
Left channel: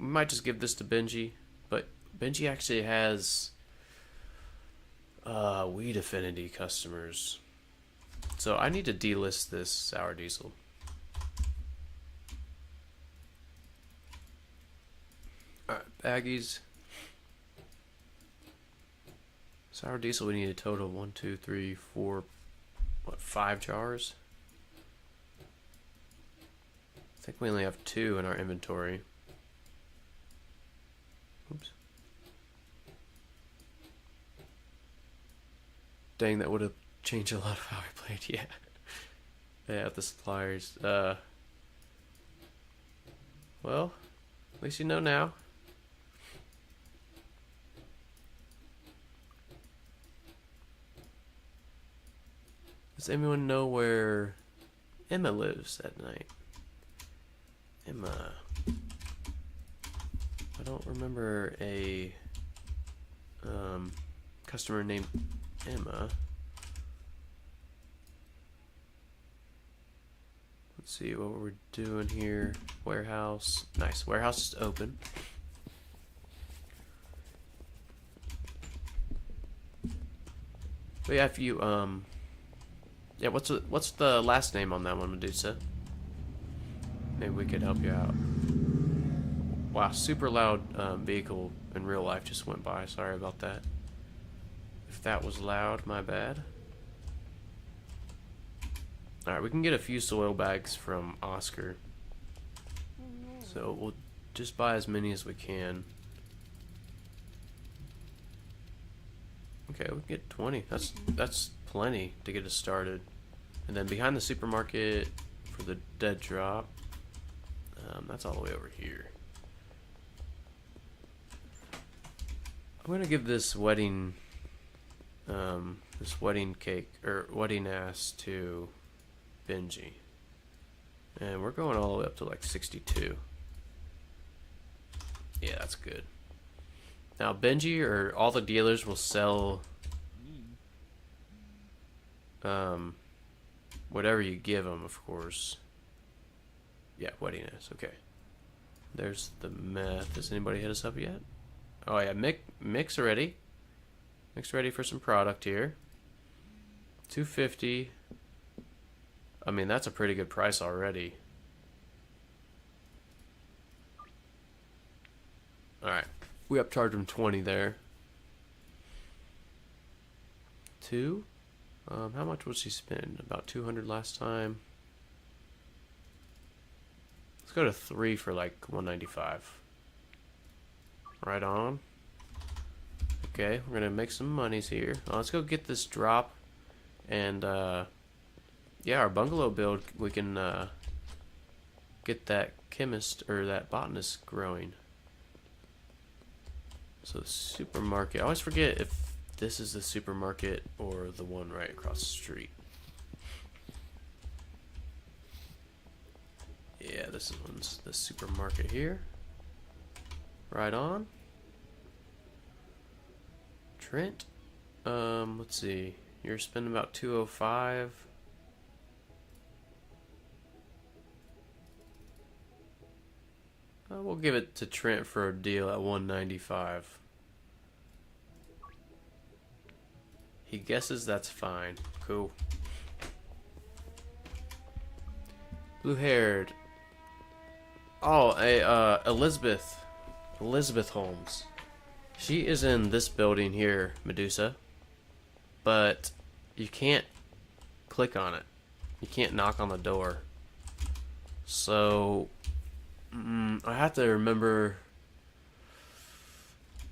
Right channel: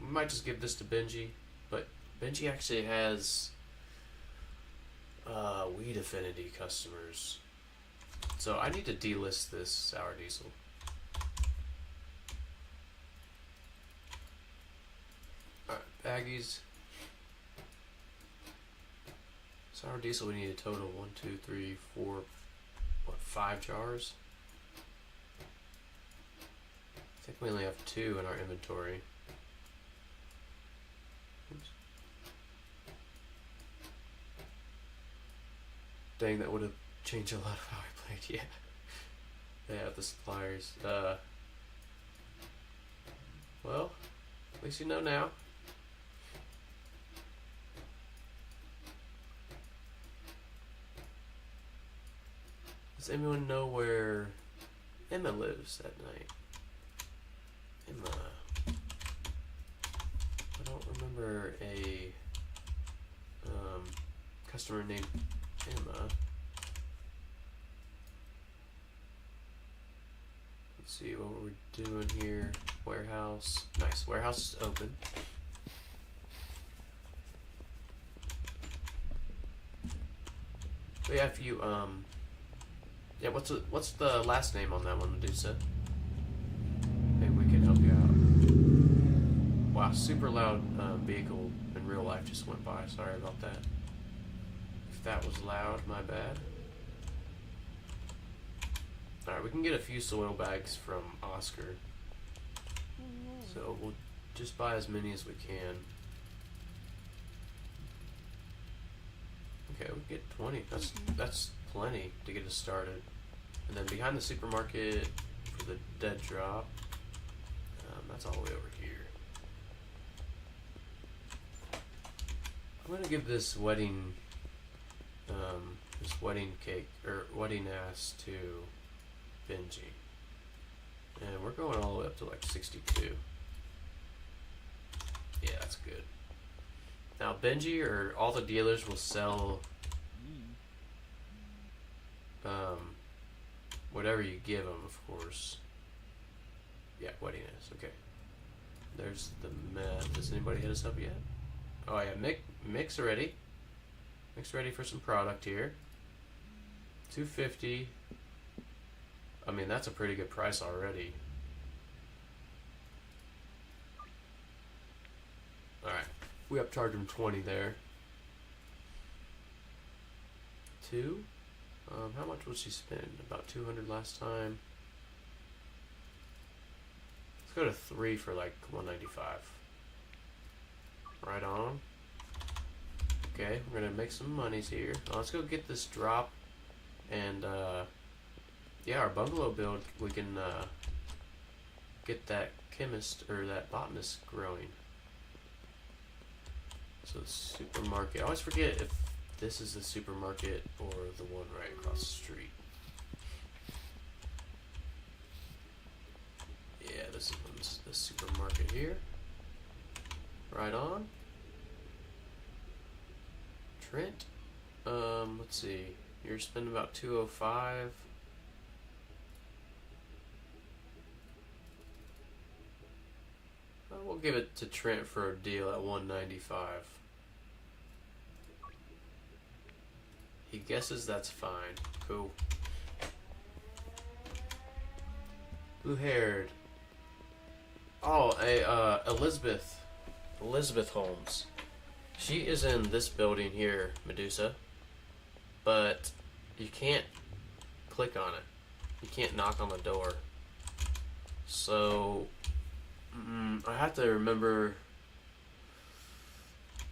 We might just give this to Benji, but Benji actually has weed affinity customers, so I need to delist this sour diesel. Alright, baggies. Sour diesel, we need a total of 1, 2, 3, 4, what, 5 jars? I think we only have 2 in our inventory. Oops. Dang, that would have changed a lot of how I played, yeah. Yeah, the suppliers. Well, at least you know now. Does anyone know where Emma lives at night? Emma. I don't remember a customer named Emma. Let's see what we're doing here. Warehouse. Nice. Warehouse is open. But yeah, if you yeah, what's the last name on that one, Medusa? Maybe we could help you out. Wow, super loud vehicle in real life just went by. Sorry about that. If that was loud, my bad. Alright, we can get a few soil bags from Oscar. So we'll just buy as many as we can. Okay, we can get 20. That's plenty to get us started. And then behind the supermarket for the dead drop, that's all the way over here. I'm gonna give this wedding cake or wedding ass to Benji, and we're going all the way up to like 62. Yeah, that's good. Now Benji or all the dealers will sell whatever you give them, of course. Yeah, wedding ass. Okay. There's the meth. Does anybody hit us up yet? Oh yeah, Mick's ready. Mick's ready for some product here. 250. I mean, that's a pretty good price already. Alright. We upcharged him 20 there. 2? How much was he spend? About 200 last time. Let's go to 3 for like 195. Right on. Okay, we're gonna make some monies here. Let's go get this drop, and yeah, our bungalow build. We can get that chemist or that botanist growing. So supermarket. I always forget if this is the supermarket or the one right across the street. yeah, this one's the supermarket here. Right on. Trent. Let's see. You're spending about 205. We'll give it to Trent for a deal at 195. He guesses that's fine. Cool. Blue-haired. Oh, Elizabeth. Elizabeth Holmes. She is in this building here, Medusa. But you can't click on it. You can't knock on the door. So I have to remember.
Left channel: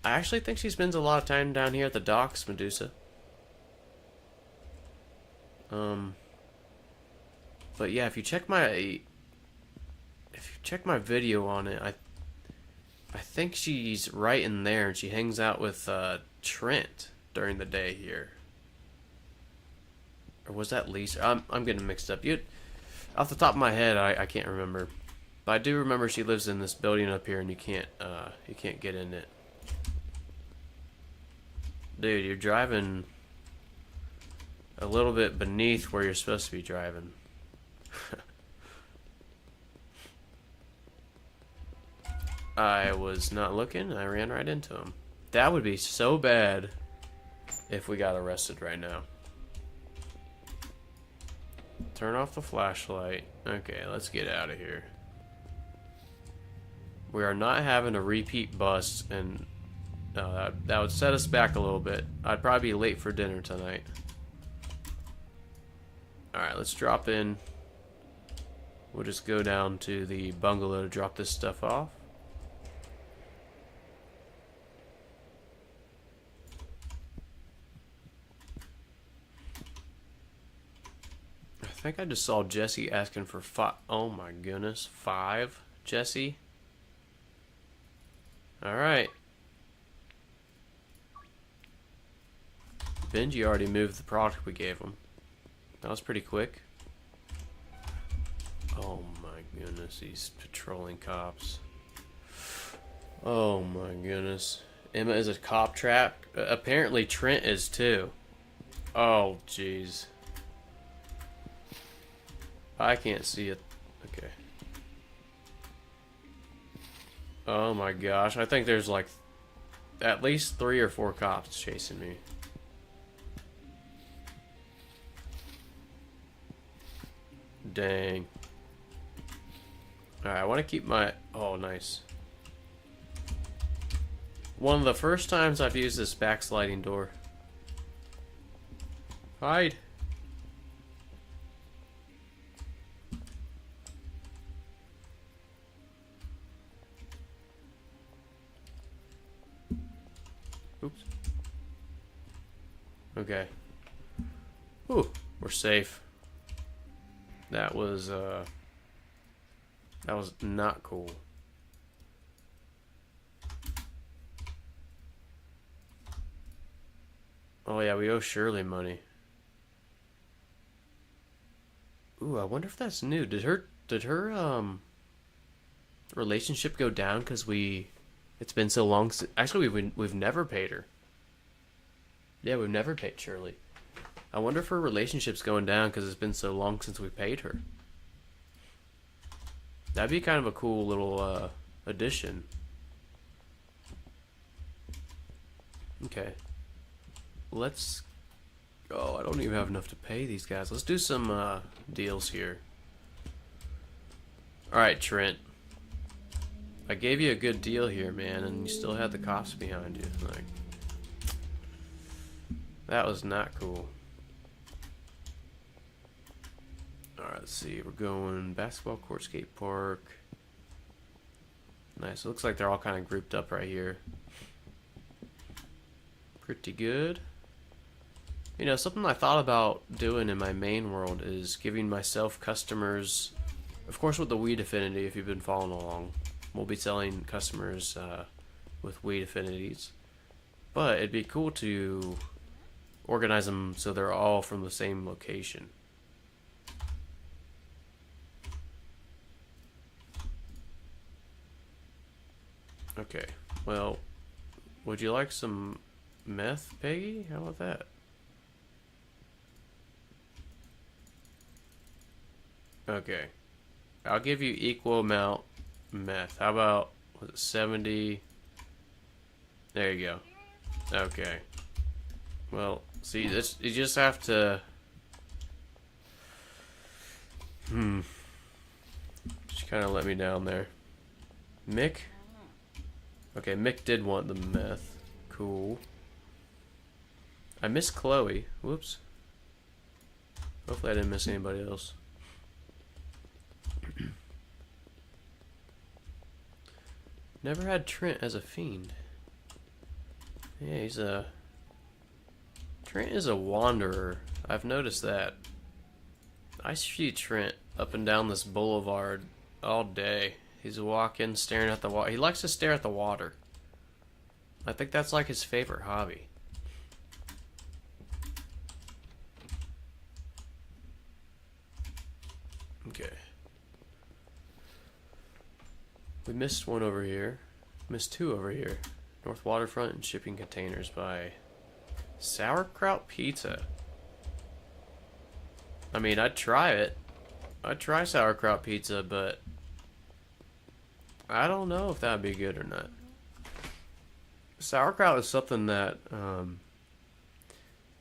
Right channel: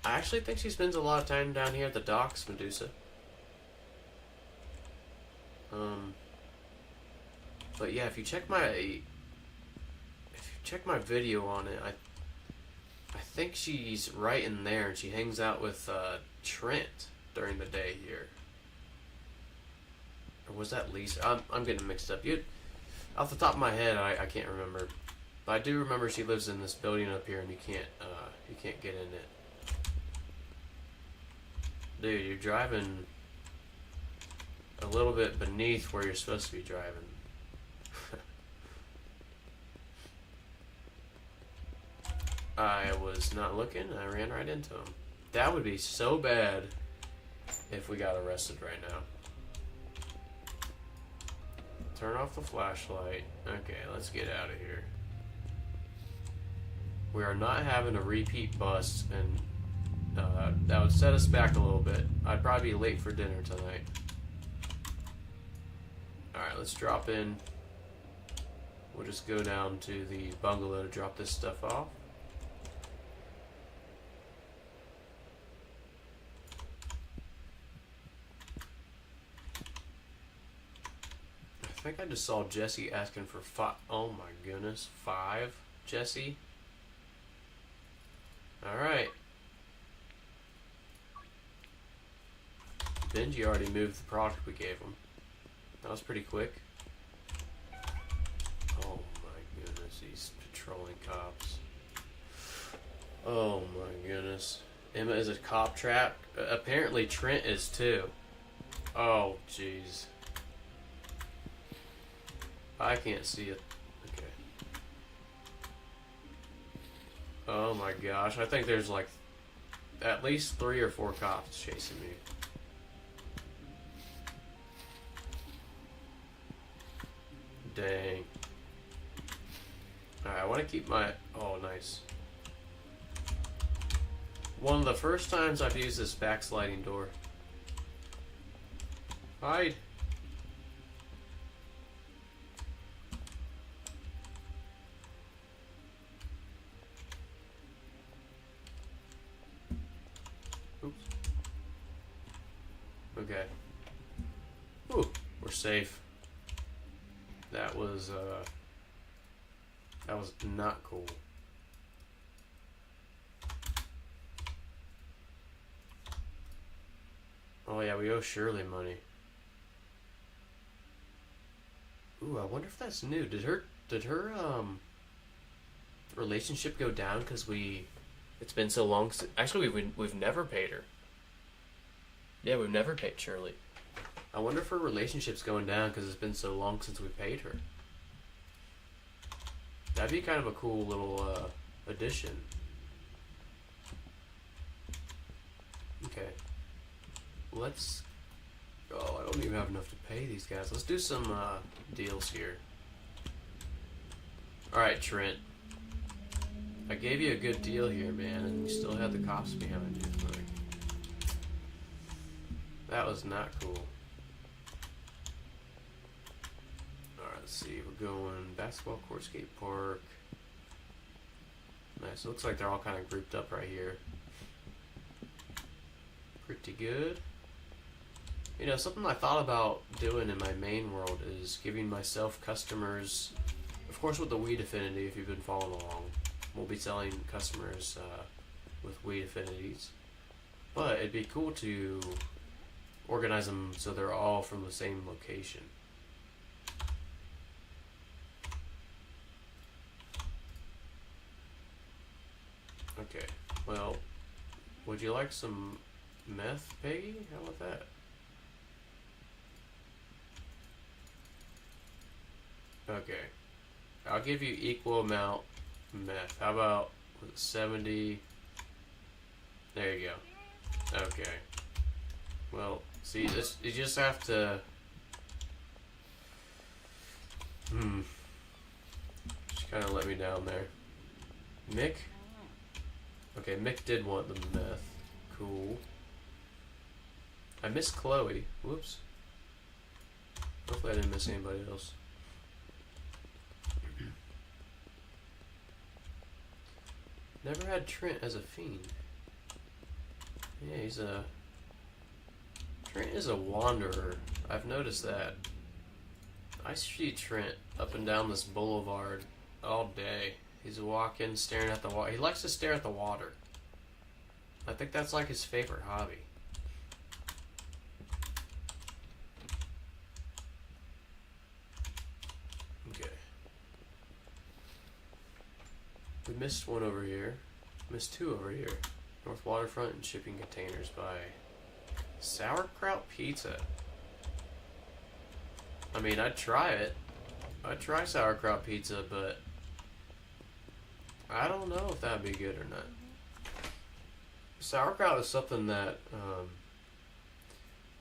I actually think she spends a lot of time down here at the docks, Medusa. But yeah, if you check my video on it, I think she's right in there, and she hangs out with Trent during the day here. Or was that Lisa? I'm getting mixed up. Off the top of my head, I can't remember. But I do remember she lives in this building up here, and you can't get in it. Dude, you're driving a little bit beneath where you're supposed to be driving. I was not looking. I ran right into him. That would be so bad if we got arrested right now. Turn off the flashlight. Okay, let's get out of here. We are not having a repeat bust, and that would set us back a little bit. I'd probably be late for dinner tonight. Alright, let's drop in. We'll just go down to the bungalow to drop this stuff off. I think I just saw Jesse asking for five. Oh my goodness, 5, Jesse. Alright. Benji already moved the product we gave him. That was pretty quick. Oh my goodness, these patrolling cops. Oh my goodness. Emma is a cop trap. Apparently Trent is too. Oh jeez. I can't see it. Okay. Oh my gosh. I think there's like at least 3 or 4 cops chasing me. Dang. Alright, I want to keep my... Oh, nice. One of the first times I've used this backsliding door. Hide. Oops. Okay. Ooh, we're safe. That was not cool. Oh yeah, we owe Shirley money. Ooh, I wonder if that's new. Did her relationship go down because it's been so long since, actually we've never paid her. Yeah, we've never paid Shirley. I wonder if her relationship's going down because it's been so long since we paid her. That'd be kind of a cool little addition. Okay. Let's... Oh, I don't even have enough to pay these guys. Let's do some deals here. Alright, Trent. I gave you a good deal here, man, and you still had the cops behind you. Like, that was not cool. Alright, let's see. We're going basketball court, skate park. Nice. It looks like they're all kind of grouped up right here. Pretty good. You know, something I thought about doing in my main world is giving myself customers, of course with the weed affinity, if you've been following along. We'll be selling customers with weed affinities. But it'd be cool to organize them so they're all from the same location. Okay, well, would you like some meth, Peggy? How about that? Okay, I'll give you equal amount meth. How about, was it 70? There you go. Okay. Well, see, this, you just have to... She kind of let me down there. Mick? Okay, Mick did want the meth. Cool. I missed Chloe. Whoops. Hopefully I didn't miss anybody else. Never had Trent as a fiend. Yeah, he's a... Trent is a wanderer. I've noticed that. I see Trent up and down this boulevard all day. He's walking, staring at the water. He likes to stare at the water. I think that's like his favorite hobby. Okay. We missed one over here. Missed two over here. North Waterfront and Shipping Containers by Sauerkraut Pizza. I mean, I'd try it. I'd try sauerkraut pizza, but I don't know if that'd be good or not. Sauerkraut is something that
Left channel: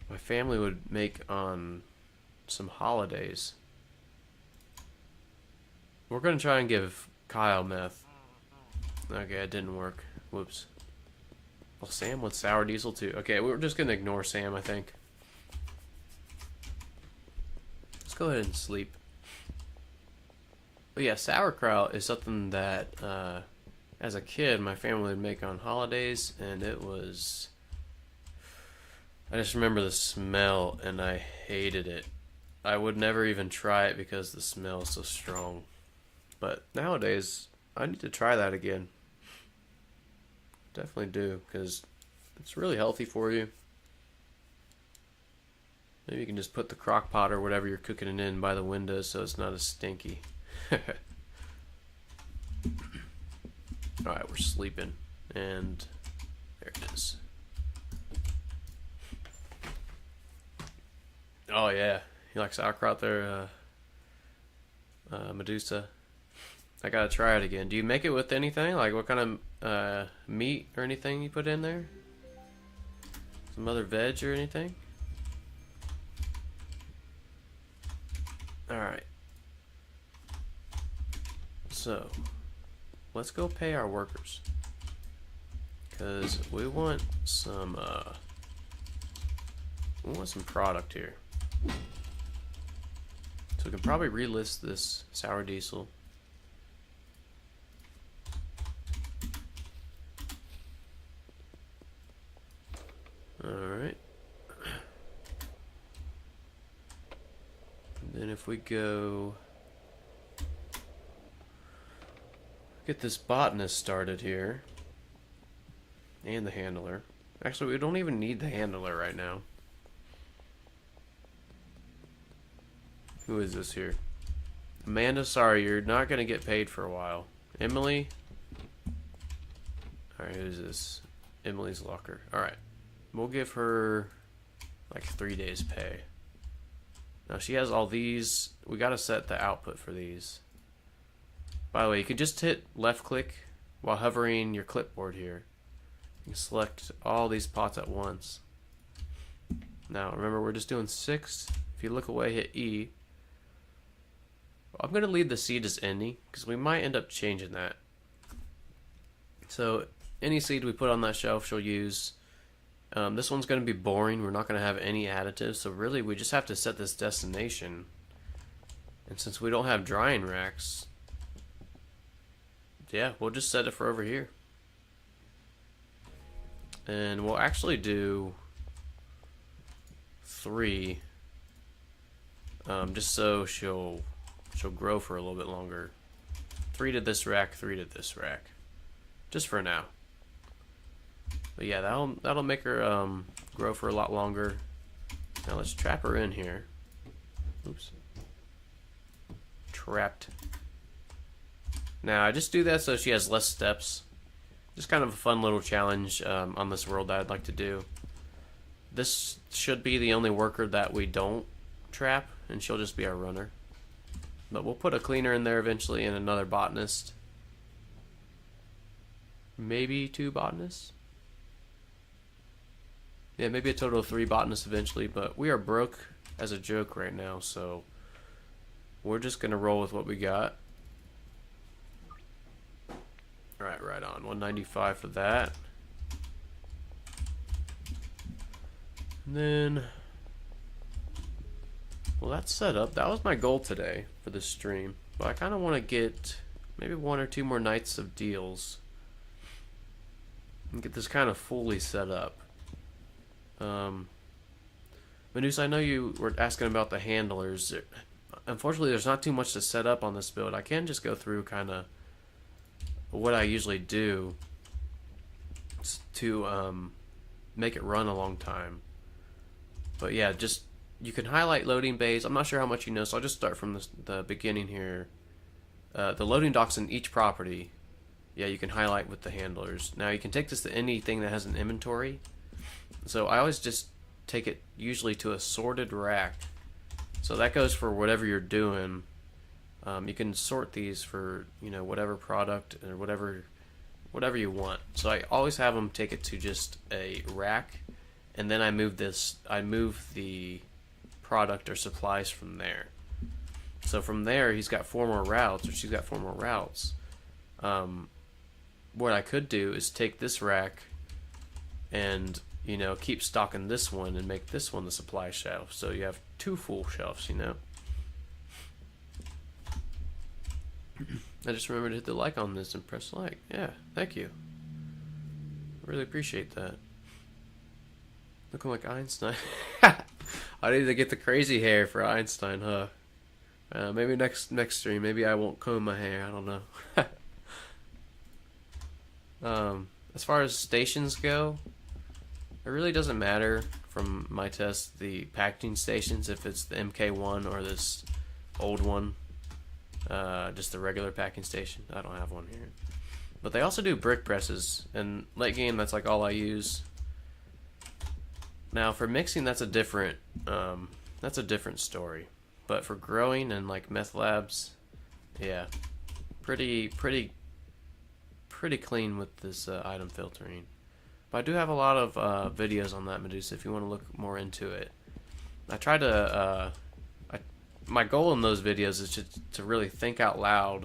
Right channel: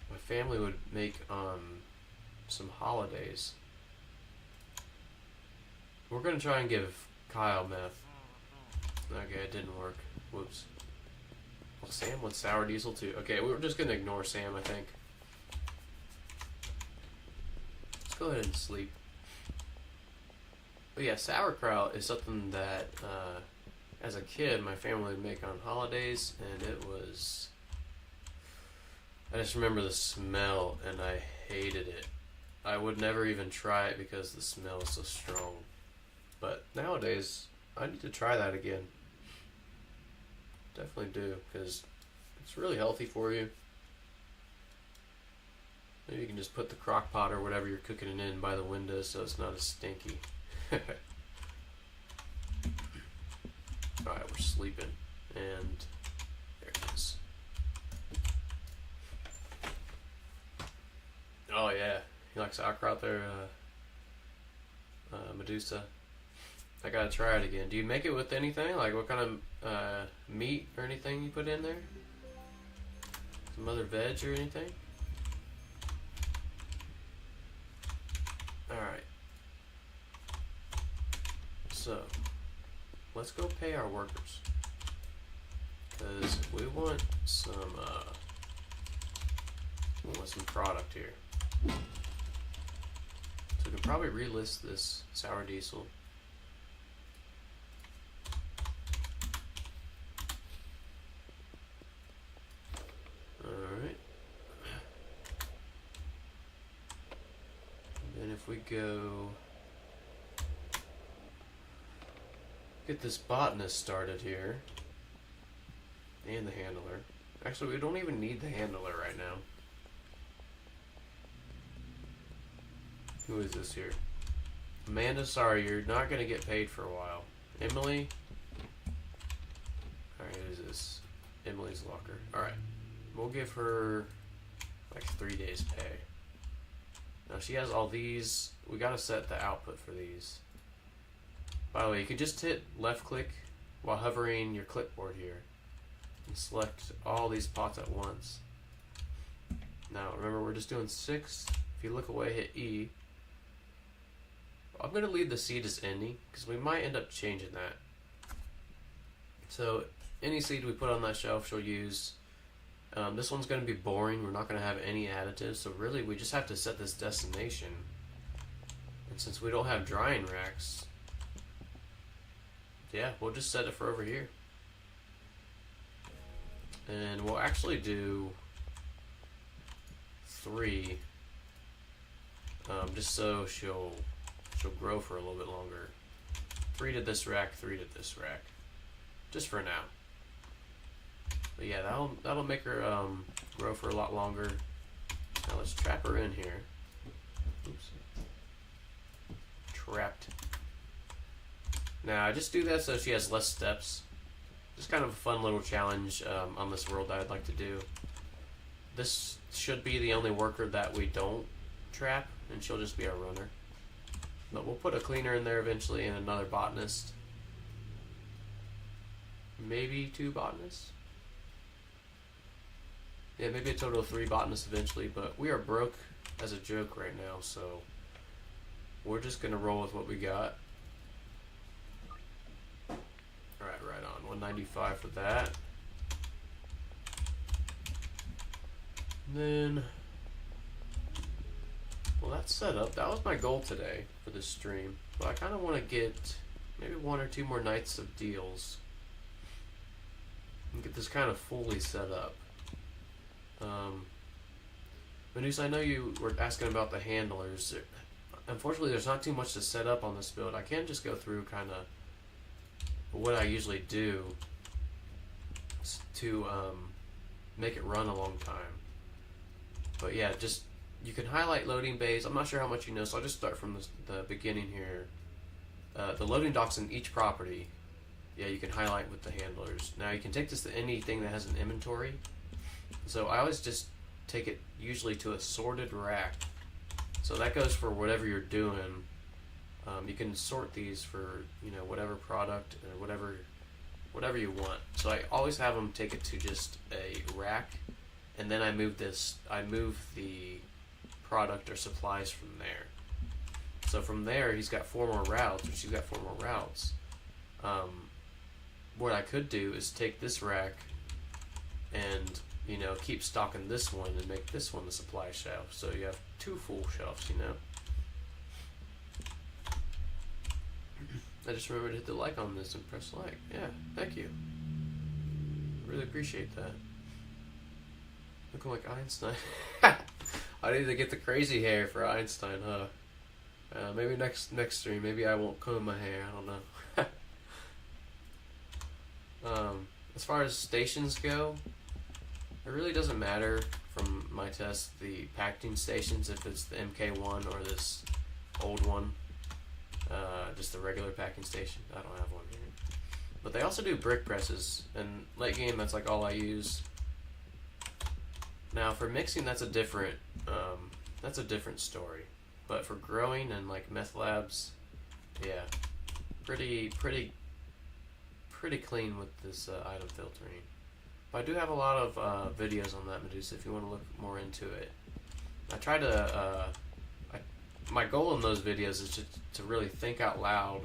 my family would make on some holidays. We're gonna try and give Kyle meth. Okay, it didn't work. Whoops. Well, Sam wants sour diesel too. Okay, we're just gonna ignore Sam, I think. Let's go ahead and sleep. But yeah, sauerkraut is something that, as a kid, my family would make on holidays, and it was... I just remember the smell, and I hated it. I would never even try it because the smell is so strong. But nowadays, I need to try that again. Definitely do, because it's really healthy for you. Maybe you can just put the crock pot or whatever you're cooking it in by the window so it's not as stinky. Alright, we're sleeping. And there it is. Oh yeah, you like sauerkraut there, Medusa? I gotta try it again. Do you make it with anything? Like what kind of meat or anything you put in there? Some other veg or anything? Alright. So, let's go pay our workers. Because we want some product here. So we can probably relist this sour diesel. Alright. Then if we go get this botanist started here. And the handler. Actually, we don't even need the handler right now. Who is this here? Amanda, sorry, you're not going to get paid for a while. Emily? Alright, who's this? Emily's locker. Alright. We'll give her like 3 days pay. Now she has all these. We got to set the output for these. By the way, you can just hit left click while hovering your clipboard here. You can select all these pots at once. Now remember, we're just doing 6. If you look away, hit E. I'm going to leave the seed as any because we might end up changing that. So any seed we put on that shelf she'll use. This one's going to be boring. We're not going to have any additives. So really we just have to set this destination. And since we don't have drying racks, yeah, we'll just set it for over here. And we'll actually do 3. Just so she'll grow for a little bit longer. 3 to this rack, 3 to this rack. Just for now. But yeah, that'll make her grow for a lot longer. Now let's trap her in here. Oops. Trapped. Now I just do that so she has less steps. just kind of a fun little challenge on this world that I'd like to do. This should be the only worker that we don't trap, and she'll just be our runner. But we'll put a cleaner in there eventually and another botanist. Maybe 2 botanists? Yeah, maybe a total of 3 botanists eventually, but we are broke as a joke right now, so we're just gonna roll with what we got. Alright, right on. 195 for that. And then, well, that's set up. That was my goal today for this stream. But I kind of want to get maybe 1 or 2 more nights of deals and get this kind of fully set up. Medusa, I know you were asking about the handlers. Unfortunately, there's not too much to set up on this build. I can just go through kind of what I usually do to make it run a long time. But yeah, just you can highlight loading bays. I'm not sure how much you know, so I'll just start from the beginning here. The loading docks in each property, yeah, you can highlight with the handlers. Now you can take this to anything that has an inventory. So I always just take it usually to a sorted rack. So that goes for whatever you're doing. You can sort these for, you know, whatever product or whatever you want. So I always have them take it to just a rack, and then I move the product or supplies from there. So from there, he's got 4 more routes, or she's got 4 more routes. What I could do is take this rack and, you know, keep stocking this one and make this one the supply shelf. So you have 2 full shelves, you know. I just remembered to hit the like on this and press like. Yeah, thank you. Really appreciate that. Looking like Einstein. I need to get the crazy hair for Einstein, huh? Maybe next stream. Maybe I won't comb my hair. I don't know. As far as stations go, it really doesn't matter from my test the packaging stations if it's the MK1 or this old one. Just the regular packing station. I don't have one here. But they also do brick presses, and late game that's like all I use. Now for mixing, that's a different story. But for growing and like meth labs, yeah, pretty clean with this item filtering. But I do have a lot of videos on that, Medusa, if you want to look more into it. I try to my goal in those videos is to really think out loud,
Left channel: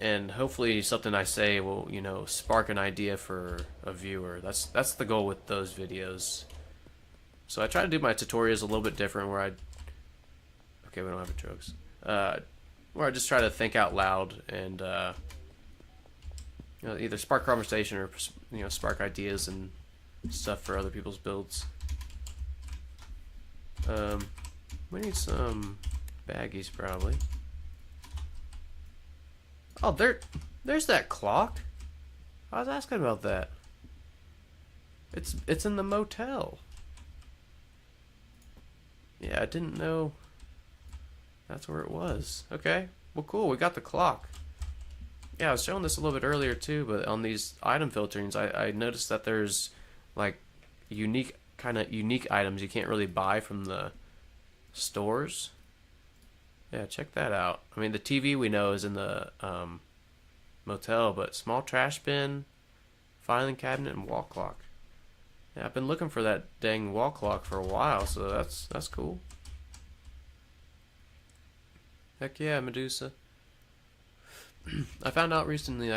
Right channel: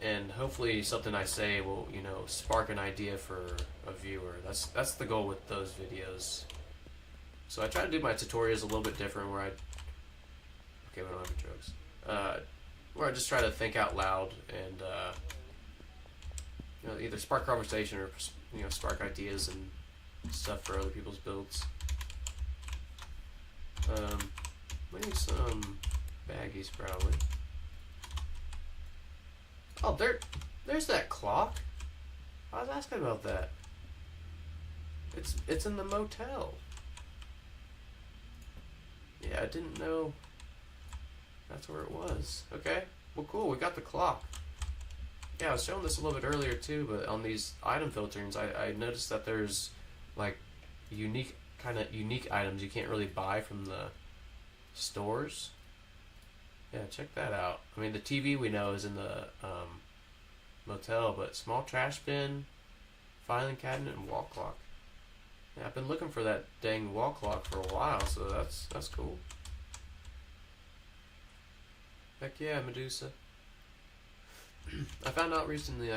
and hopefully something I say will, you know, spark an idea for a viewer. That's the goal with those videos. So I try to do my tutorials a little bit different, where okay, we don't have jokes. Where I just try to think out loud and you know, either spark conversation or, you know, spark ideas and stuff for other people's builds. We need some baggies, probably. Oh, there's that clock. I was asking about that. It's in the motel. Yeah, I didn't know that's where it was. Okay, well, cool. We got the clock. Yeah, I was showing this a little bit earlier too, but on these item filterings, I noticed that there's like unique items you can't really buy from the stores. Yeah, check that out. I mean, the TV we know is in the motel, but small trash bin, filing cabinet, and wall clock. Yeah, I've been looking for that dang wall clock for a while, so that's cool. Heck yeah, Medusa. I found out recently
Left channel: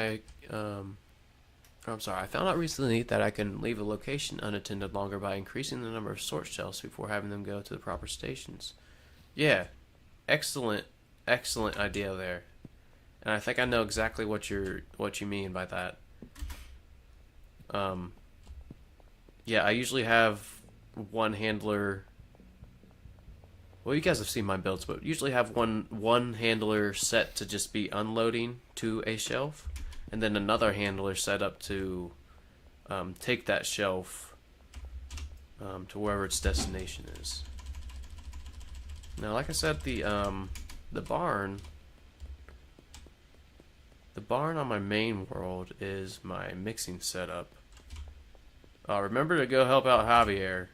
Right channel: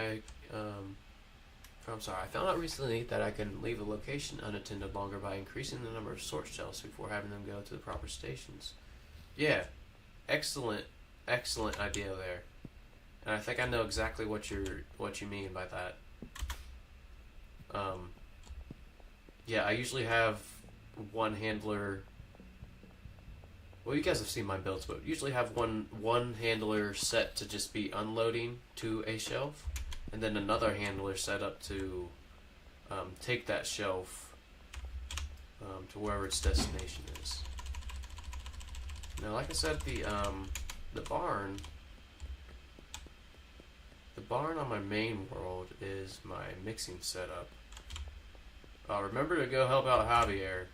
that I can leave a location unattended longer by increasing the number of sort shelves before having them go to the proper stations. Yeah, excellent idea there, and I think I know exactly what you mean by that. Yeah, I usually have one handler. Well, you guys have seen my builds, but usually have one handler set to just be unloading to a shelf, and then another handler set up to take that shelf to wherever its destination is. Now, like I said, the barn the barn on my main world is my mixing setup. Remember to go help out Javier.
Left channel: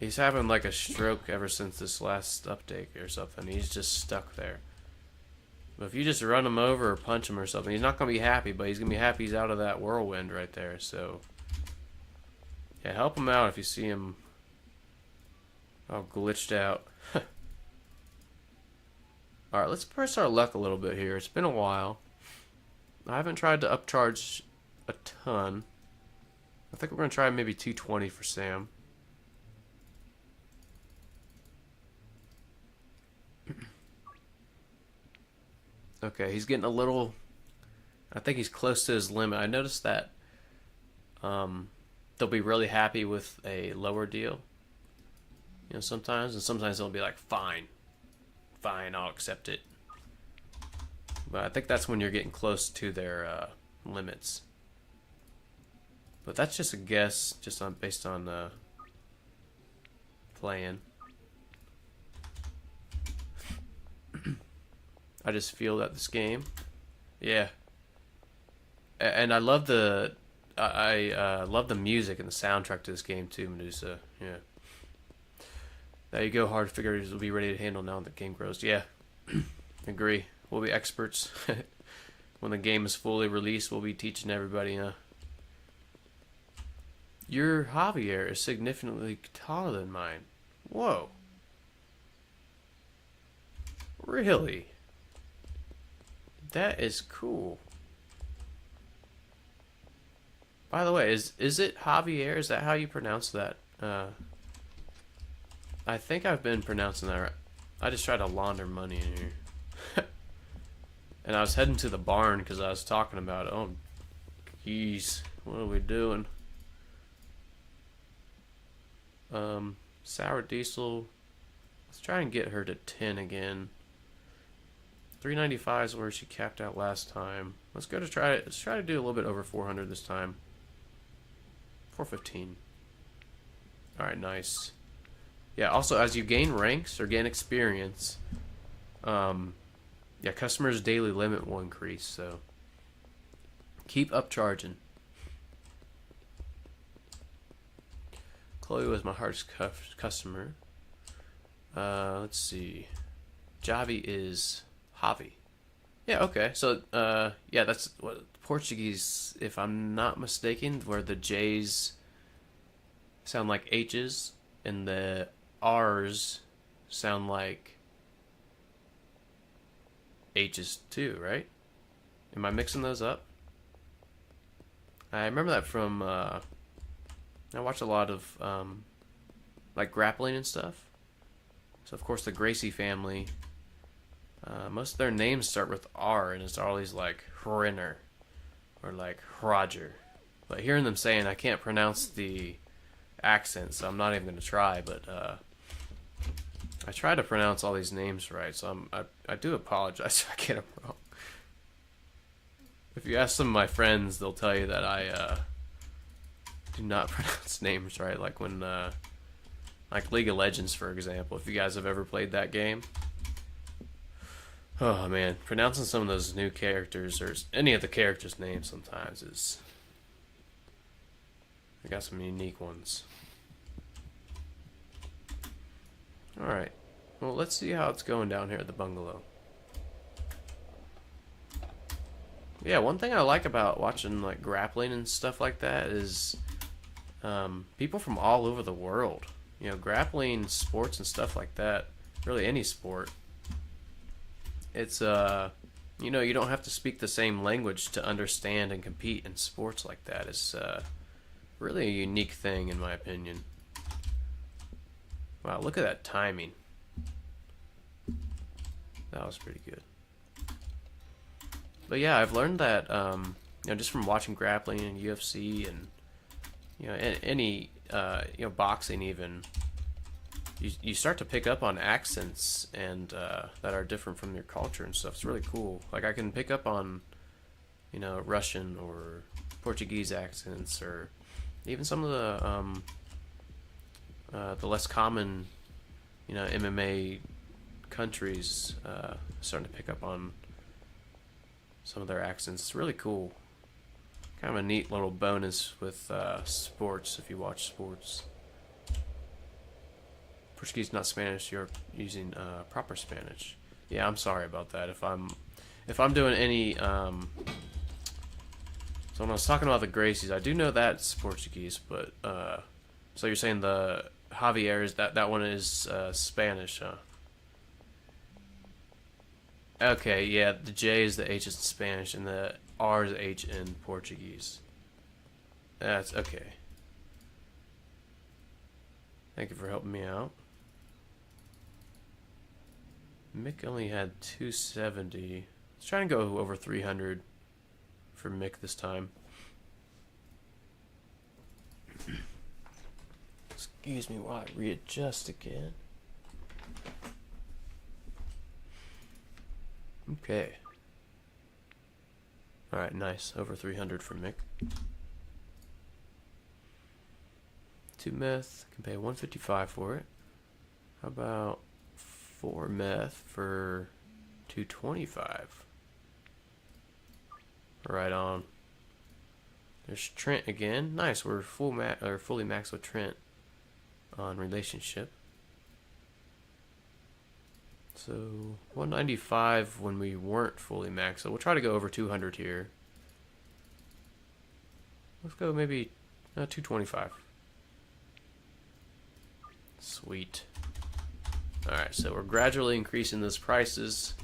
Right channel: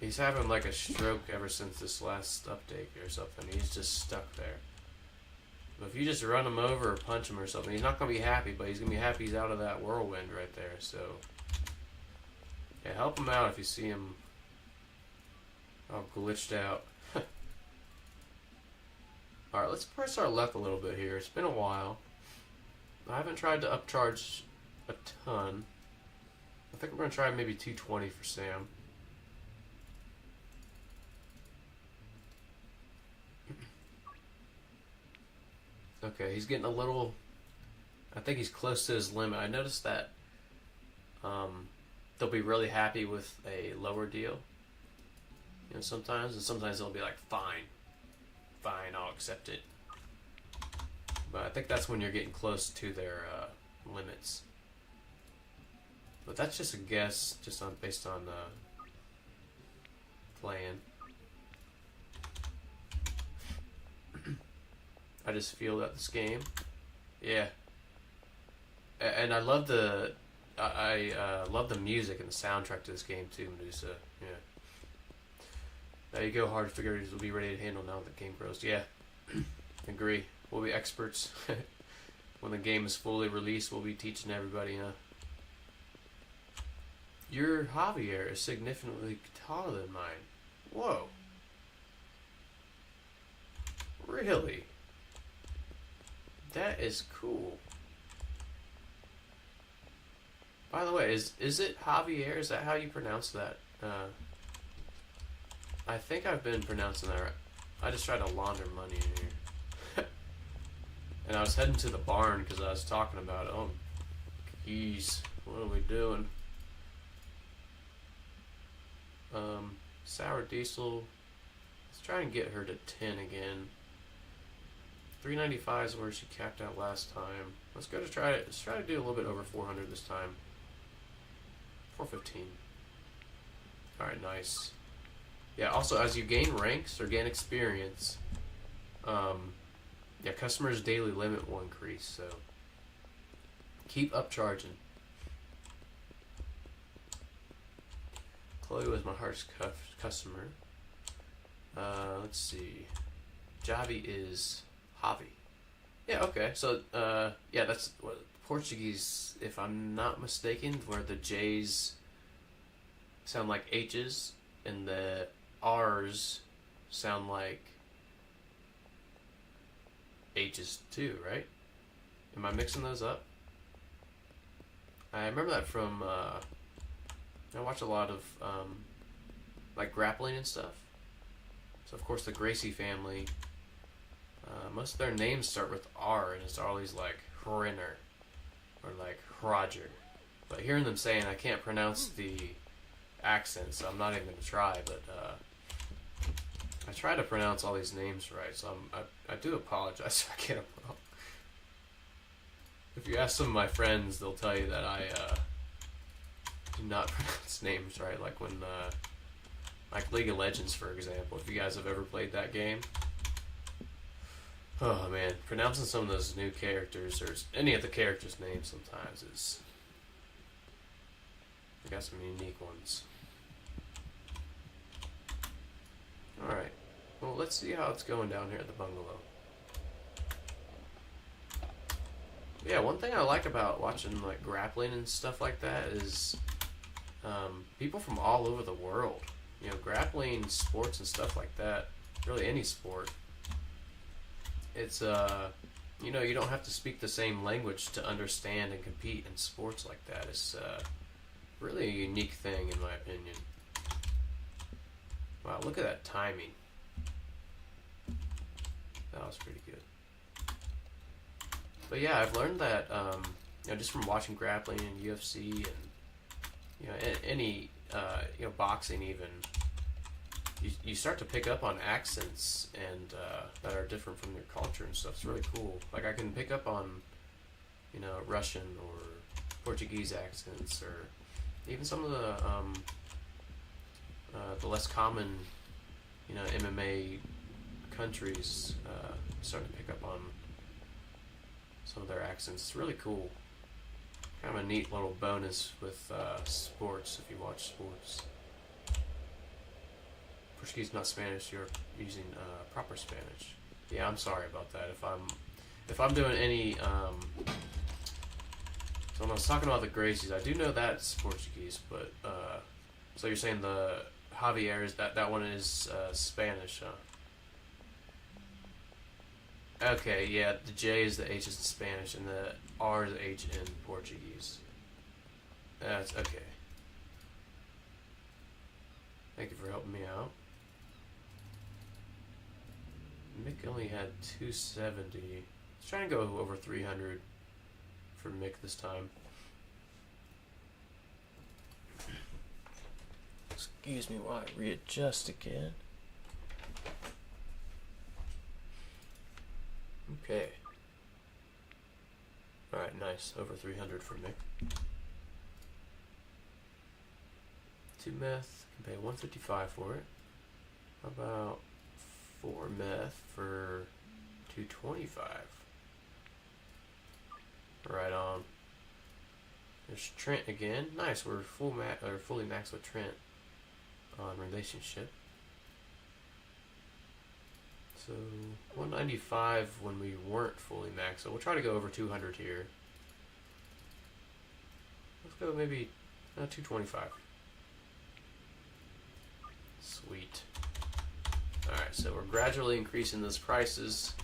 He's having like a stroke ever since this last update or something. He's just stuck there. But if you just run him over or punch him or something, he's not going to be happy, but he's going to be happy he's out of that whirlwind right there. So, yeah, help him out if you see him all glitched out. Alright, let's press our luck a little bit here. It's been a while. I haven't tried to upcharge a ton. I think we're going to try maybe 220 for Sam. Okay, he's getting a little... I think he's close to his limit. I noticed that they'll be really happy with a lower deal. You know, sometimes. And sometimes they'll be like, fine. Fine, I'll accept it. But I think that's when you're getting close to their limits. But that's just a guess, just based on playing. I just feel that this game, yeah. And I love the, I love the music and the soundtrack to this game too, Medusa. Yeah. There you go, hard figures will be ready to handle now that the game grows. Yeah, agree. We'll be experts. When the game is fully released, we'll be teaching everybody, Your Javier is significantly taller than mine. Whoa. Really? That is cool. By the way, is it Javier? Is that how you pronounce that? I think I've been pronouncing that right. I just tried to launder money in here. And I was heading to the barn because I was talking about it. Oh, geez. What are we doing? Sour Diesel. Let's try and get her to 10 again. 395 is where she capped out last time. Let's try to do a little bit over 400 this time. 415. Alright, nice. Yeah, also as you gain ranks or gain experience, yeah, customers' daily limit will increase, so keep upcharging. Chloe was my hardest customer. Let's see. Javi is Javi. Yeah, okay. So, yeah, that's what Portuguese, if I'm not mistaken, where the J's sound like H's and the R's sound like H's too, right? Am I mixing those up? I remember that from, I watch a lot of, like, grappling and stuff. So, of course, the Gracie family, most of their names start with R, and it's always like Hrenner or like Roger. But hearing them saying, I can't pronounce the accent, so I'm not even going to try, but I try to pronounce all these names right, so I do apologize if I get them wrong. If you ask some of my friends, they'll tell you that I do not pronounce names right, like when, like League of Legends, for example, if you guys have ever played that game. Oh man, pronouncing some of those new characters, or any of the characters' names sometimes is... I got some unique ones. Alright, well let's see how it's going down here at the bungalow. Yeah, one thing I like about watching like grappling and stuff like that is people from all over the world. You know, grappling, sports and stuff like that, really any sport. It's, you know, you don't have to speak the same language to understand and compete in sports like that. It's really a unique thing, in my opinion. Wow, look at that timing. That was pretty good. But yeah, I've learned that, you know, just from watching grappling and UFC and, you know, any, you know, boxing even, you start to pick up on accents and that are different from your culture and stuff. It's really cool. Like I can pick up on, you know, Russian or Portuguese accents, or even some of the less common, you know, MMA countries. Starting to pick up on some of their accents. It's really cool. Kind of a neat little bonus with sports, if you watch sports. Portuguese, not Spanish. You're using proper Spanish. Yeah, I'm sorry about that. If I'm doing any so when I was talking about the Gracies, I do know that's Portuguese, but so you're saying the Javier is that one is Spanish, huh? Okay, yeah, the J is the H in Spanish and the R is the H in Portuguese. That's okay. Thank you for helping me out. Mick only had 270. Let's try and go over 300 for Mick this time. Excuse me while I readjust again. Okay. Alright, nice. Over 300 for Mick. 2 meth. Can pay 155 for it. How about 4 meth for 225? Right on. There's Trent again. Nice. We're fully maxed with Trent on relationship. So 195 when we weren't fully maxed. So we'll try to go over 200 here. Let's go maybe 225. Sweet. Alright, so we're gradually increasing those prices.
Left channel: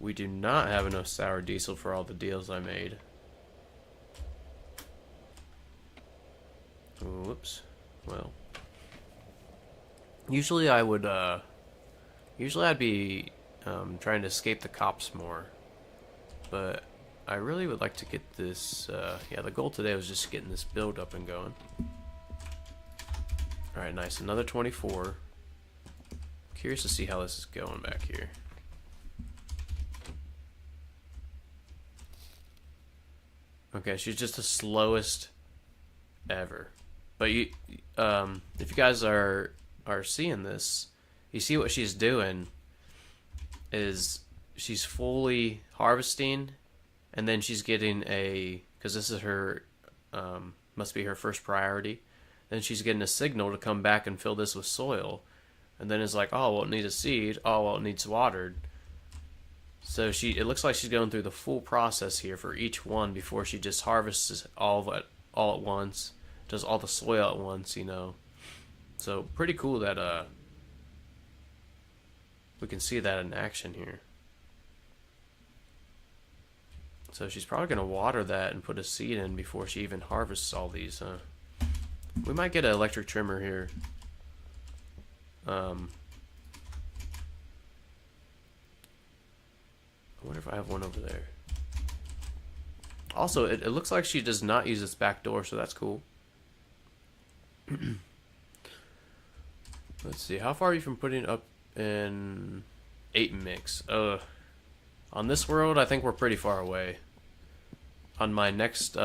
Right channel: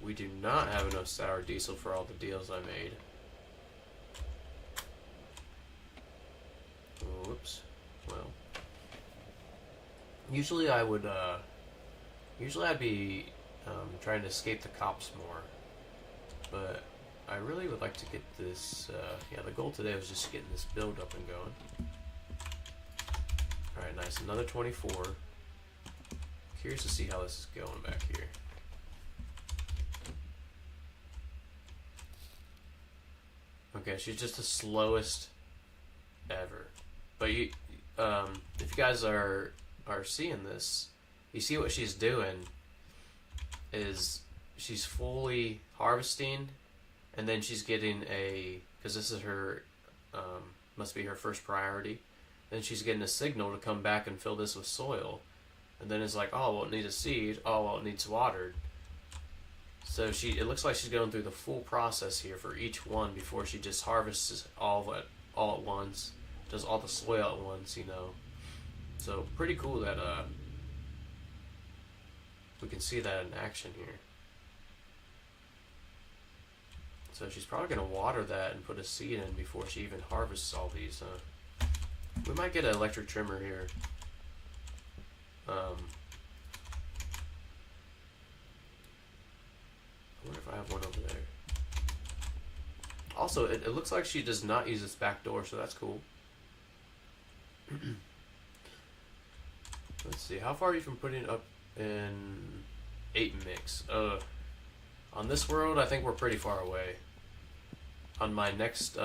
We do not have enough sour diesel for all the deals I made. Whoops. Well. Usually I'd be trying to escape the cops more. But I really would like to get this, yeah, the goal today was just getting this build up and going. Alright, nice. Another 24. Curious to see how this is going back here. Okay, she's just the slowest ever. But you, if you guys are seeing this, you see what she's doing is she's fully harvesting, and then she's getting because this is her, must be her first priority. Then she's getting a signal to come back and fill this with soil. And then it's like, oh, well, it needs a seed. Oh, well, it needs watered. So it looks like she's going through the full process here for each one before she just harvests all at once. Does all the soil at once, you know. So pretty cool that we can see that in action here. So she's probably going to water that and put a seed in before she even harvests all these, huh? We might get an electric trimmer here. I wonder if I have one over there. Also, it looks like she does not use this back door, so that's cool. Let's see, how far are you from putting up in 8 mix? On this world, I think we're pretty far away. On my next,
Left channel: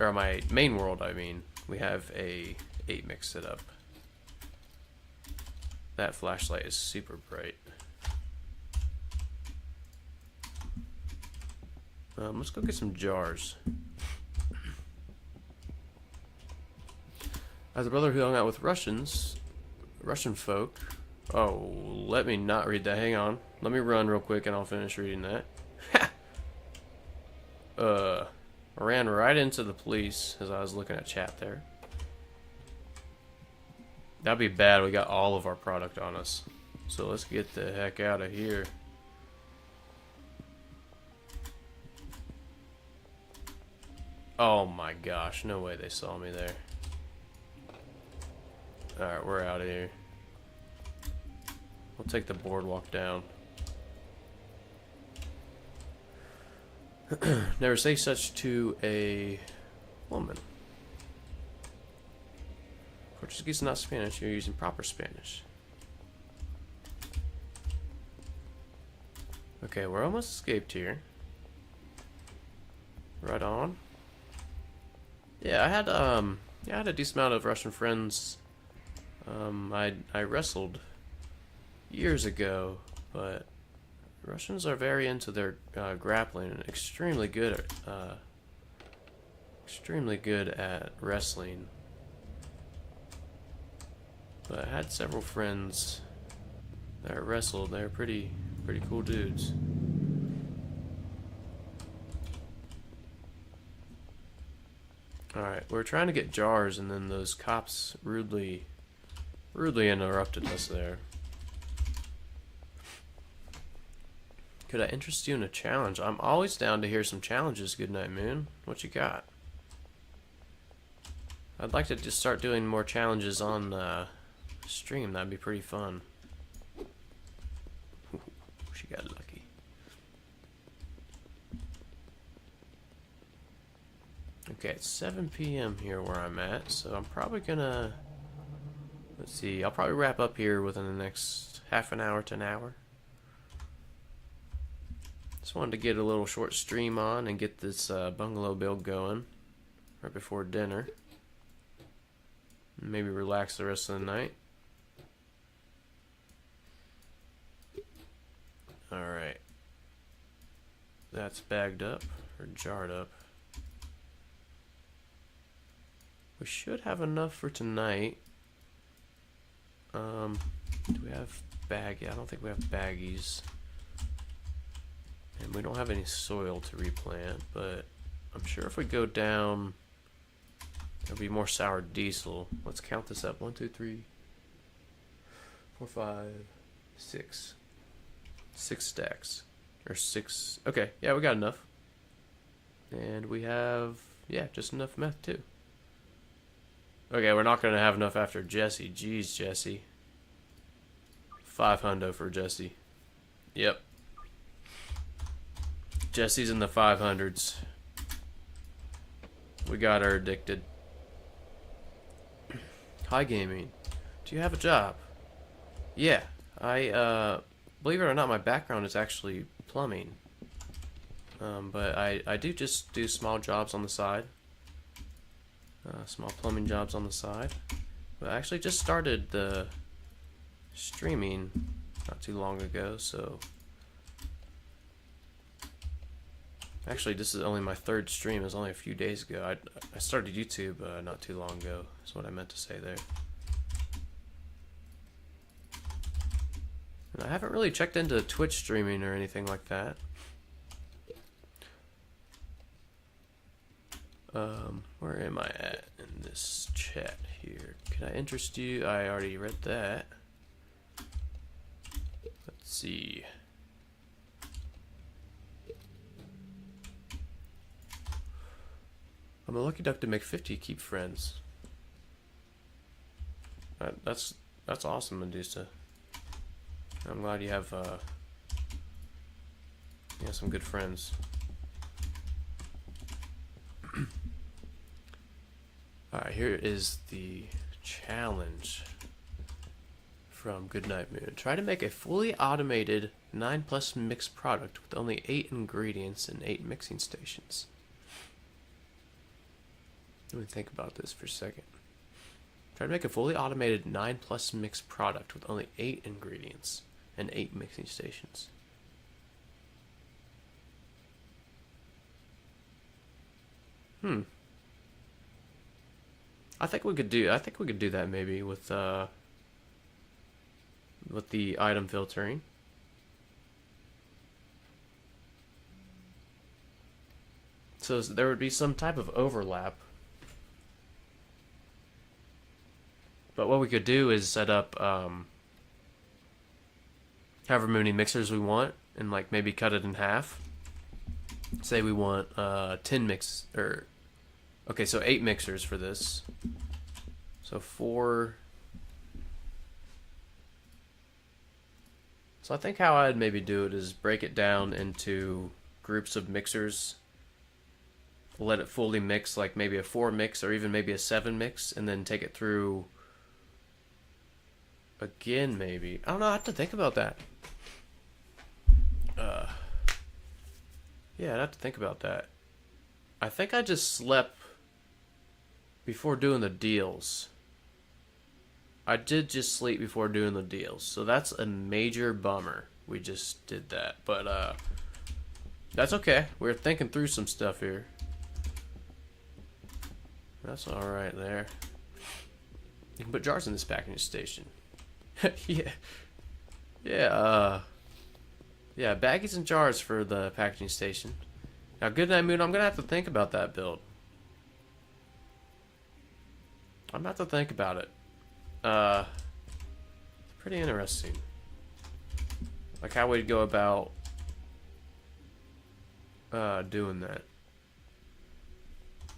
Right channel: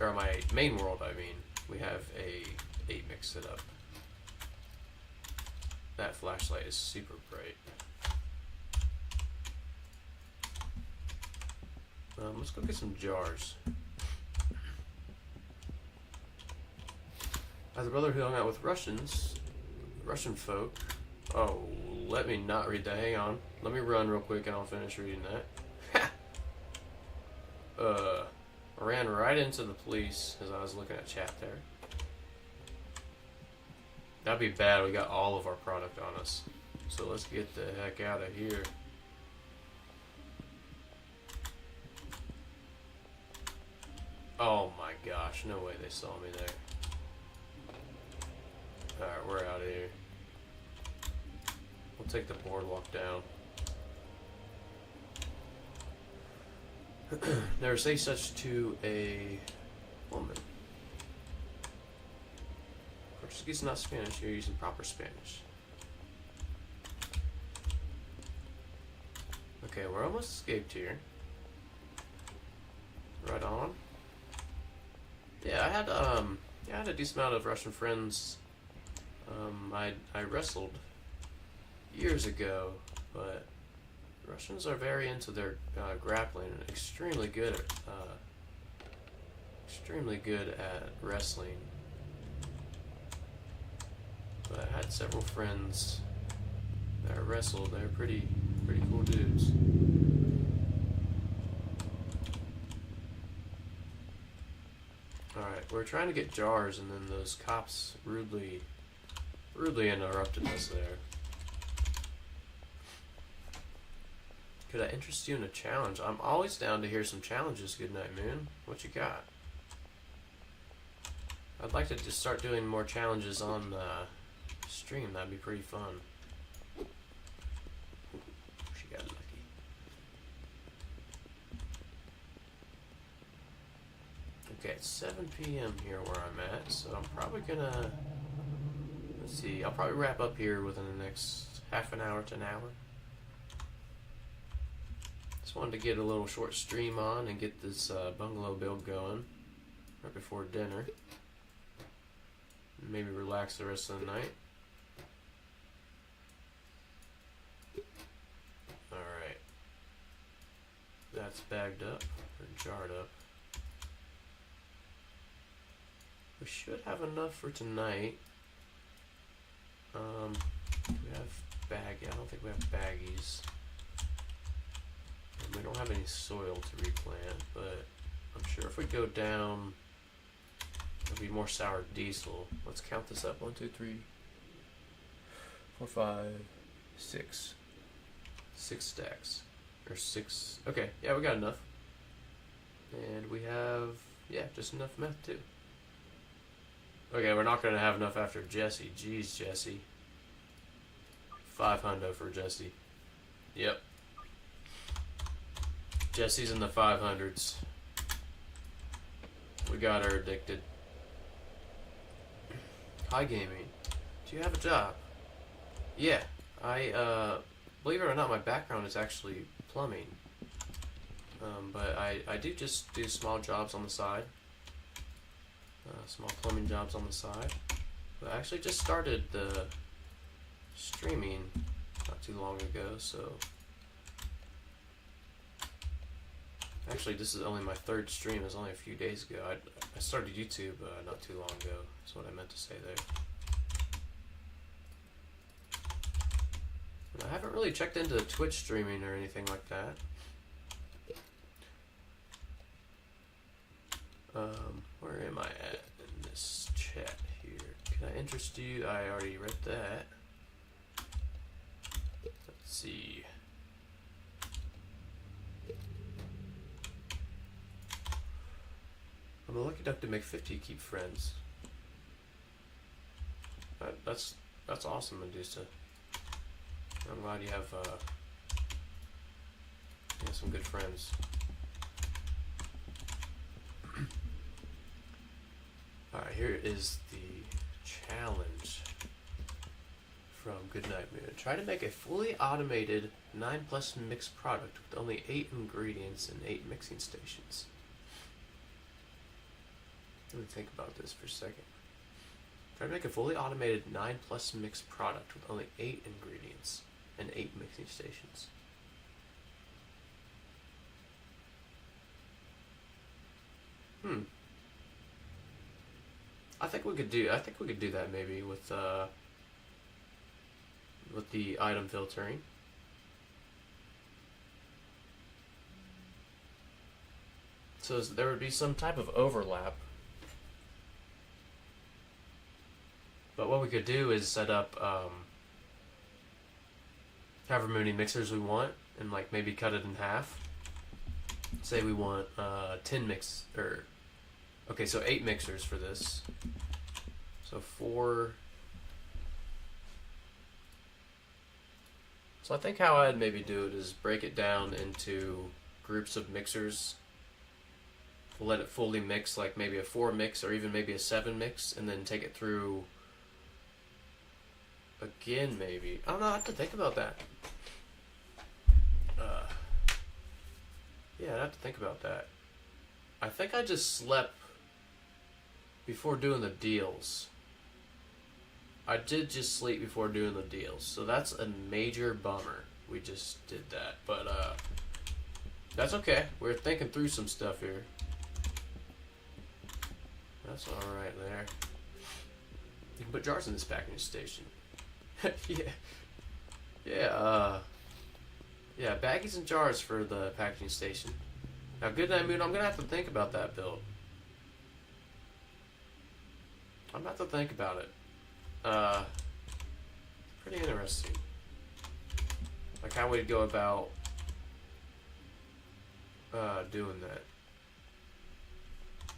my main world, I mean, we have a 8 mix set up. That flashlight is super bright. Let's go get some jars. As a brother who hung out with Russian folk. Oh, let me not read that. Hang on. Let me run real quick and I'll finish reading that. I ran right into the police as I was looking at chat there. That'd be bad. We got all of our product on us. So let's get the heck out of here. Oh my gosh, no way they saw me there. Alright, we're out of here. We'll take the boardwalk down. Never say such to a woman. Portuguese is not Spanish, you're using proper Spanish. Okay, we're almost escaped here. Right on. Yeah, I had a decent amount of Russian friends. I wrestled years ago But Russians are very into their grappling and extremely good at wrestling. But I had several friends that wrestled. They're pretty cool dudes. Alright, we're trying to get jars, and then those cops rudely interrupted us there. Could I interest you in a challenge? I'm always down to hear some challenges, Goodnight Moon. What you got? I'd like to just start doing more challenges on stream. That'd be pretty fun. She got lucky. Okay, it's 7 p.m. here where I'm at, so I'm probably gonna... Let's see, I'll probably wrap up here within the next half an hour to an hour. Just wanted to get a little short stream on and get this bungalow build going right before dinner. Maybe relax the rest of the night. Alright. That's bagged up, or jarred up. We should have enough for tonight. Do we have baggy? I don't think we have baggies. And we don't have any soil to replant, but I'm sure if we go down, there'll be more sour diesel. Let's count this up. 1, 2, 3, 4, 5, 6. 6 stacks. Or 6. Okay, yeah, we got enough. And we have, yeah, just enough meth too. Okay, we're not going to have enough after Jesse. Jeez, Jesse. 500 for Jesse. Yep. Jesse's in the 500s. We got her addicted. Hi, gaming. Do you have a job? Yeah. Believe it or not, my background is actually plumbing. But I do just do small jobs on the side. Small plumbing jobs on the side. But I actually just started the streaming not too long ago, so... Actually, this is only my 3rd stream. It was only a few days ago. I started YouTube not too long ago. That's what I meant to say there. And I haven't really checked into Twitch streaming or anything like that. Where am I at in this chat here? Can I interest you? I already read that. Let's see. I'm a lucky duck to make 50 keep friends. That's awesome, Medusa. I'm glad you have some good friends. Alright, here is the challenge from Goodnight Moon. Try to make a fully automated 9+ mix product with only 8 ingredients and 8 mixing stations. Let me think about this for a second. Try to make a fully automated 9+ mix product with only 8 ingredients and 8 mixing stations. I think we could do that maybe with the item filtering. So there would be some type of overlap. But what we could do is set up however many mixers we want and like maybe cut it in half. Say we want 10 mix or okay, so 8 mixers for this. So 4. So I think how I'd maybe do it is break it down into groups of mixers. Let it fully mix, like maybe a 4 mix or even maybe a 7 mix, and then take it through again maybe. I don't know, I have to think about that. Yeah, I'd have to think about that. I think I just slept before doing the deals. I did just sleep before doing the deals, so that's a major bummer. we just did that. But that's okay. We're thinking through some stuff here. That's all right there. You can put jars in this packaging station. Yeah. Yeah, yeah, baggies and jars for the packaging station. Now, Goodnight Moon, I'm gonna have to think about that build. I'm gonna have to think about it. Pretty interesting. Like how we'd go about doing that.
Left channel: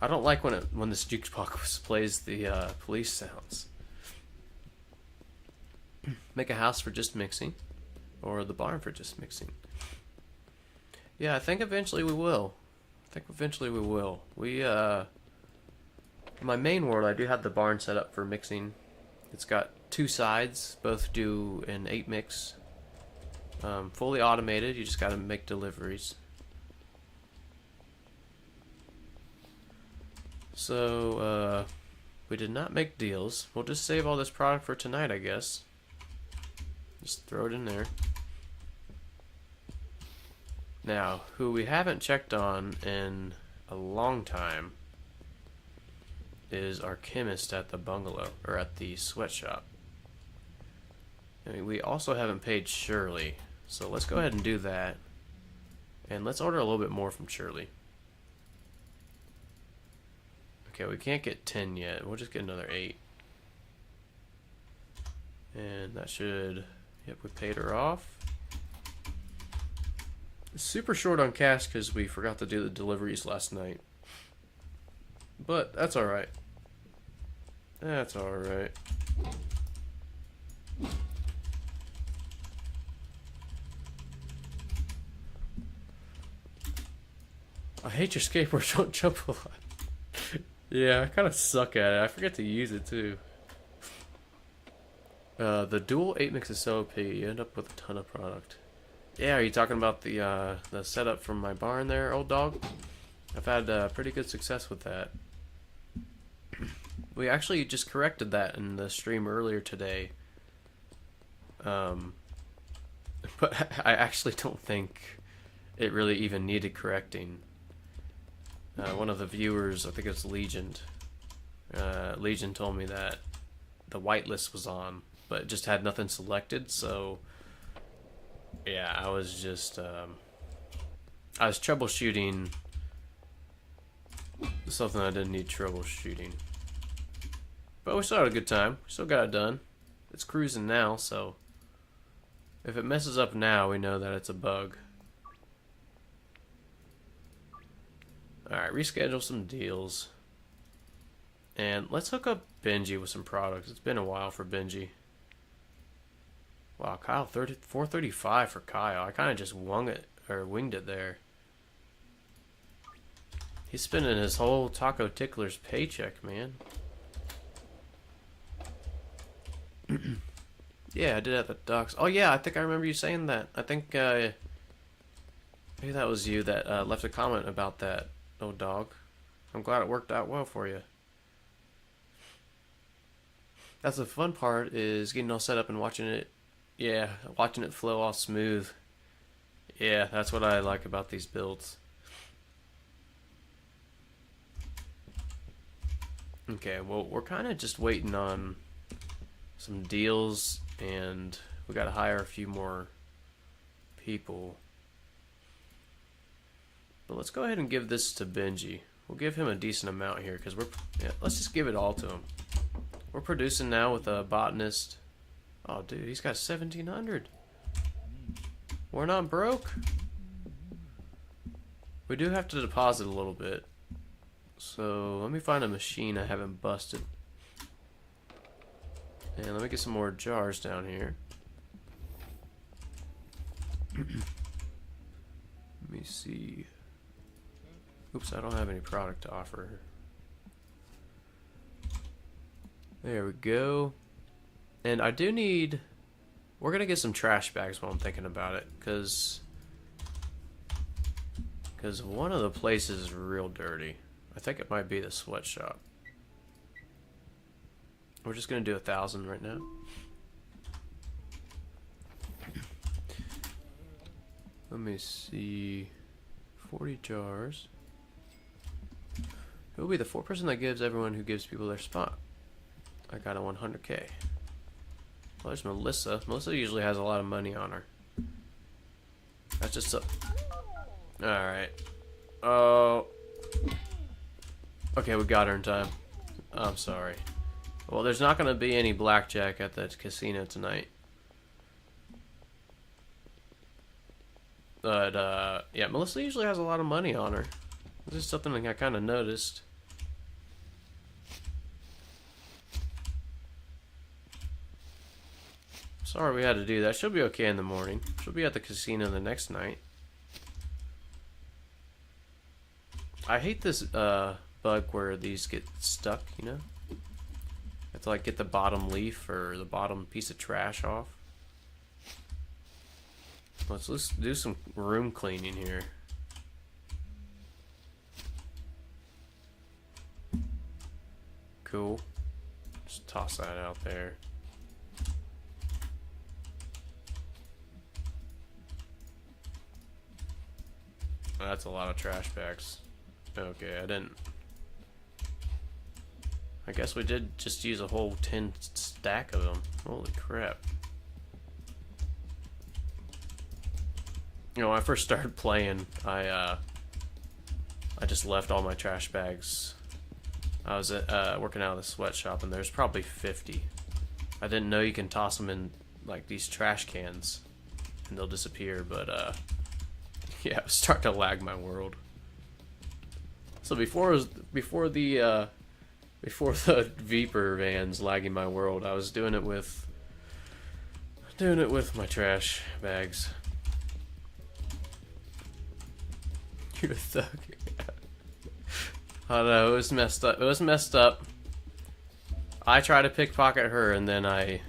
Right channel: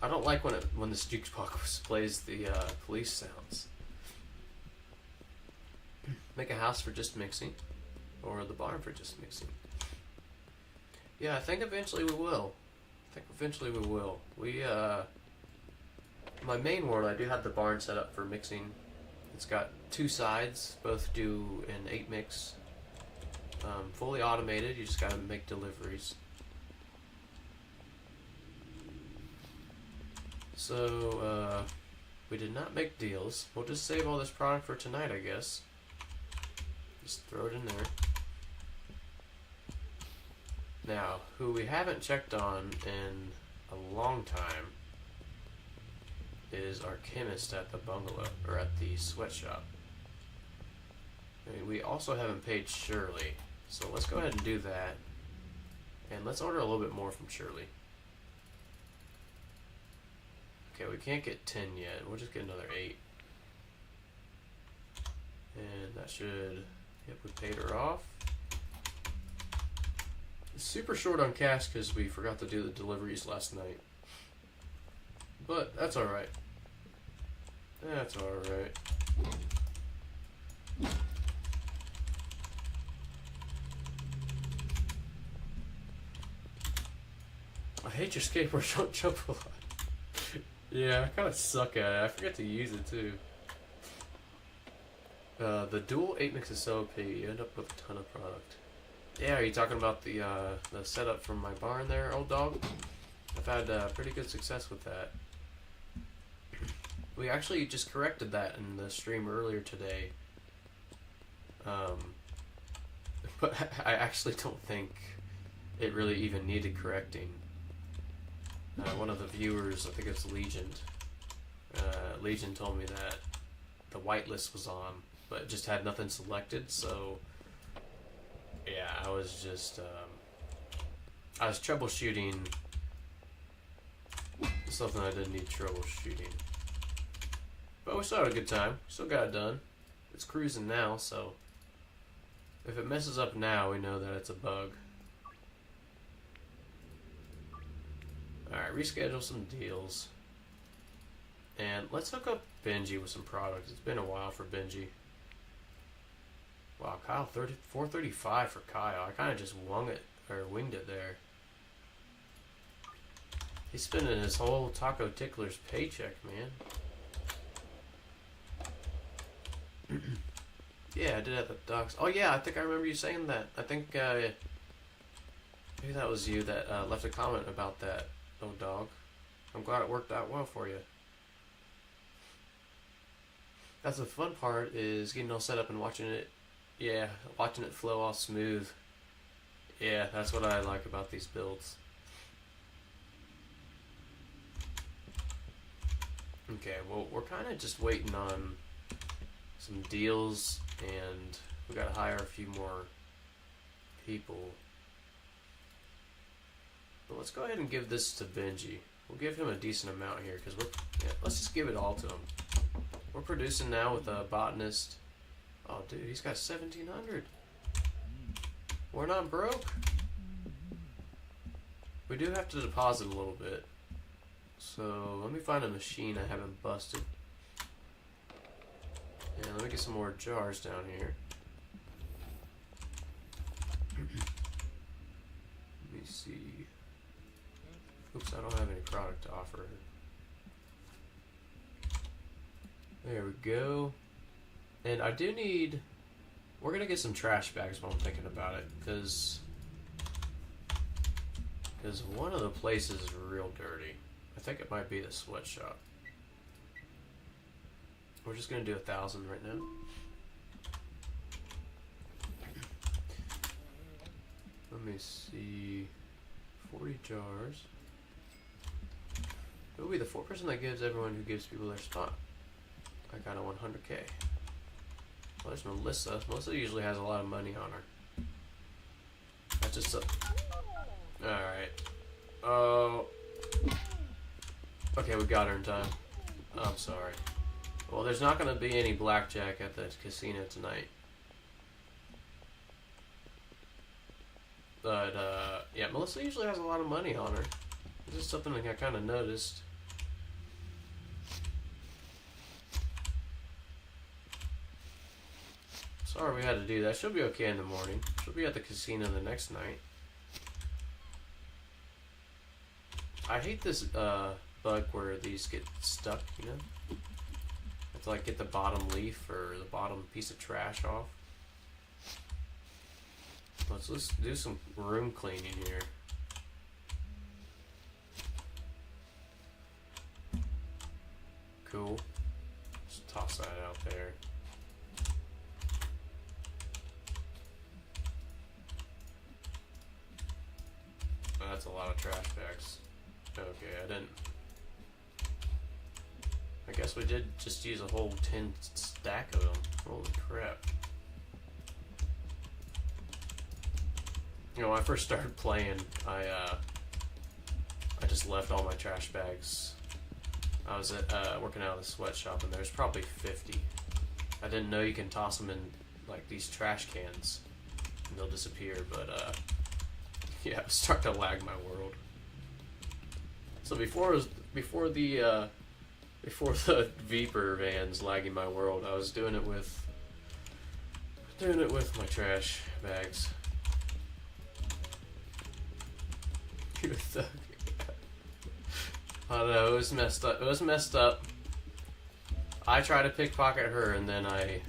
I don't like when this jukebox plays the police sounds. Make a house for just mixing, or the barn for just mixing. Yeah, I think eventually we will. We in my main world, I do have the barn set up for mixing. It's got 2 sides, both do an 8 mix. Fully automated. You just gotta make deliveries. So, we did not make deals. We'll just save all this product for tonight, I guess. Just throw it in there. Now, who we haven't checked on in a long time is our chemist at the bungalow, or at the sweatshop. I mean, we also haven't paid Shirley, so let's go ahead and do that. And let's order a little bit more from Shirley. Okay, we can't get 10 yet. We'll just get another 8. And that should... Yep, we paid her off. Super short on cash because we forgot to do the deliveries last night. But that's alright. That's alright. I hate your skateboard, don't jump a lot. Yeah, I kind of suck at it. I forget to use it too. The dual 8 mix is so OP, you end up with a ton of product. Yeah, are you talking about the setup from my barn there, old dog? I've had pretty good success with that. We actually just corrected that in the stream earlier today. But I actually don't think it really even needed correcting. One of the viewers, I think it's Legion, Legion told me that the whitelist was on, but it just had nothing selected, so yeah, I was just, I was troubleshooting something I didn't need troubleshooting. But we still had a good time. We still got it done. It's cruising now, so if it messes up now, we know that it's a bug. Alright, reschedule some deals. And let's hook up Benji with some products. It's been a while for Benji. Wow, Kyle, 435 for Kyle. I kind of just winged it there. He's spending his whole Taco Tickler's paycheck, man. Yeah, I did at the docks. Oh yeah, I think I remember you saying that. I think maybe that was you that left a comment about that, old dog. I'm glad it worked out well for you. That's the fun part, is getting all set up and watching it. Yeah, watching it flow all smooth. Yeah, that's what I like about these builds. Okay, well, we're kind of just waiting on some deals, and we got to hire a few more people. But let's go ahead and give this to Benji. We'll give him a decent amount here, because let's just give it all to him. We're producing now with a botanist. Oh, dude, he's got 1,700. We're not broke. We do have to deposit a little bit. So let me find a machine I haven't busted. And let me get some more jars down here. Let me see. Oops, I don't have any product to offer. There we go. And I do need... We're going to get some trash bags while I'm thinking about it. Because one of the places is real dirty. I think it might be the sweatshop. We're just going to do 1,000 right now. Let me see. 40 jars. Who will be the 4% that gives everyone who gives people their spot? I got a 100k. Well, there's Melissa. Melissa usually has a lot of money on her. That's just so. Alright. Oh. Okay, we got her in time. I'm sorry. Well, there's not going to be any blackjack at the casino tonight. But, yeah, Melissa usually has a lot of money on her. This is something I kind of noticed. Sorry we had to do that. She'll be okay in the morning. She'll be at the casino the next night. I hate this bug where these get stuck, you know? I have to like get the bottom leaf or the bottom piece of trash off. Let's do some room cleaning here. Cool. Just toss that out there. Oh, that's a lot of trash bags. Okay, I didn't. I guess we did just use a whole 10 stack of them. Holy crap. You know, when I first started playing, I just left all my trash bags. I was working out of the sweatshop, and there's probably 50. I didn't know you can toss them in like these trash cans, and they'll disappear. But yeah, it was starting to lag my world. So before the Viper vans lagging my world, I was doing it with my trash bags. You thug. I don't know, it was messed up. It was messed up. I tried to pickpocket her and then I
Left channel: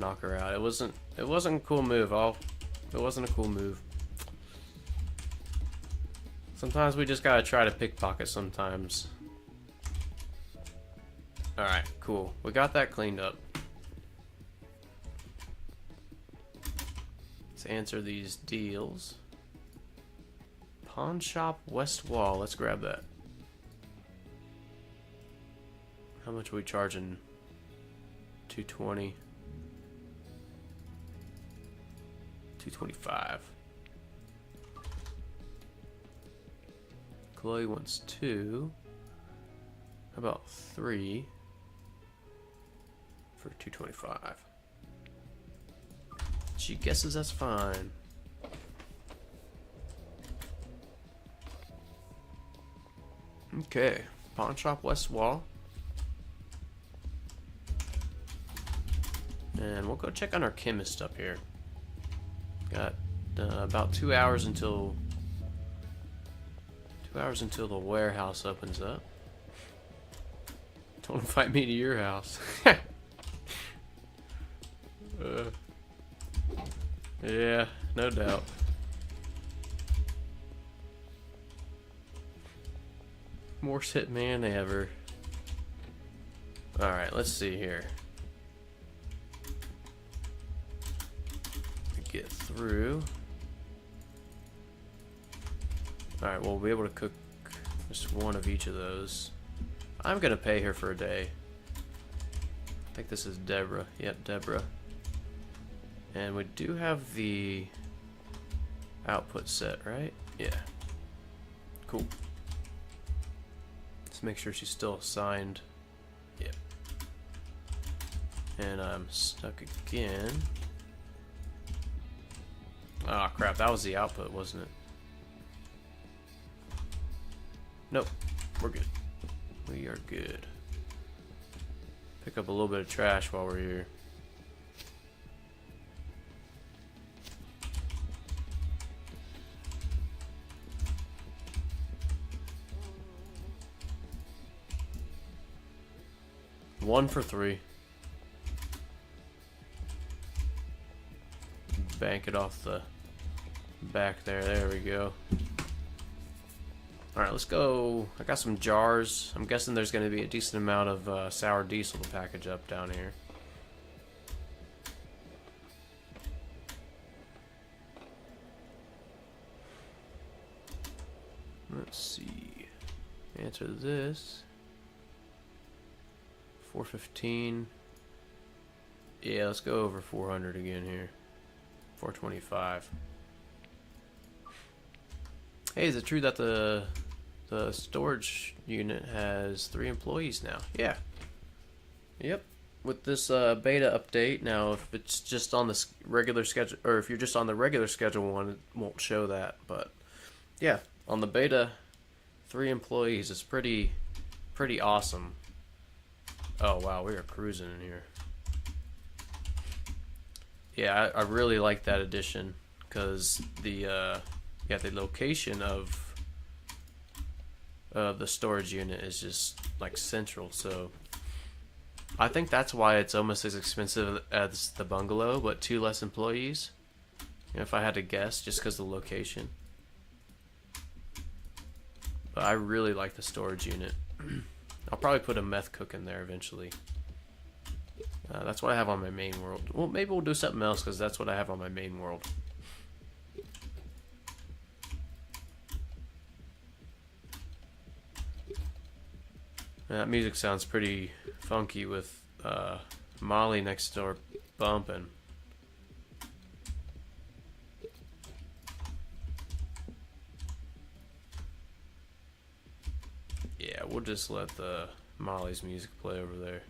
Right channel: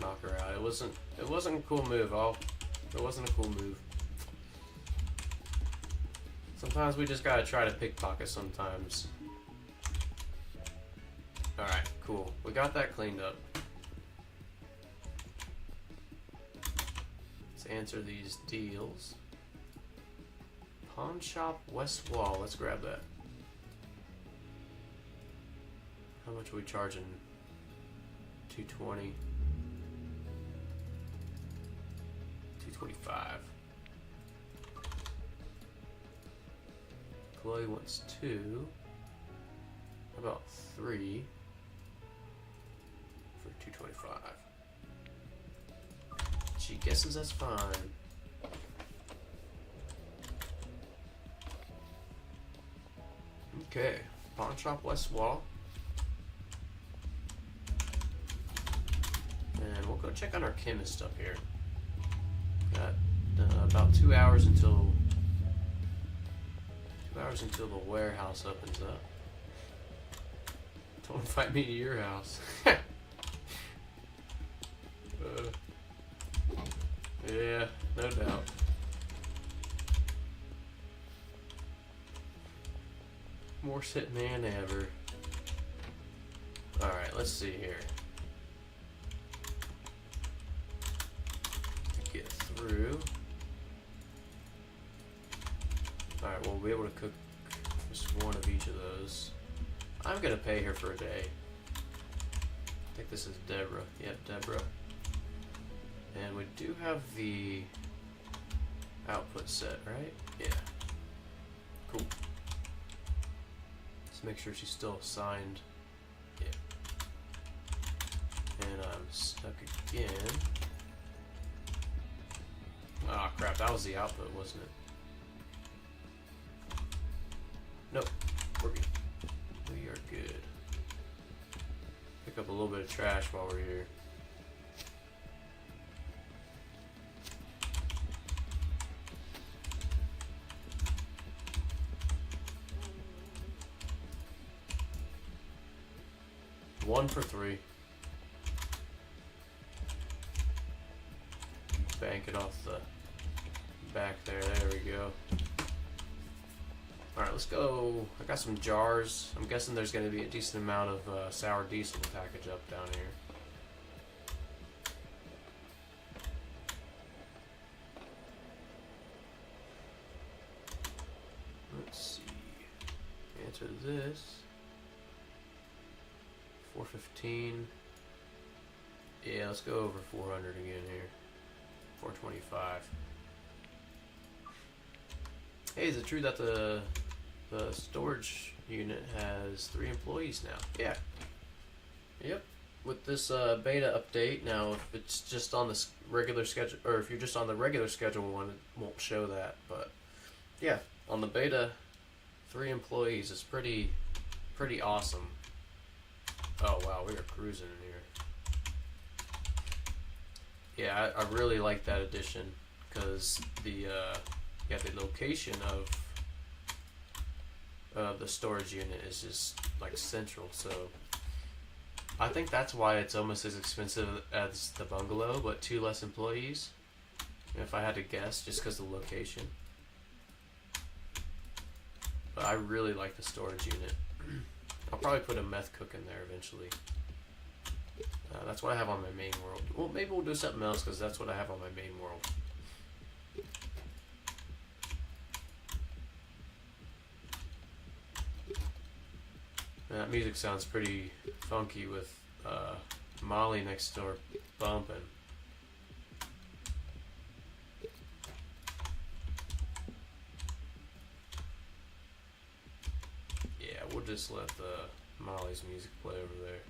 knock her out. It wasn't a cool move. It wasn't a cool move. Sometimes we just gotta try to pickpocket sometimes. Alright, cool. We got that cleaned up. Let's answer these deals. Pawn shop west wall. Let's grab that. How much are we charging? 220. 225. Chloe wants 2. How about 3 for 225? She guesses that's fine. Okay, pawn shop west wall. And we'll go check on our chemist up here. Got about 2 hours until the warehouse opens up. Don't invite me to your house. Yeah, no doubt. Worst hitman ever. Alright, let's see here. Get through. Alright, we'll be able to cook just one of each of those. I'm gonna pay her for a day. I think this is Deborah. Yep, Deborah. And we do have the output set, right? Yeah. Cool. Let's make sure she's still assigned. Yeah. And I'm stuck again. Ah, crap. That was the output, wasn't it? Nope. We're good. We are good. Pick up a little bit of trash while we're here. One for 3. Bank it off the back there. There we go. Alright, let's go. I got some jars. I'm guessing there's going to be a decent amount of sour diesel to package up down here. enter this. 415. Yeah, let's go over 400 again here. 425. Hey, is it true that the storage unit has 3 employees now? Yeah. Yep. With this beta update, now if it's just on the regular schedule, or if you're just on the regular schedule one, it won't show that. But yeah, on the beta, 3 employees is pretty awesome. Oh wow, we are cruising in here. Yeah, I really like that addition because the location of the storage unit is just like central. So I think that's why it's almost as expensive as the bungalow, but 2 less employees. If I had to guess, just because of the location. But I really like the storage unit. I'll probably put a meth cook in there eventually. That's what I have on my main world. Well, maybe we'll do something else because that's what I have on my main world. That music sounds pretty funky with Molly next door bumping. Yeah, we'll just let the Molly's music play over there.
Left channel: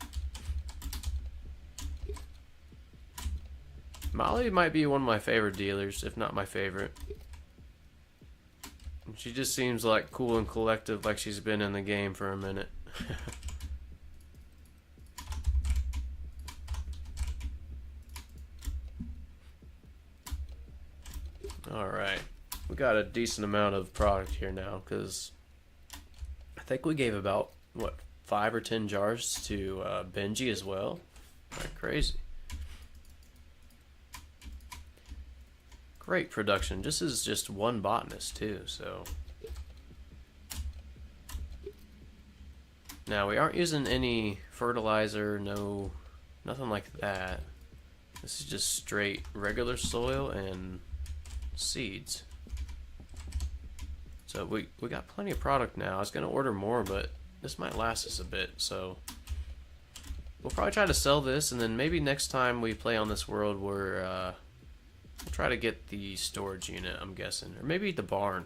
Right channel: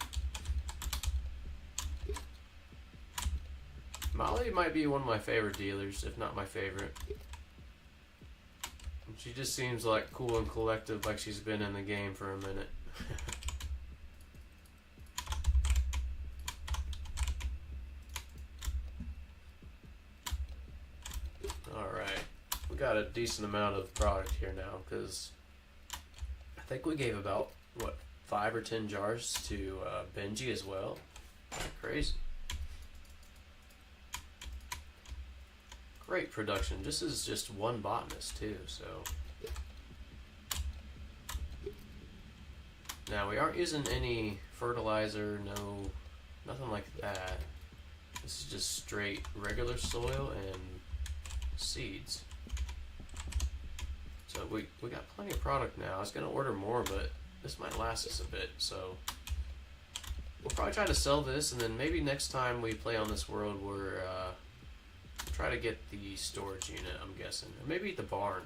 Molly might be one of my favorite dealers, if not my favorite. She just seems like cool and collective, like she's been in the game for a minute. Alright, we got a decent amount of product here now, because I think we gave about, what, 5 or 10 jars to Benji as well. Crazy. Great production. This is just one botanist too, so. Now we aren't using any fertilizer, nothing like that. This is just straight regular soil and seeds. So we got plenty of product now. I was gonna order more, but this might last us a bit, so we'll probably try to sell this, and then maybe next time we play on this world we'll try to get the storage unit, I'm guessing, or maybe the barn.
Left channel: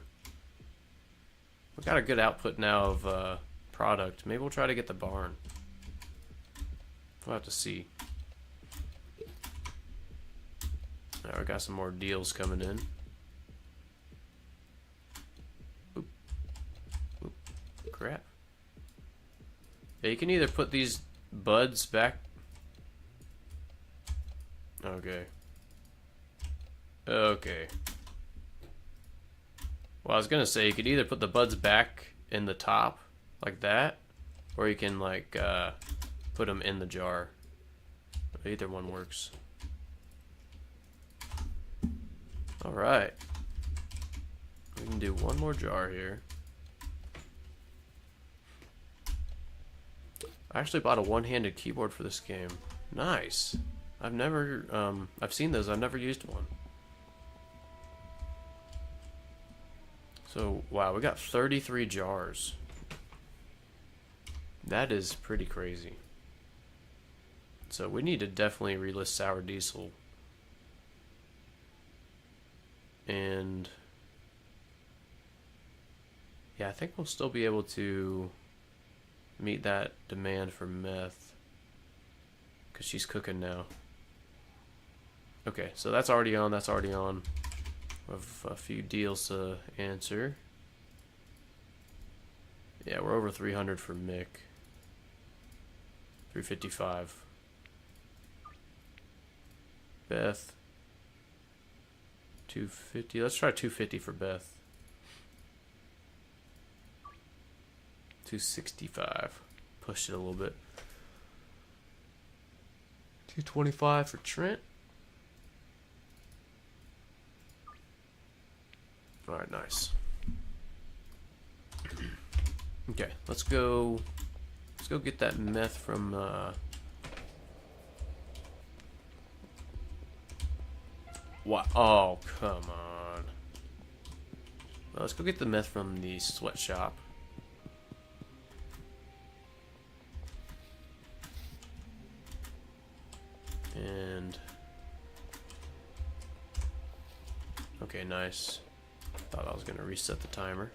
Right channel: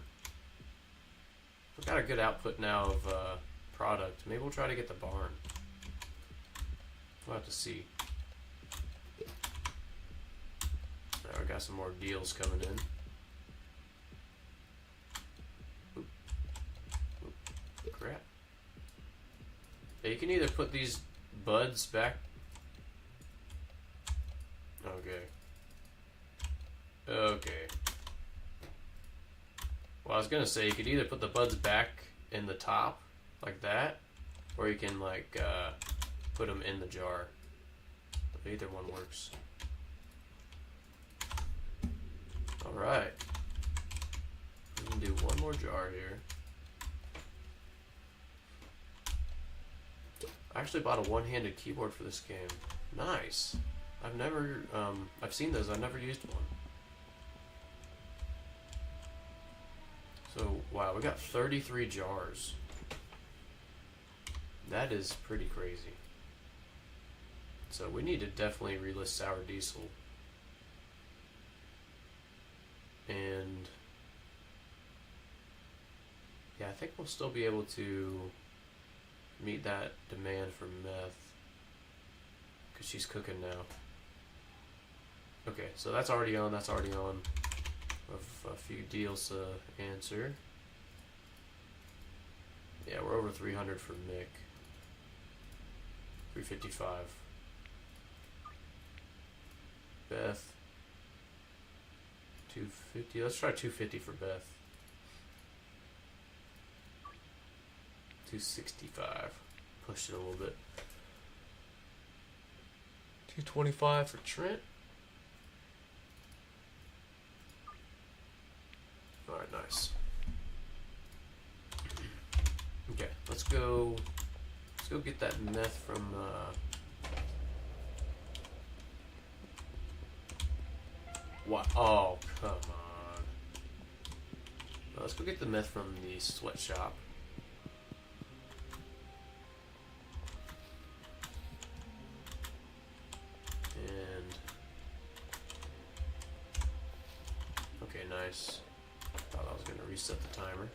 We've got a good output now of product. Maybe we'll try to get the barn. We'll have to see. Now we got some more deals coming in. Oop. Oop. Crap. Yeah, you can either put these buds back. Okay. Okay. Well, I was gonna say you could either put the buds back in the top like that, or you can like put them in the jar. Either one works. All right. We can do one more jar here. I actually bought a one-handed keyboard for this game. Nice. I've never I've seen those. I've never used one. So, wow, we got 33 jars. That is pretty crazy. So we need to definitely relist sour diesel. And yeah, I think we'll still be able to meet that demand for meth because she's cooking now. Okay, so that's already on. That's already on. A few deals to answer. Yeah, we're over 300 for Mick. 355. Beth. 250. Let's try 250 for Beth. 265. Pushed it a little bit. 225 for Trent. Alright, nice. Okay, let's go get that meth from what? Oh, come on. Well, let's go get the meth from the sweatshop. And okay, nice. Thought I was gonna reset the timer.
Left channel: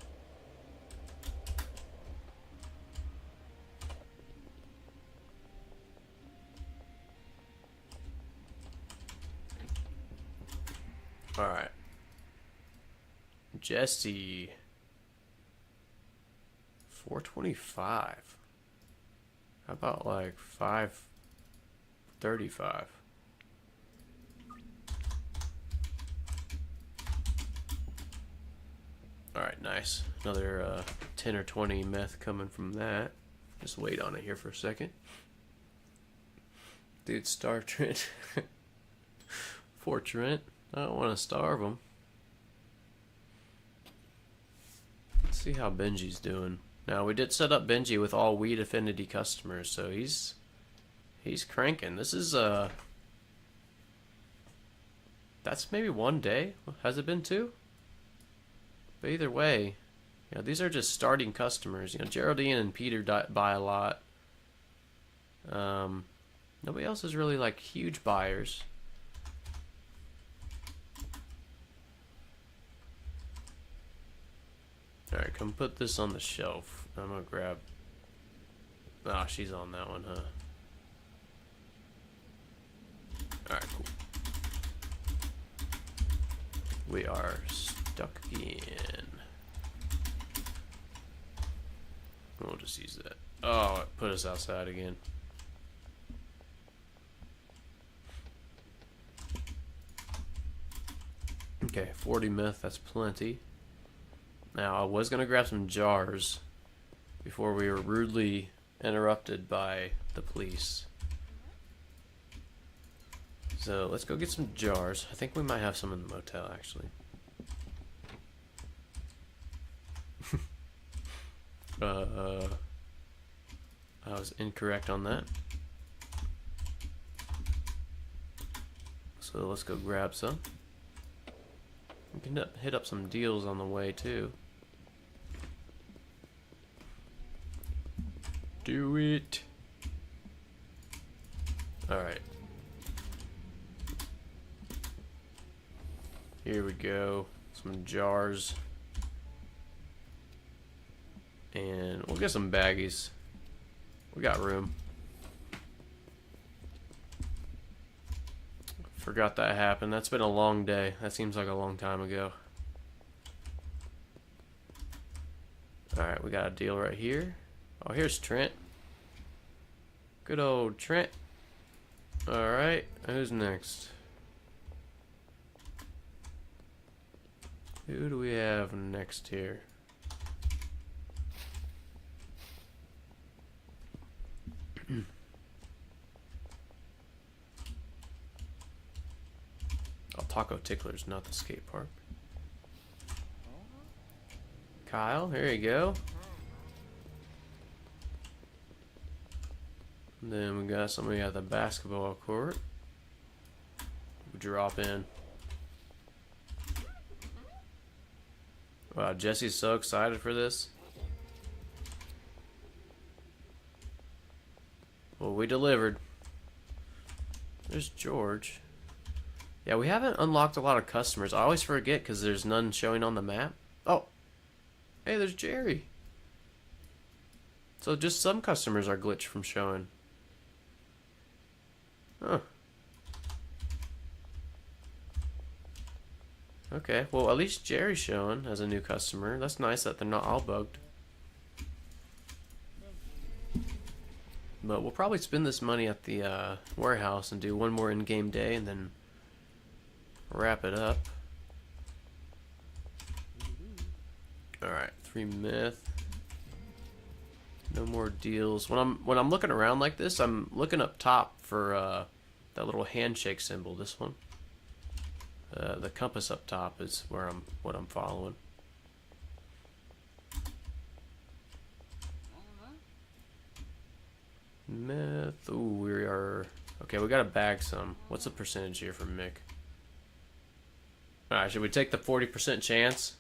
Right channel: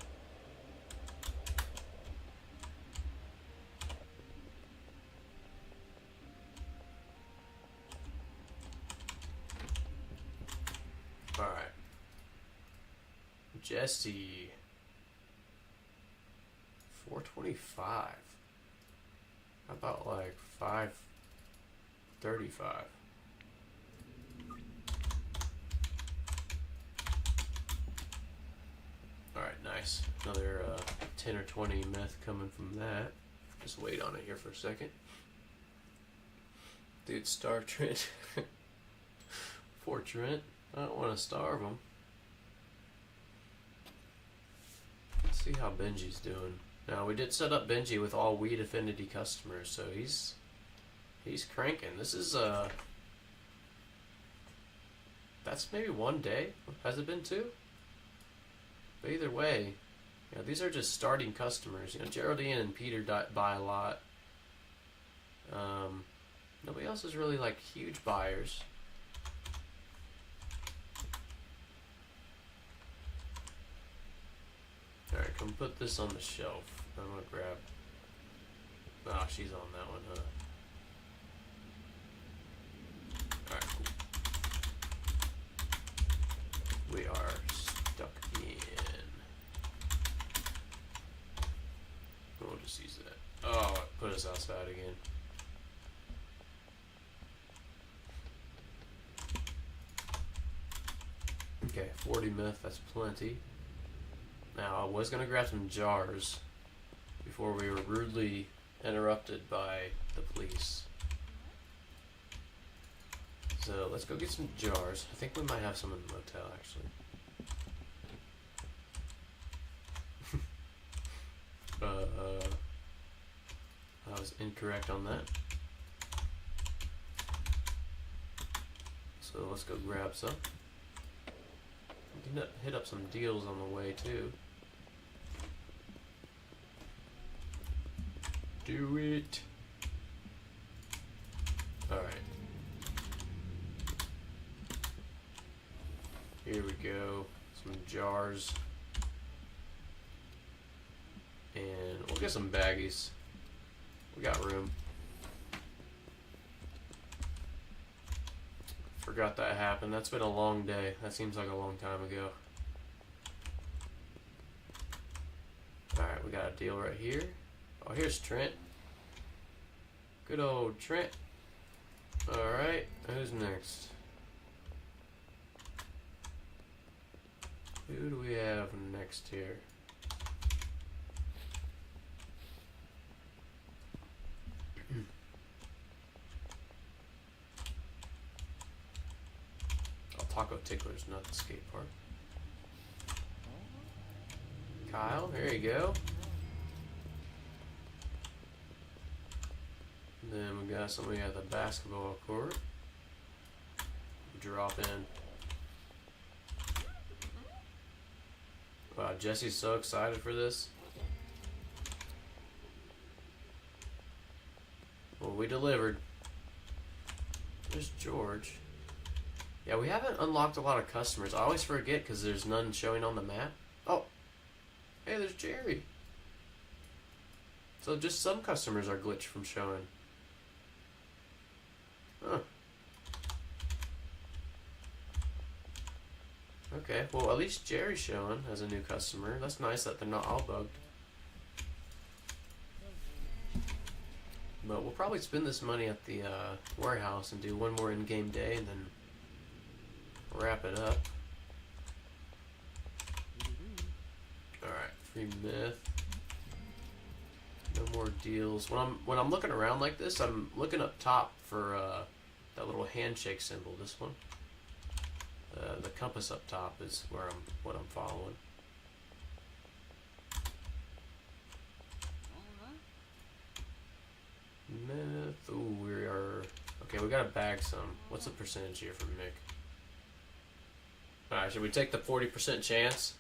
All right, Jesse. 425. How about like 535? Alright, nice. Another 10 or 20 meth coming from that. Just wait on it here for a second. Dude, starve Trent. Poor Trent. I don't want to starve him. Let's see how Benji's doing. Now, we did set up Benji with all Weed Affinity customers, so he's cranking. This is, that's maybe one day. Has it been two? But either way, you know, these are just starting customers. You know, Geraldine and Peter buy a lot. Nobody else is really, like, huge buyers. Alright, come put this on the shelf. I'm gonna grab... Ah, she's on that one, huh? Alright, cool. We are stuck in... We'll just use that. Oh, it put us outside again. Okay, 40 meth, that's plenty. Now, I was going to grab some jars before we were rudely interrupted by the police. So, let's go get some jars. I think we might have some in the motel, actually. I was incorrect on that. So, let's go grab some. We can hit up some deals on the way, too. Do it. Alright. Here we go. Some jars. And we'll get some baggies. We got room. Forgot that happened. That's been a long day. That seems like a long time ago. Alright, we got a deal right here. Oh, here's Trent. Good old Trent. Alright, who's next? Who do we have next here? Oh, Taco Tickler's not the skate park. Kyle, here you go. Then we got somebody at the basketball court. Drop in. Wow, Jesse's so excited for this. Well, we delivered. There's George. Yeah, we haven't unlocked a lot of customers. I always forget because there's none showing on the map. Oh, hey, there's Jerry. So just some customers are glitched from showing. Huh. Okay, well at least Jerry's showing as a new customer. That's nice that they're not all bugged. But we'll probably spend this money at the warehouse and do one more in-game day and then wrap it up. Alright, 3 myth. No more deals. When I'm looking around like this, I'm looking up top for that little handshake symbol. This one, the compass up top is what I'm following. Meth. Ooh, we are okay. We gotta bag some. What's the percentage here for Mick? All right, should we take the 40% chance?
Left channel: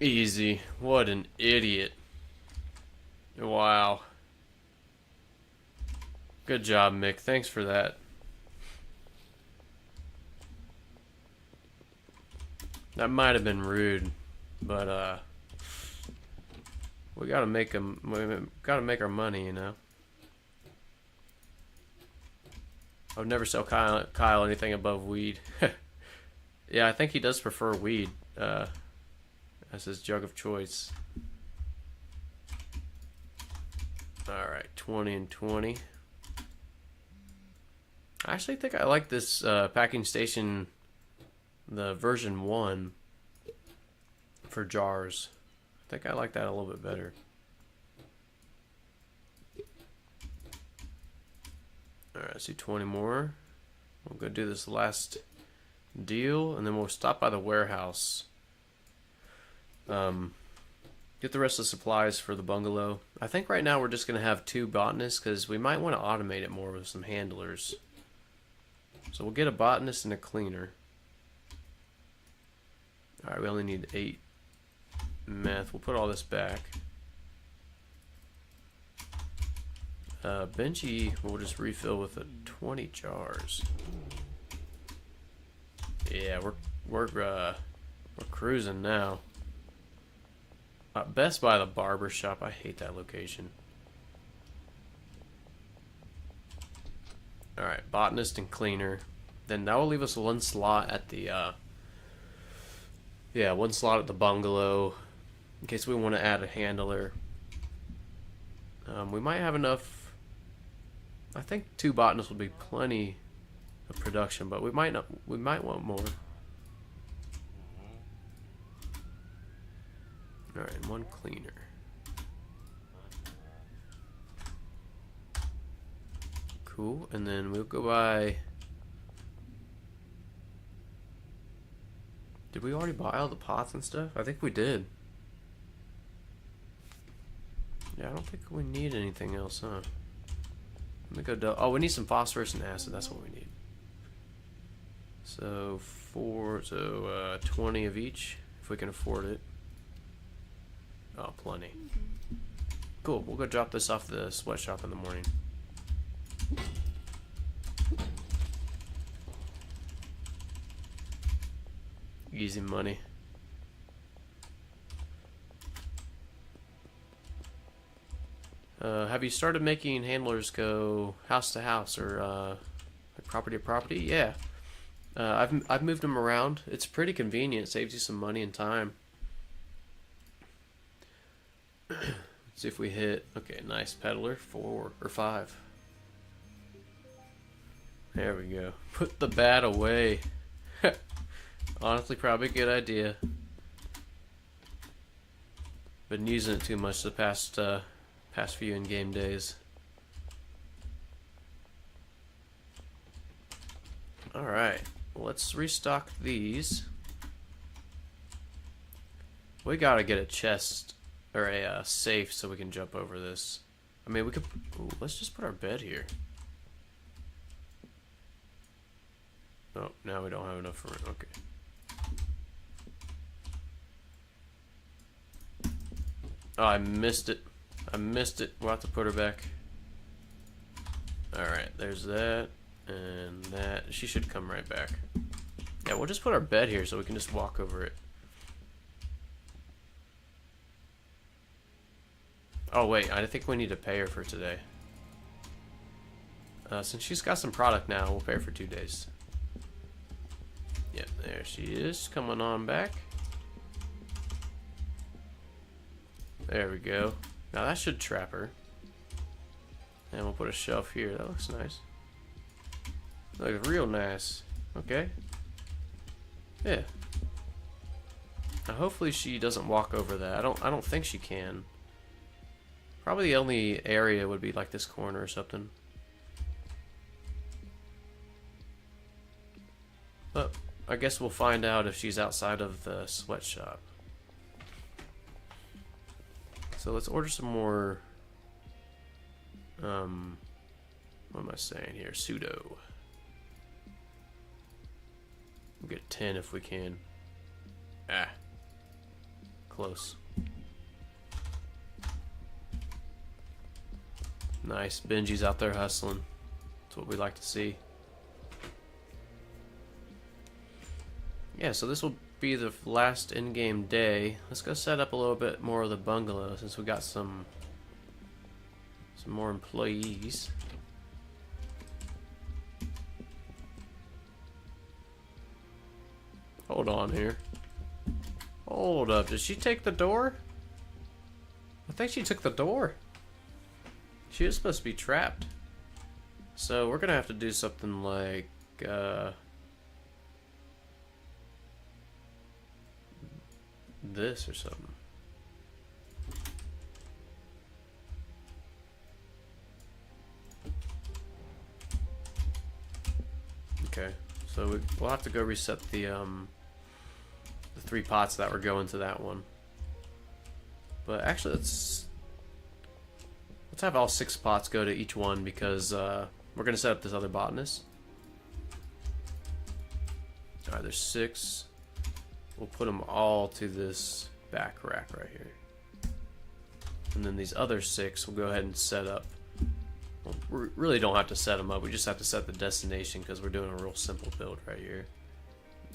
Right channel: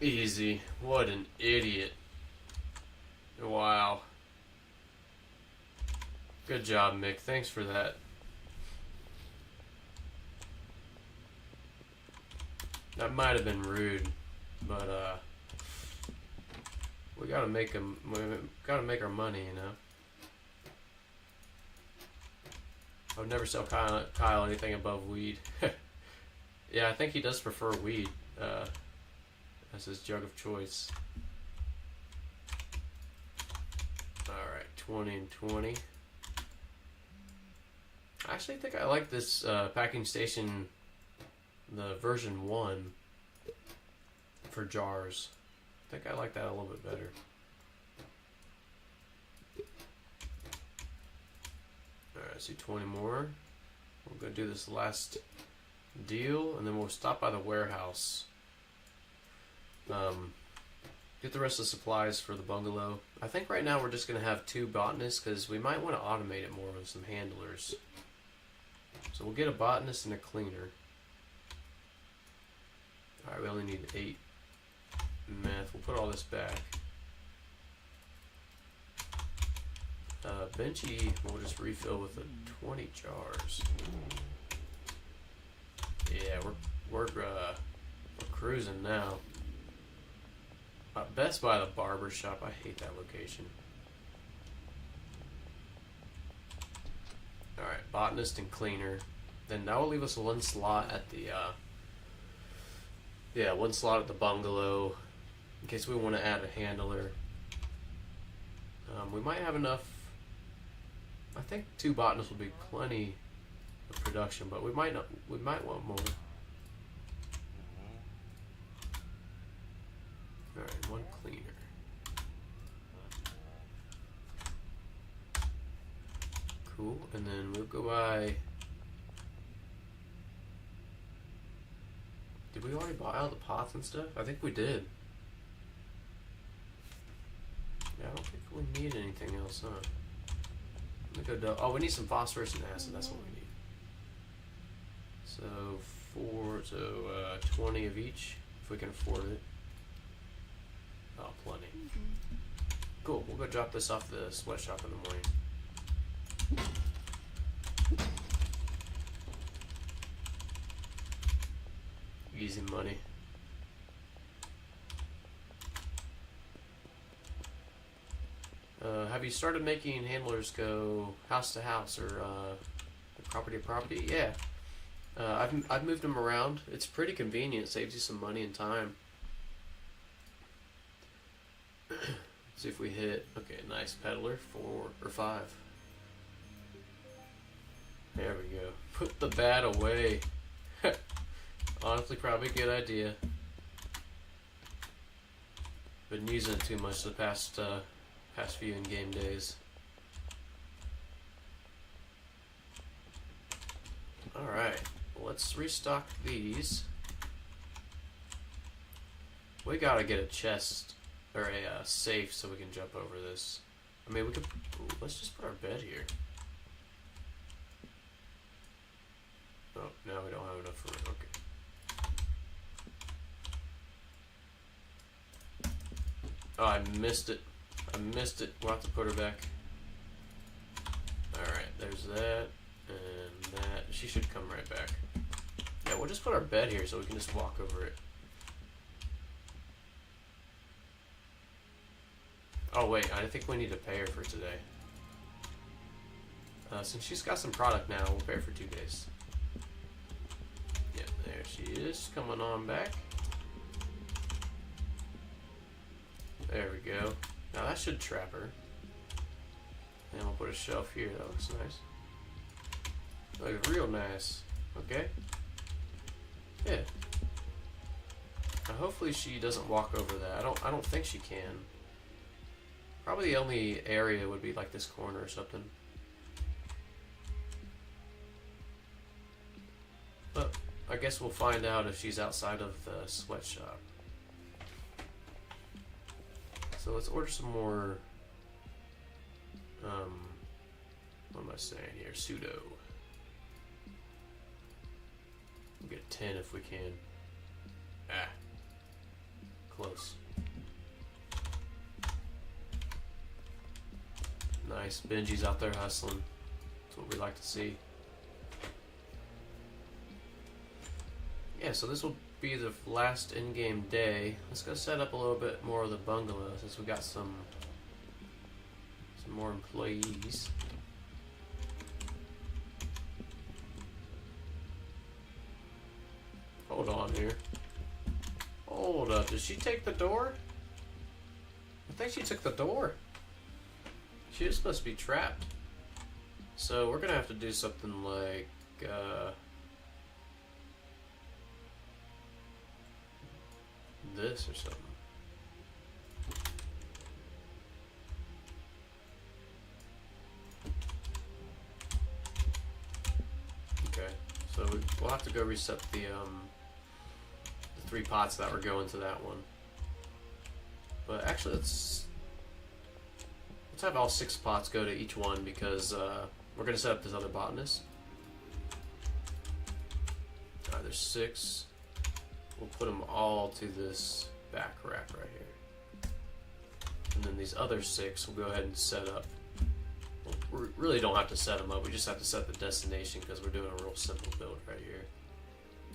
Easy. What an idiot. Wow. Good job, Mick. Thanks for that. That might have been rude, but we gotta make them. We gotta make our money, you know. I would never sell Kyle anything above weed. Yeah, I think he does prefer weed as his drug of choice. Alright, 20 and 20. I actually think I like this packing station, the version 1 for jars. I think I like that a little bit better. Alright, let's do 20 more. We'll go do this last deal, and then we'll stop by the warehouse. Get the rest of the supplies for the bungalow. I think right now we're just going to have 2 botanists because we might want to automate it more with some handlers. So we'll get a botanist and a cleaner. Alright, we only need 8 meth. We'll put all this back. Benji, we'll just refill with 20 jars. Yeah, we're cruising now. Best Buy, the barber shop. I hate that location. Alright, botanist and cleaner. Then that will leave us 1 slot at the yeah, 1 slot at the bungalow in case we want to add a handler. We might have enough. I think 2 botanists will be plenty of production, but we might not. We might want more. All right, 1 cleaner. Cool, and then we'll go by. Did we already buy all the pots and stuff? I think we did. Yeah, I don't think we need anything else, huh? Let me go. Oh, we need some phosphorus and acid. That's what we need. So 20 of each, if we can afford it. Oh, plenty. Cool. We'll go drop this off the sweatshop in the morning. Easy money. Have you started making handlers go house to house or property to property? Yeah. I've moved them around. It's pretty convenient. Saves you some money and time. Let's see if we hit. Okay, nice peddler. 4 or 5. There we go. Put the bat away. Honestly, probably a good idea. Been using it too much the past few in-game days. Alright, let's restock these. We gotta get a chest or a safe so we can jump over this. I mean, we could. Ooh, let's just put our bed here. Oh, now we don't have enough room. Okay. Oh, I missed it. I missed it. We'll have to put her back. Alright, there's that. And that. She should come right back. Yeah, we'll just put our bed here so we can just walk over it. Oh, wait. I think we need to pay her for today. Since she's got some product now, we'll pay her for 2 days. Yep, there she is. Coming on back. There we go. Now that should trap her. And we'll put a shelf here. That looks nice. Looks real nice. Okay. Yeah. Now hopefully she doesn't walk over that. I don't think she can. Probably the only area would be like this corner or something. But I guess we'll find out if she's outside of the sweatshop. So let's order some more, what am I saying here? Pseudo. We'll get 10 if we can. Ah. Close. Nice. Benji's out there hustling. That's what we like to see. Yeah, so this will be the last in-game day. Let's go set up a little bit more of the bungalow since we got some more employees. Hold on here. Hold up. Did she take the door? I think she took the door. She is supposed to be trapped. So we're gonna have to do something like this or something. Okay, so we'll have to go reset the 3 pots that were going to that one. But actually, let's have all 6 pots go to each one because we're gonna set up this other botanist. All right, there's 6. We'll put them all to this back rack right here. And then these other 6 we'll go ahead and set up. We really don't have to set them up, we just have to set the destination because we're doing a real simple build right here.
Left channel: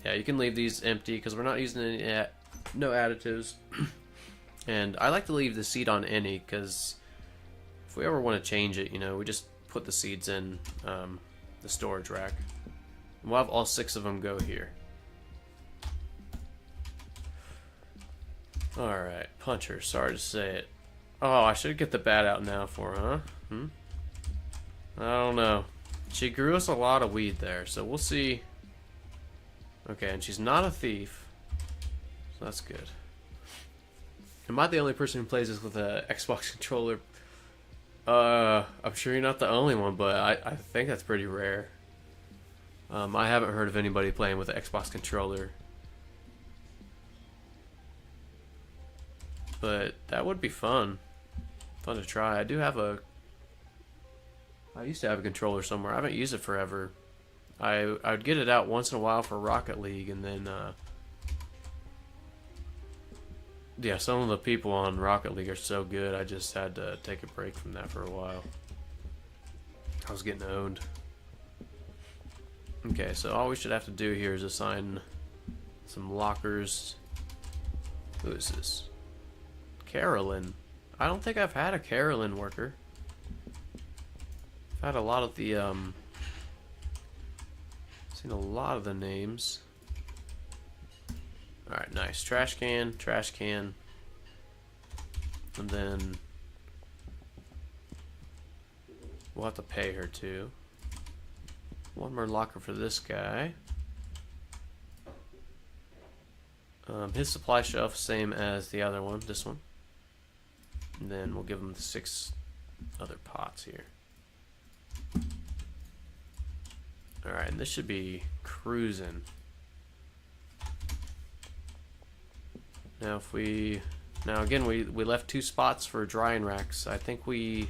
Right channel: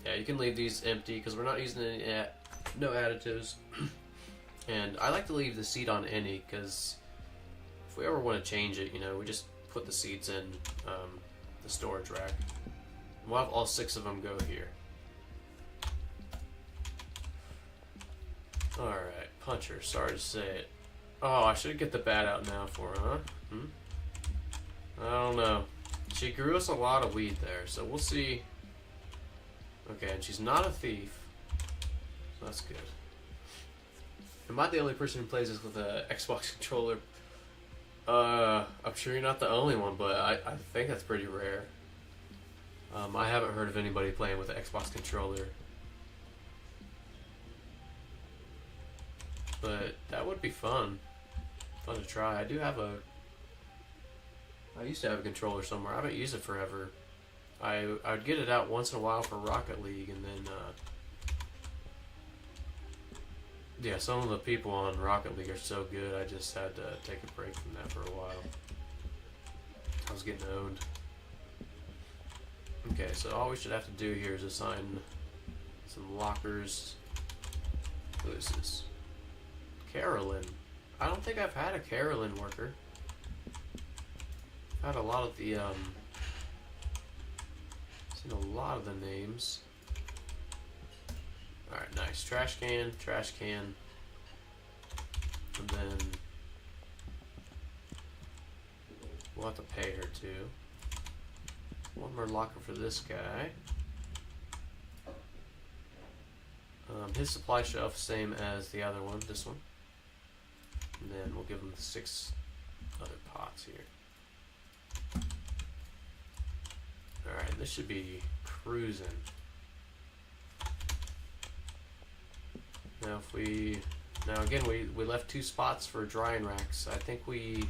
Yeah, you can leave these empty because we're not using any no additives. And I like to leave the seed on any because if we ever want to change it, you know, we just put the seeds in the storage rack. And we'll have all 6 of them go here. Alright, Puncher, sorry to say it. Oh, I should get the bat out now for her, huh? I don't know. She grew us a lot of weed there, so we'll see. Okay, and she's not a thief, so that's good. Am I the only person who plays this with an Xbox controller? I'm sure you're not the only one, but I think that's pretty rare. I haven't heard of anybody playing with an Xbox controller. But that would be fun. Fun to try. I used to have a controller somewhere. I haven't used it forever. I would get it out once in a while for Rocket League, and then yeah, some of the people on Rocket League are so good, I just had to take a break from that for a while. I was getting owned. Okay, so all we should have to do here is assign some lockers. Who is this? Carolyn. I don't think I've had a Carolyn worker. I've had a lot of the seen a lot of the names. Alright, nice. Trash can, trash can. And then we'll have to pay her too. One more locker for this guy. His supply shelf, same as the other one, this one. And then we'll give him the 6 other pots here. Alright, and this should be cruising. Now if now again we left 2 spots for drying racks. I think we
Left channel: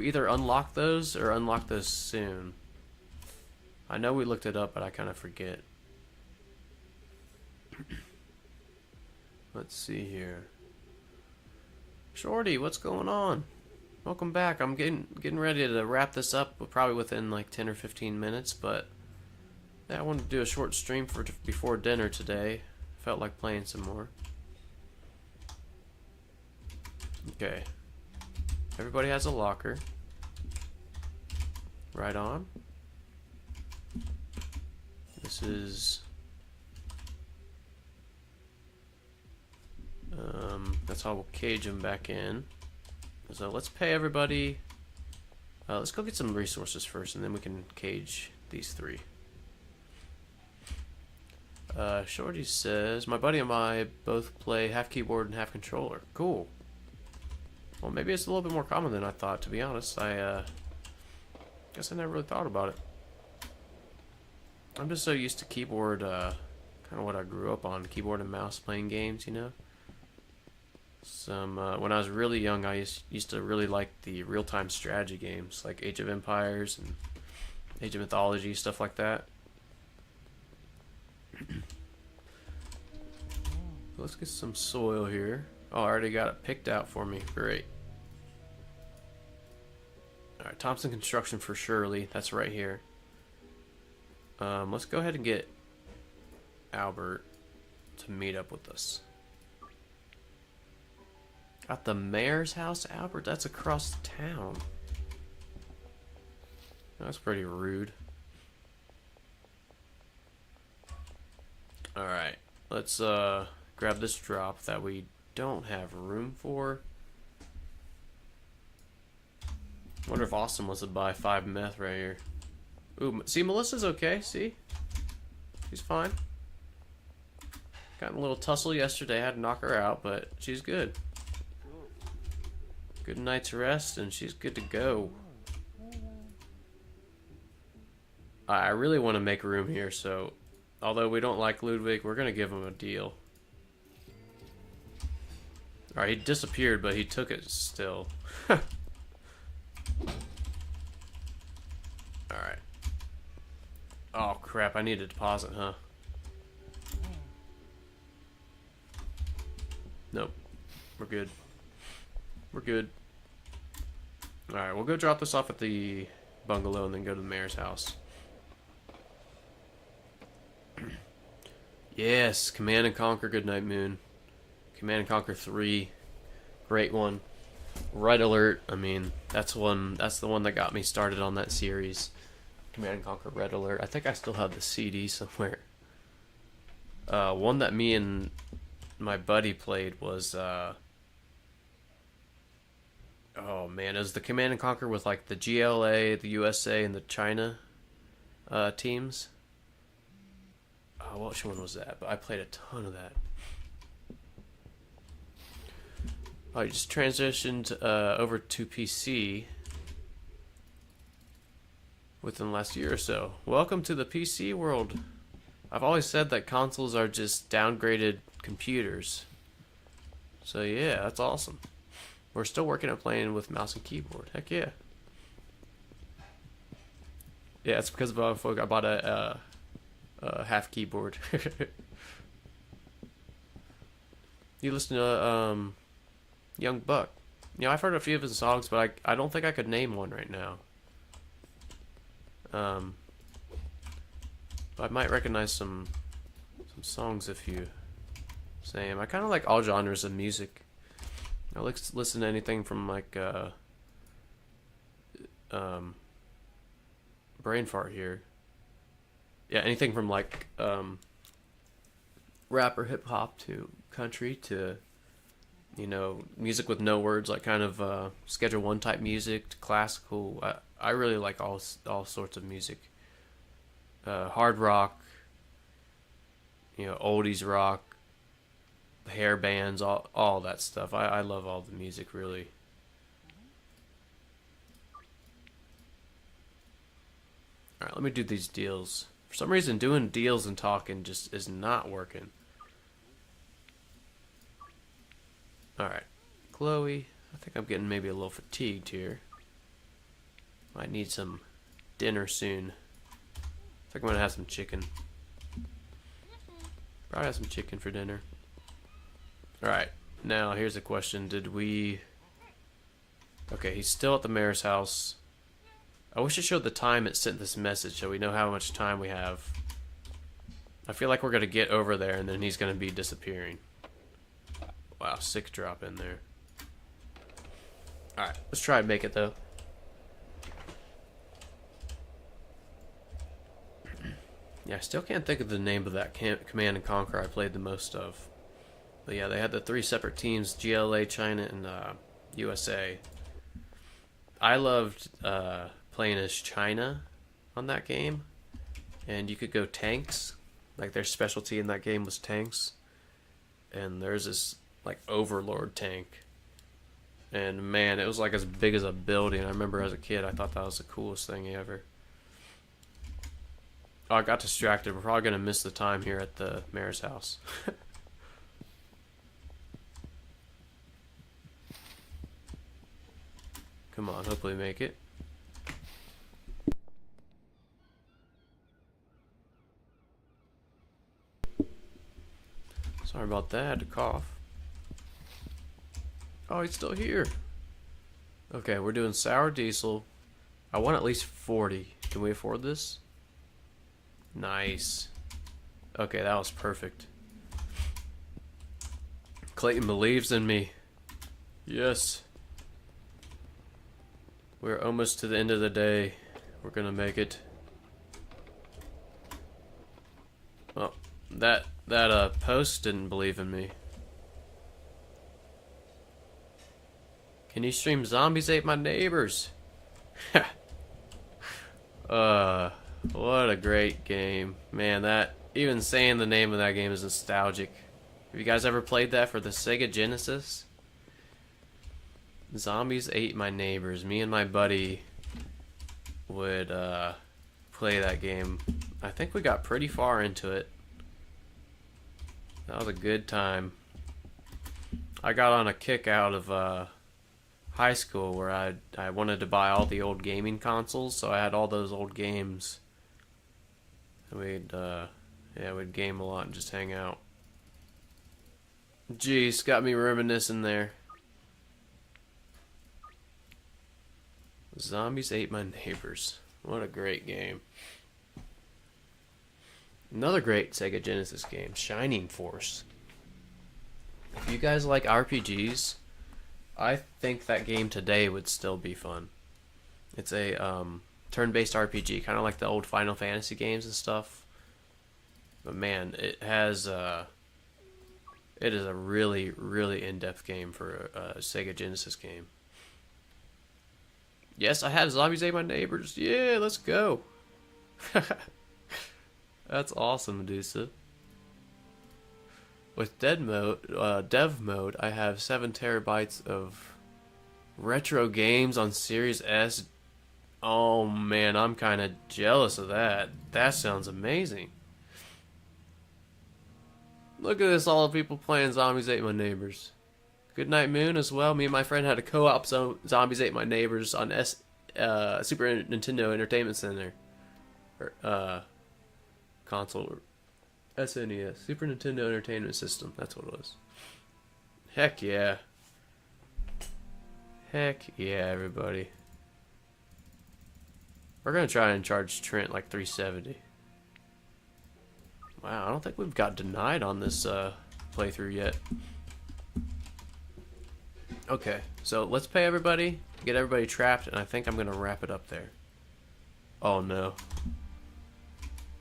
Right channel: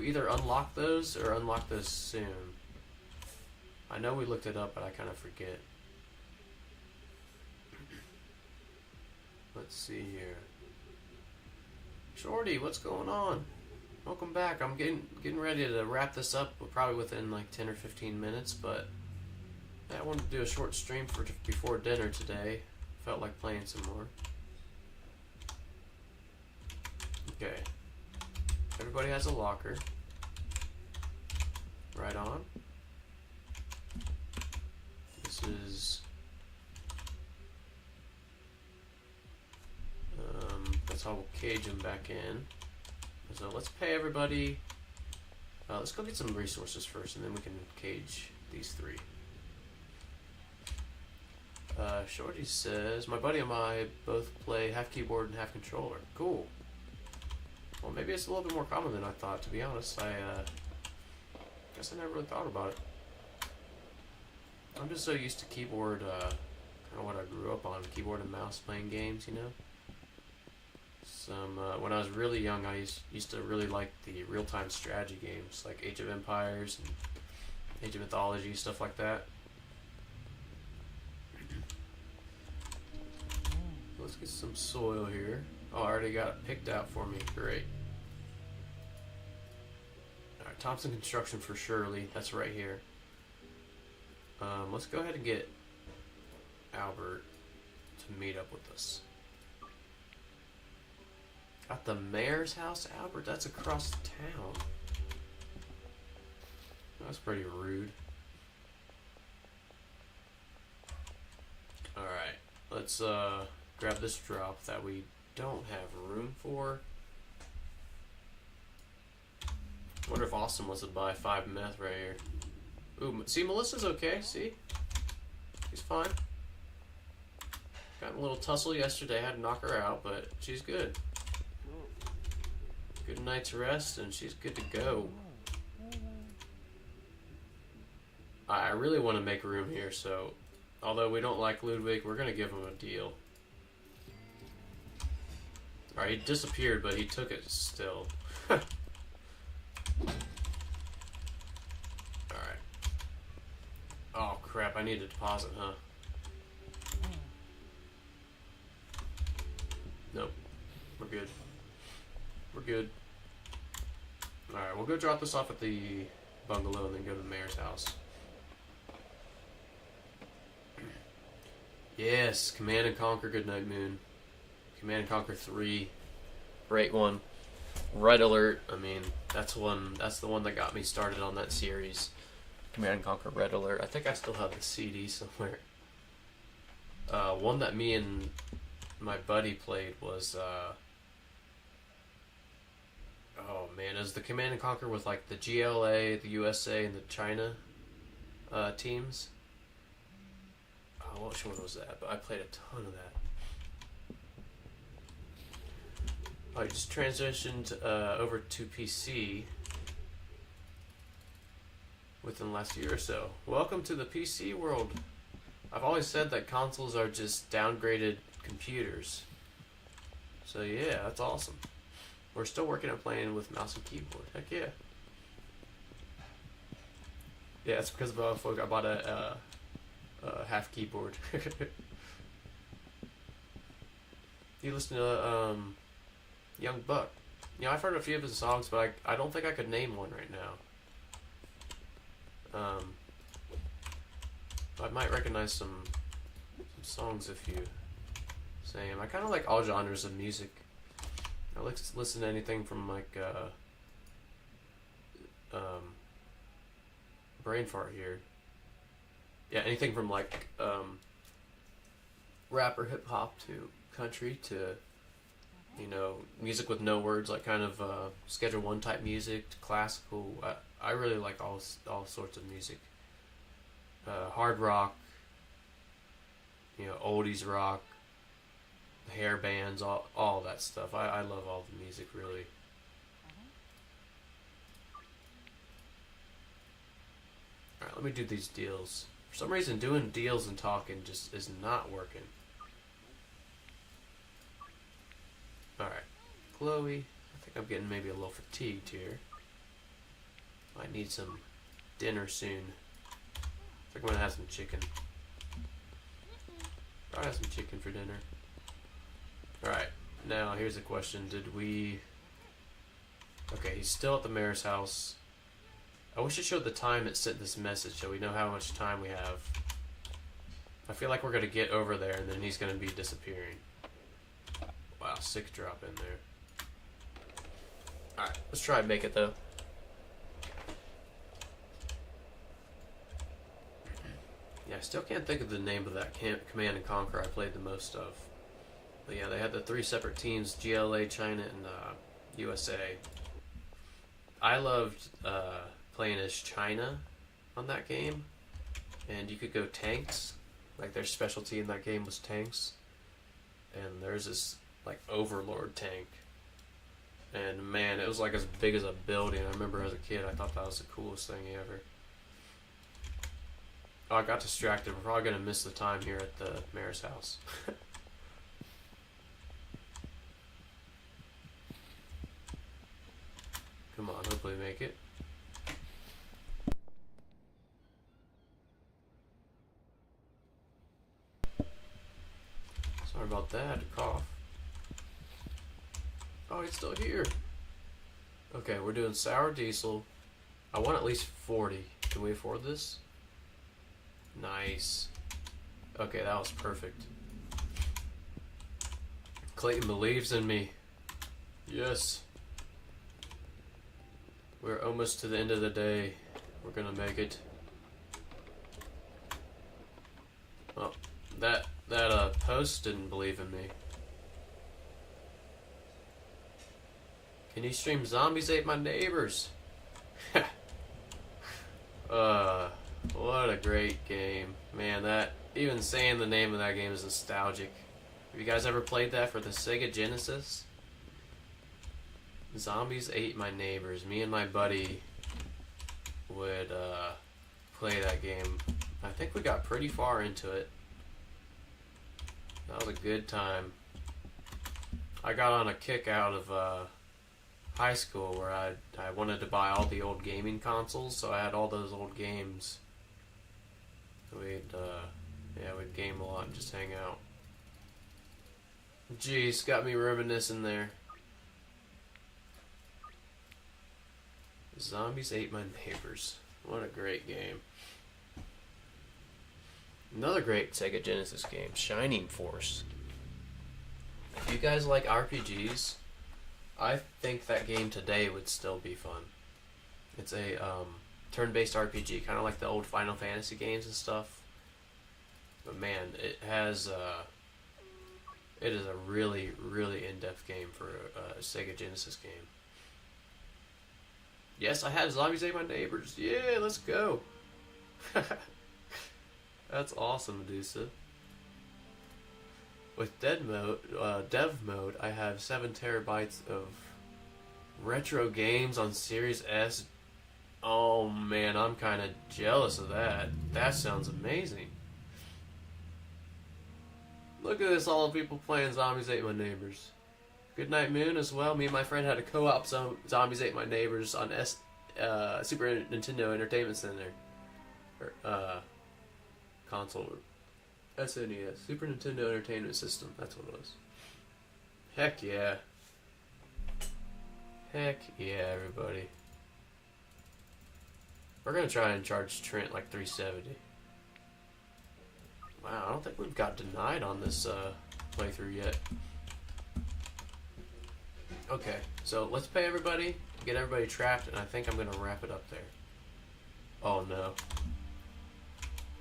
either unlock those or unlock those soon. I know we looked it up, but I kind of forget. Let's see here. Shorty, what's going on? Welcome back. I'm getting ready to wrap this up, probably within like 10 or 15 minutes, but yeah, I wanted to do a short stream for before dinner today. Felt like playing some more. Okay. Everybody has a locker. Right on. This is that's how we'll cage them back in. So let's pay everybody. Let's go get some resources first, and then we can cage these 3. Shorty says, my buddy and I both play half keyboard and half controller. Cool. Well, maybe it's a little bit more common than I thought, to be honest. I guess I never really thought about it. I'm just so used to keyboard, kind of what I grew up on, keyboard and mouse playing games, you know? When I was really young, I used to really like the real-time strategy games, like Age of Empires and Age of Mythology, stuff like that. Let's get some soil here. Oh, I already got it picked out for me. Great. Alright, Thompson Construction for Shirley. That's right here. Let's go ahead and get Albert to meet up with us. At the mayor's house, Albert? That's across town. That's pretty rude. Alright, let's grab this drop that we don't have room for. Wonder if Austin wants to buy 5 meth right here. Ooh, see, Melissa's okay, see? She's fine. Got in a little tussle yesterday, had to knock her out, but she's good. Good night's rest, and she's good to go. I really want to make room here, so although we don't like Ludwig, we're going to give him a deal. Alright, he disappeared, but he took it still. Alright. Oh crap, I need a deposit, huh? Nope. We're good. We're good. Alright, we'll go drop this off at the bungalow and then go to the mayor's house. Yes, Command and Conquer, Good Night Moon. Command and Conquer 3. Great one. Red Alert, I mean, that's the one that got me started on that series. Command and Conquer Red Alert. I think I still have the CD somewhere. One that me and my buddy played was oh man, it was the Command and Conquer with like the GLA, the USA, and the China teams. Oh, which one was that? But I played a ton of that. I just transitioned over to PC within the last year or so. Welcome to the PC world. I've always said that consoles are just downgraded computers. So yeah, that's awesome. We're still working on playing with mouse and keyboard. Heck yeah. Yeah, it's because of I bought a half keyboard. You listen to Young Buck. You know, I've heard a few of his songs, but I don't think I could name one right now. But I might recognize some songs if you say them. I kind of like all genres of music. I like to listen to anything from like brain fart here. Yeah, anything from like rap or hip hop to country to, you know, music with no words, like kind of Schedule 1 type music to classical. I really like all sorts of music. Hard rock, you know, oldies rock, hair bands, all that stuff. I love all the music, really. Alright, let me do these deals. For some reason, doing deals and talking just is not working. Alright, Chloe, I think I'm getting maybe a little fatigued here. Might need some dinner soon. I think I'm gonna have some chicken. Probably have some chicken for dinner. Alright, now here's a question. Did we... Okay, he's still at the mayor's house. I wish it showed the time it sent this message so we know how much time we have. I feel like we're gonna get over there and then he's gonna be disappearing. Wow, sick drop in there. Alright, let's try and make it though. Yeah, I still can't think of the name of that Command and Conquer I played the most of. But yeah, they had the 3 separate teams, GLA, China, and USA. I loved playing as China on that game. And you could go tanks. Like their specialty in that game was tanks. And there's this like Overlord tank. And man, it was like as big as a building. I remember as a kid, I thought that was the coolest thing ever. Oh, I got distracted. We're probably going to miss the time here at the mayor's house. Come on, hopefully make it. Sorry about that, I had to cough. Oh, he's still here. Okay, we're doing sour diesel, I want at least 40. Can we afford this? Nice. Okay, that was perfect. Clayton believes in me. Yes. We're almost to the end of the day. We're gonna make it. Oh, that post didn't believe in me. Can you stream Zombies Ate My Neighbors? What a great game. Man, that, even saying the name of that game is nostalgic. Have you guys ever played that for the Sega Genesis? Zombies Ate My Neighbors. Me and my buddy would play that game. I think we got pretty far into it. That was a good time. I got on a kick out of high school where I wanted to buy all the old gaming consoles, so I had all those old games. We'd game a lot and just hang out. Jeez, got me reminiscing there. Zombies Ate My Neighbors. What a great game. Another great Sega Genesis game, Shining Force. If you guys like RPGs, I think that game today would still be fun. It's a turn-based RPG, kind of like the old Final Fantasy games and stuff. But man, it is a really, really in-depth game for a Sega Genesis game. Yes, I have Zombies Ate My Neighbors. Yeah, let's go. That's awesome, Medusa. With dev mode, I have 7 terabytes of retro games on Series S. Oh man, I'm kind of jealous of that. That sounds amazing. Look at this, all the people playing Zombies Ate My Neighbors. Goodnight Moon as well. Me and my friend had a co-op Zombies Ate My Neighbors on Super Nintendo Entertainment Center. Console. SNES. Super Nintendo Entertainment System. That's what it was. Heck yeah. Heck yeah, everybody. We're going to try and charge Trent like $370. Wow, I don't think we've got denied on this playthrough yet. Okay, so let's pay everybody, get everybody trapped, and I think I'm going to wrap it up there. Oh no.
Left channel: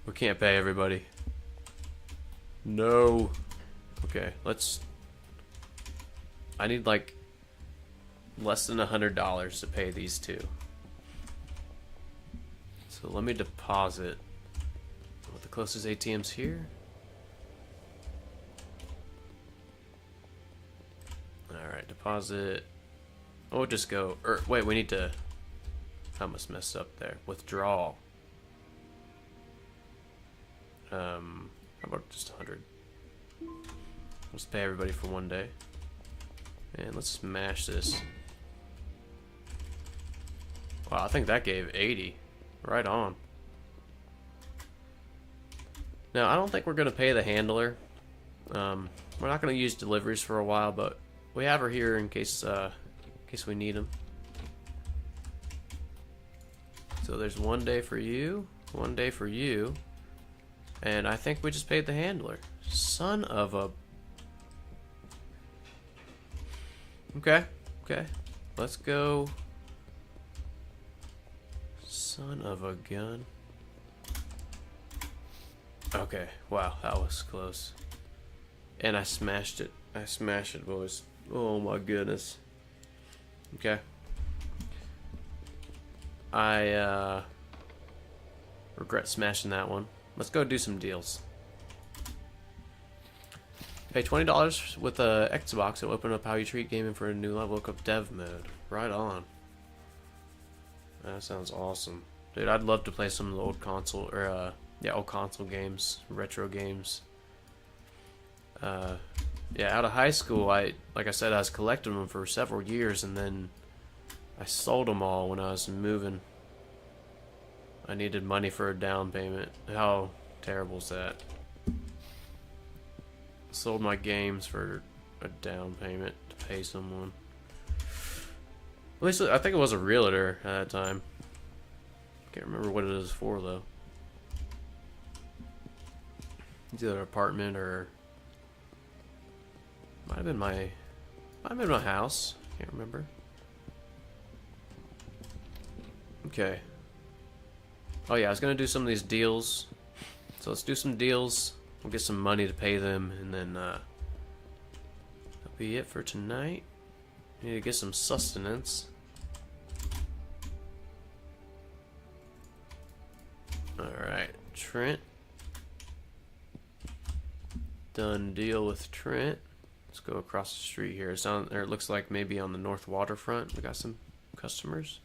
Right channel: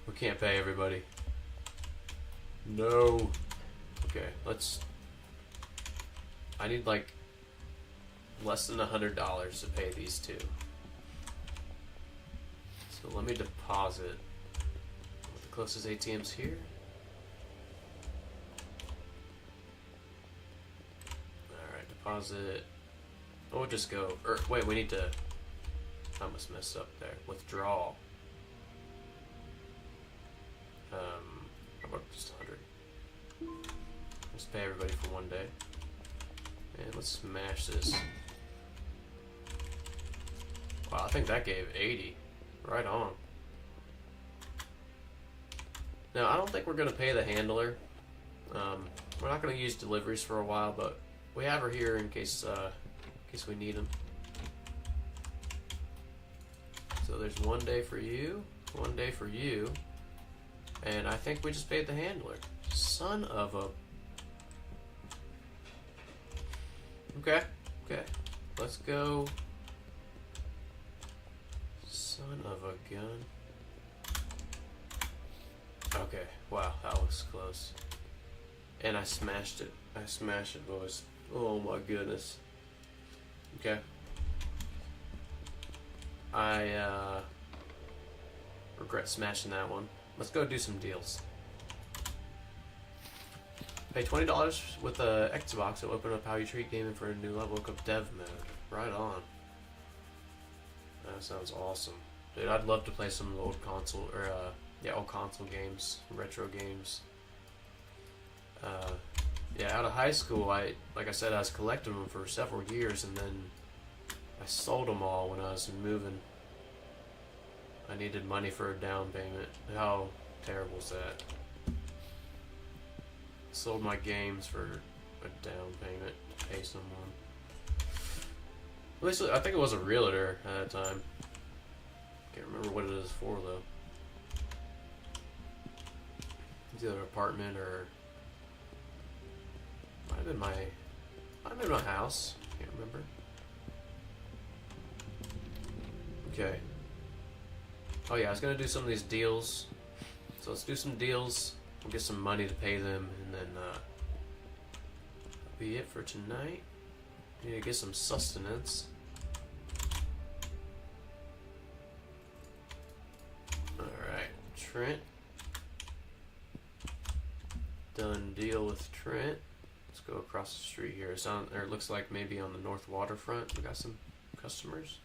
We can't pay everybody. No. Okay, I need like less than $100 to pay these two. So let me deposit. What the closest ATM's here? Alright, deposit. Oh, we'll just go. Wait, we need to. I almost messed up there. Withdrawal. How about just 100? Let's pay everybody for one day. And let's smash this. Wow, I think that gave 80. Right on. Now, I don't think we're going to pay the handler. We're not going to use deliveries for a while, but we have her here in case we need them. So there's one day for you, one day for you, and I think we just paid the handler. Son of a... Okay, let's go. Son of a gun. Okay, wow, that was close. And I smashed it. I smashed it, boys. Oh my goodness. Okay. I regret smashing that one. Let's go do some deals. Pay $20 with a Xbox. It'll open up how you treat gaming for a new level. Look up dev mode. Right on. That sounds awesome. Dude, I'd love to play some of the old console, or old console games, retro games. Yeah, out of high school, like I said, I was collecting them for several years, and then I sold them all when I was moving. I needed money for a down payment. How terrible is that? Sold my games for a down payment to pay someone. At least I think it was a realtor at that time. Can't remember what it is for though. It's either an apartment or might have been my house. Can't remember. Okay. Oh yeah, I was gonna do some of these deals. So let's do some deals. We'll get some money to pay them, and then that'll be it for tonight. Need to get some sustenance. Alright, Trent. Done deal with Trent. Let's go across the street here. It's on, or it looks like maybe on the north waterfront. We got some customers.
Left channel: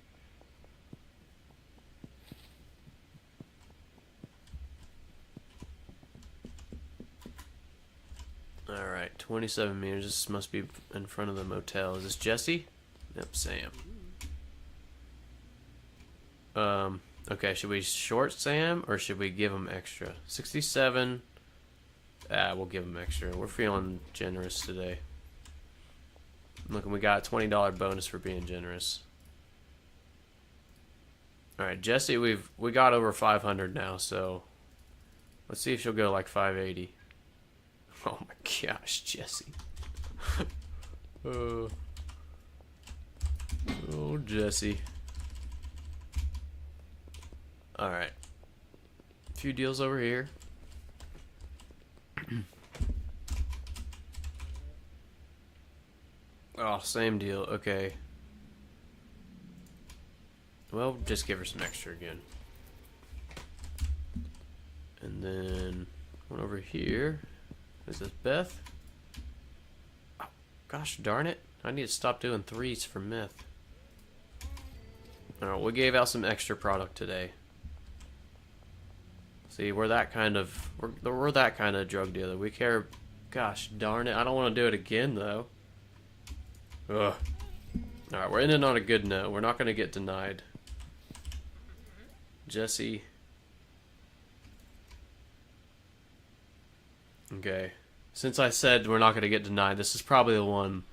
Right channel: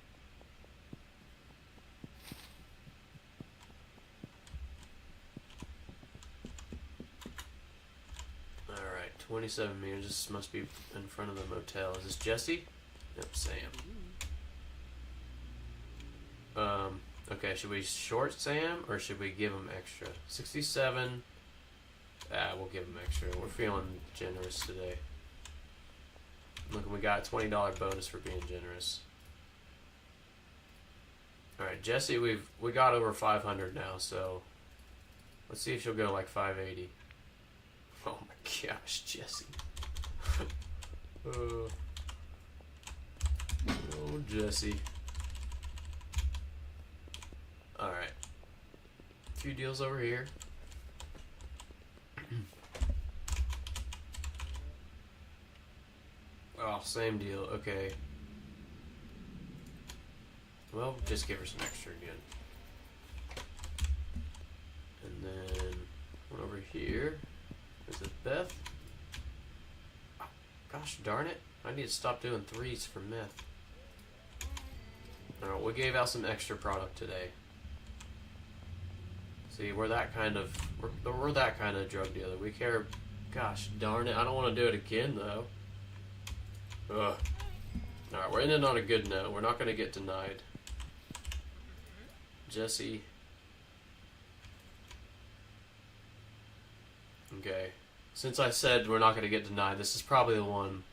Alright, 27 meters. This must be in front of the motel. Is this Jesse? Yep, Sam. Okay, should we short Sam or should we give him extra? 67. We'll give him extra. We're feeling generous today. Look, we got a $20 bonus for being generous. Alright, Jesse, we got over 500 now, so let's see if she'll go like 580. Oh my gosh, Jesse. Oh, Jesse. Alright. A few deals over here. Oh, same deal. Okay. Well, just give her some extra again. And then one over here. Is this Beth? Oh, gosh darn it. I need to stop doing threes for meth. Alright, we gave out some extra product today. See, we're that kind of drug dealer. We care. Gosh darn it! I don't want to do it again though. Ugh. All right, we're ending on a good note. We're not going to get denied. Jesse. Okay. Since I said we're not going to get denied, this is probably the one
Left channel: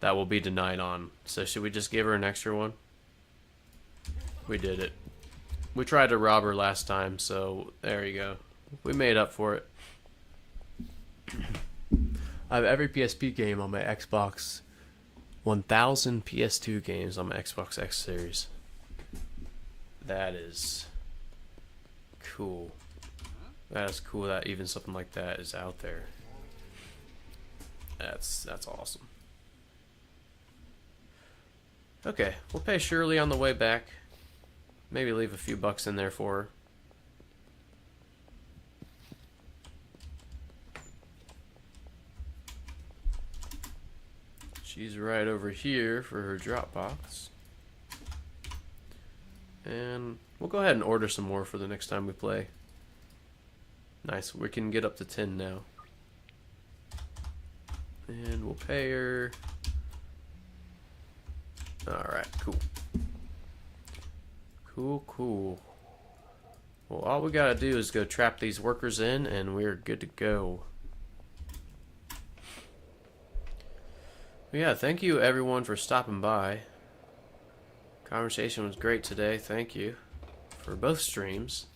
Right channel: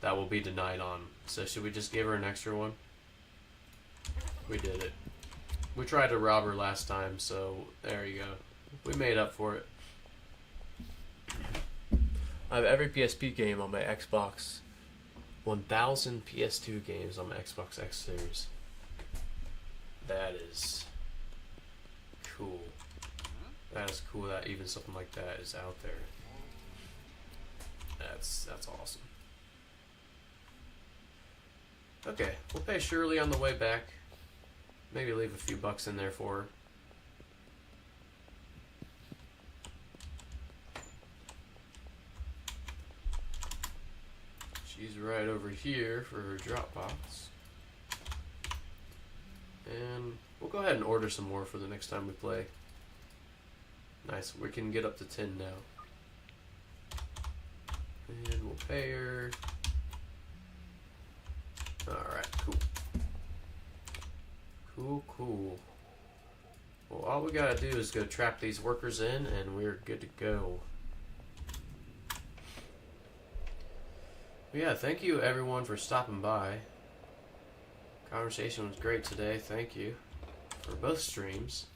that will be denied on. So should we just give her an extra one? We did it. We tried to rob her last time, so there you go. We made up for it. I have every PSP game on my Xbox. 1,000 PS2 games on my Xbox X series. That is cool. That is cool that even something like that is out there. That's awesome. Okay, we'll pay Shirley on the way back. Maybe leave a few bucks in there for her. She's right over here for her Dropbox. And we'll go ahead and order some more for the next time we play. Nice, we can get up to 10 now. And we'll pay her. Alright, cool. Cool. Well, all we gotta do is go trap these workers in and we're good to go. Yeah, thank you everyone for stopping by. Conversation was great today, thank you. For both streams.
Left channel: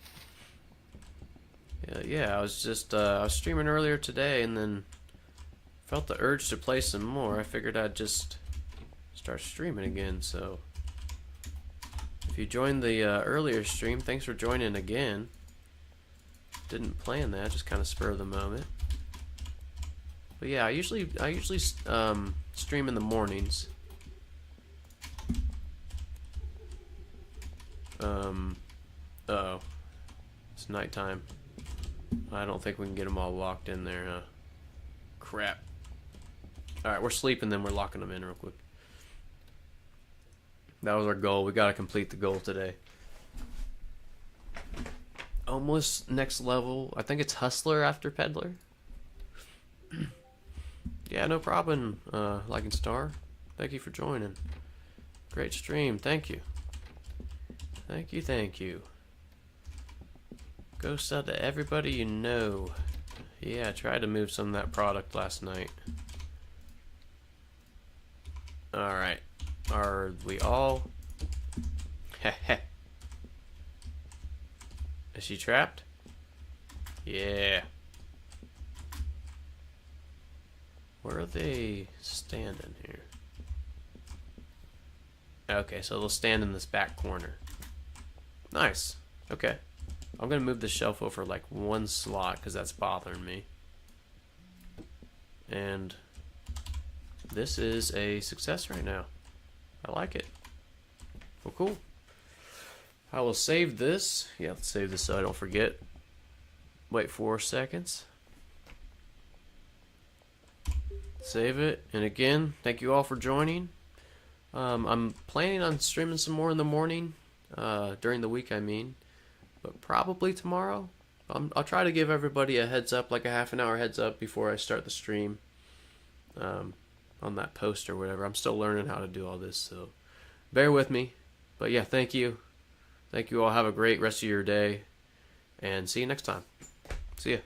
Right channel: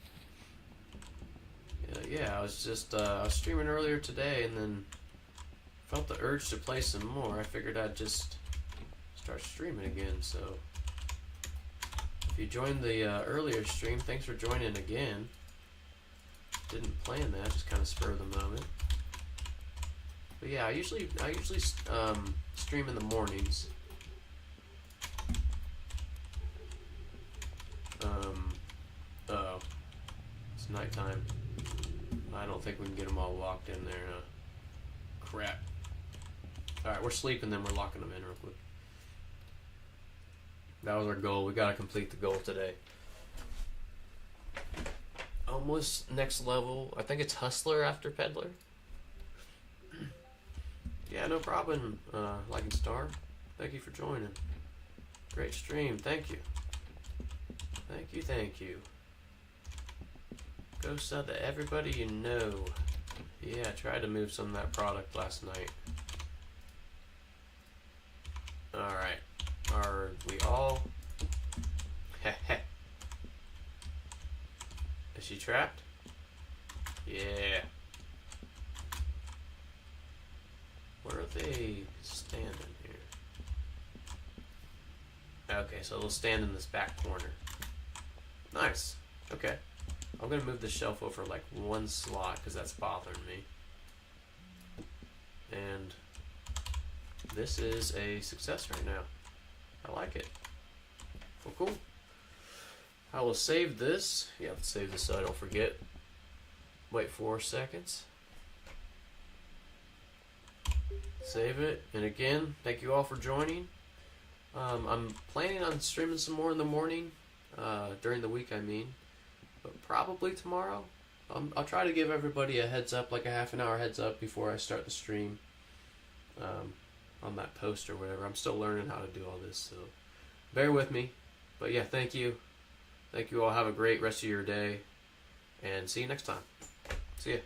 Yeah, I was just, I was streaming earlier today and then felt the urge to play some more. I figured I'd just start streaming again, so. If you joined the earlier stream, thanks for joining again. Didn't plan that, just kind of spur of the moment. But yeah, I usually stream in the mornings. Uh-oh. It's nighttime. I don't think we can get them all locked in there, huh? Crap. Alright, we're sleeping, then we're locking them in real quick. That was our goal. We gotta complete the goal today. Almost next level. I think it's Hustler after Peddler. Yeah, no problem, Like and Star. Thank you for joining. Great stream. Thank you. Thank you. Go sell to everybody you know. Yeah, I tried to move some of that product last night. Alright. Are we all... Is she trapped? Yeah. Where are they standing here? Okay, so they'll stand in this back corner. Nice. Okay. I'm going to move the shelf over like one slot because that's bothering me. And this is a success right now. I like it. Well, cool. I will save this. Yeah, let's save this so I don't forget. Wait 4 seconds. Save it. And again, thank you all for joining. I'm planning on streaming some more in the morning. During the week, I mean. But probably tomorrow. I'll try to give everybody a heads up, like a half an hour heads up before I start the stream. On that post or whatever. I'm still learning how to do all this, so bear with me. But yeah, thank you. Thank you all. Have a great rest of your day. And see you next time. See ya.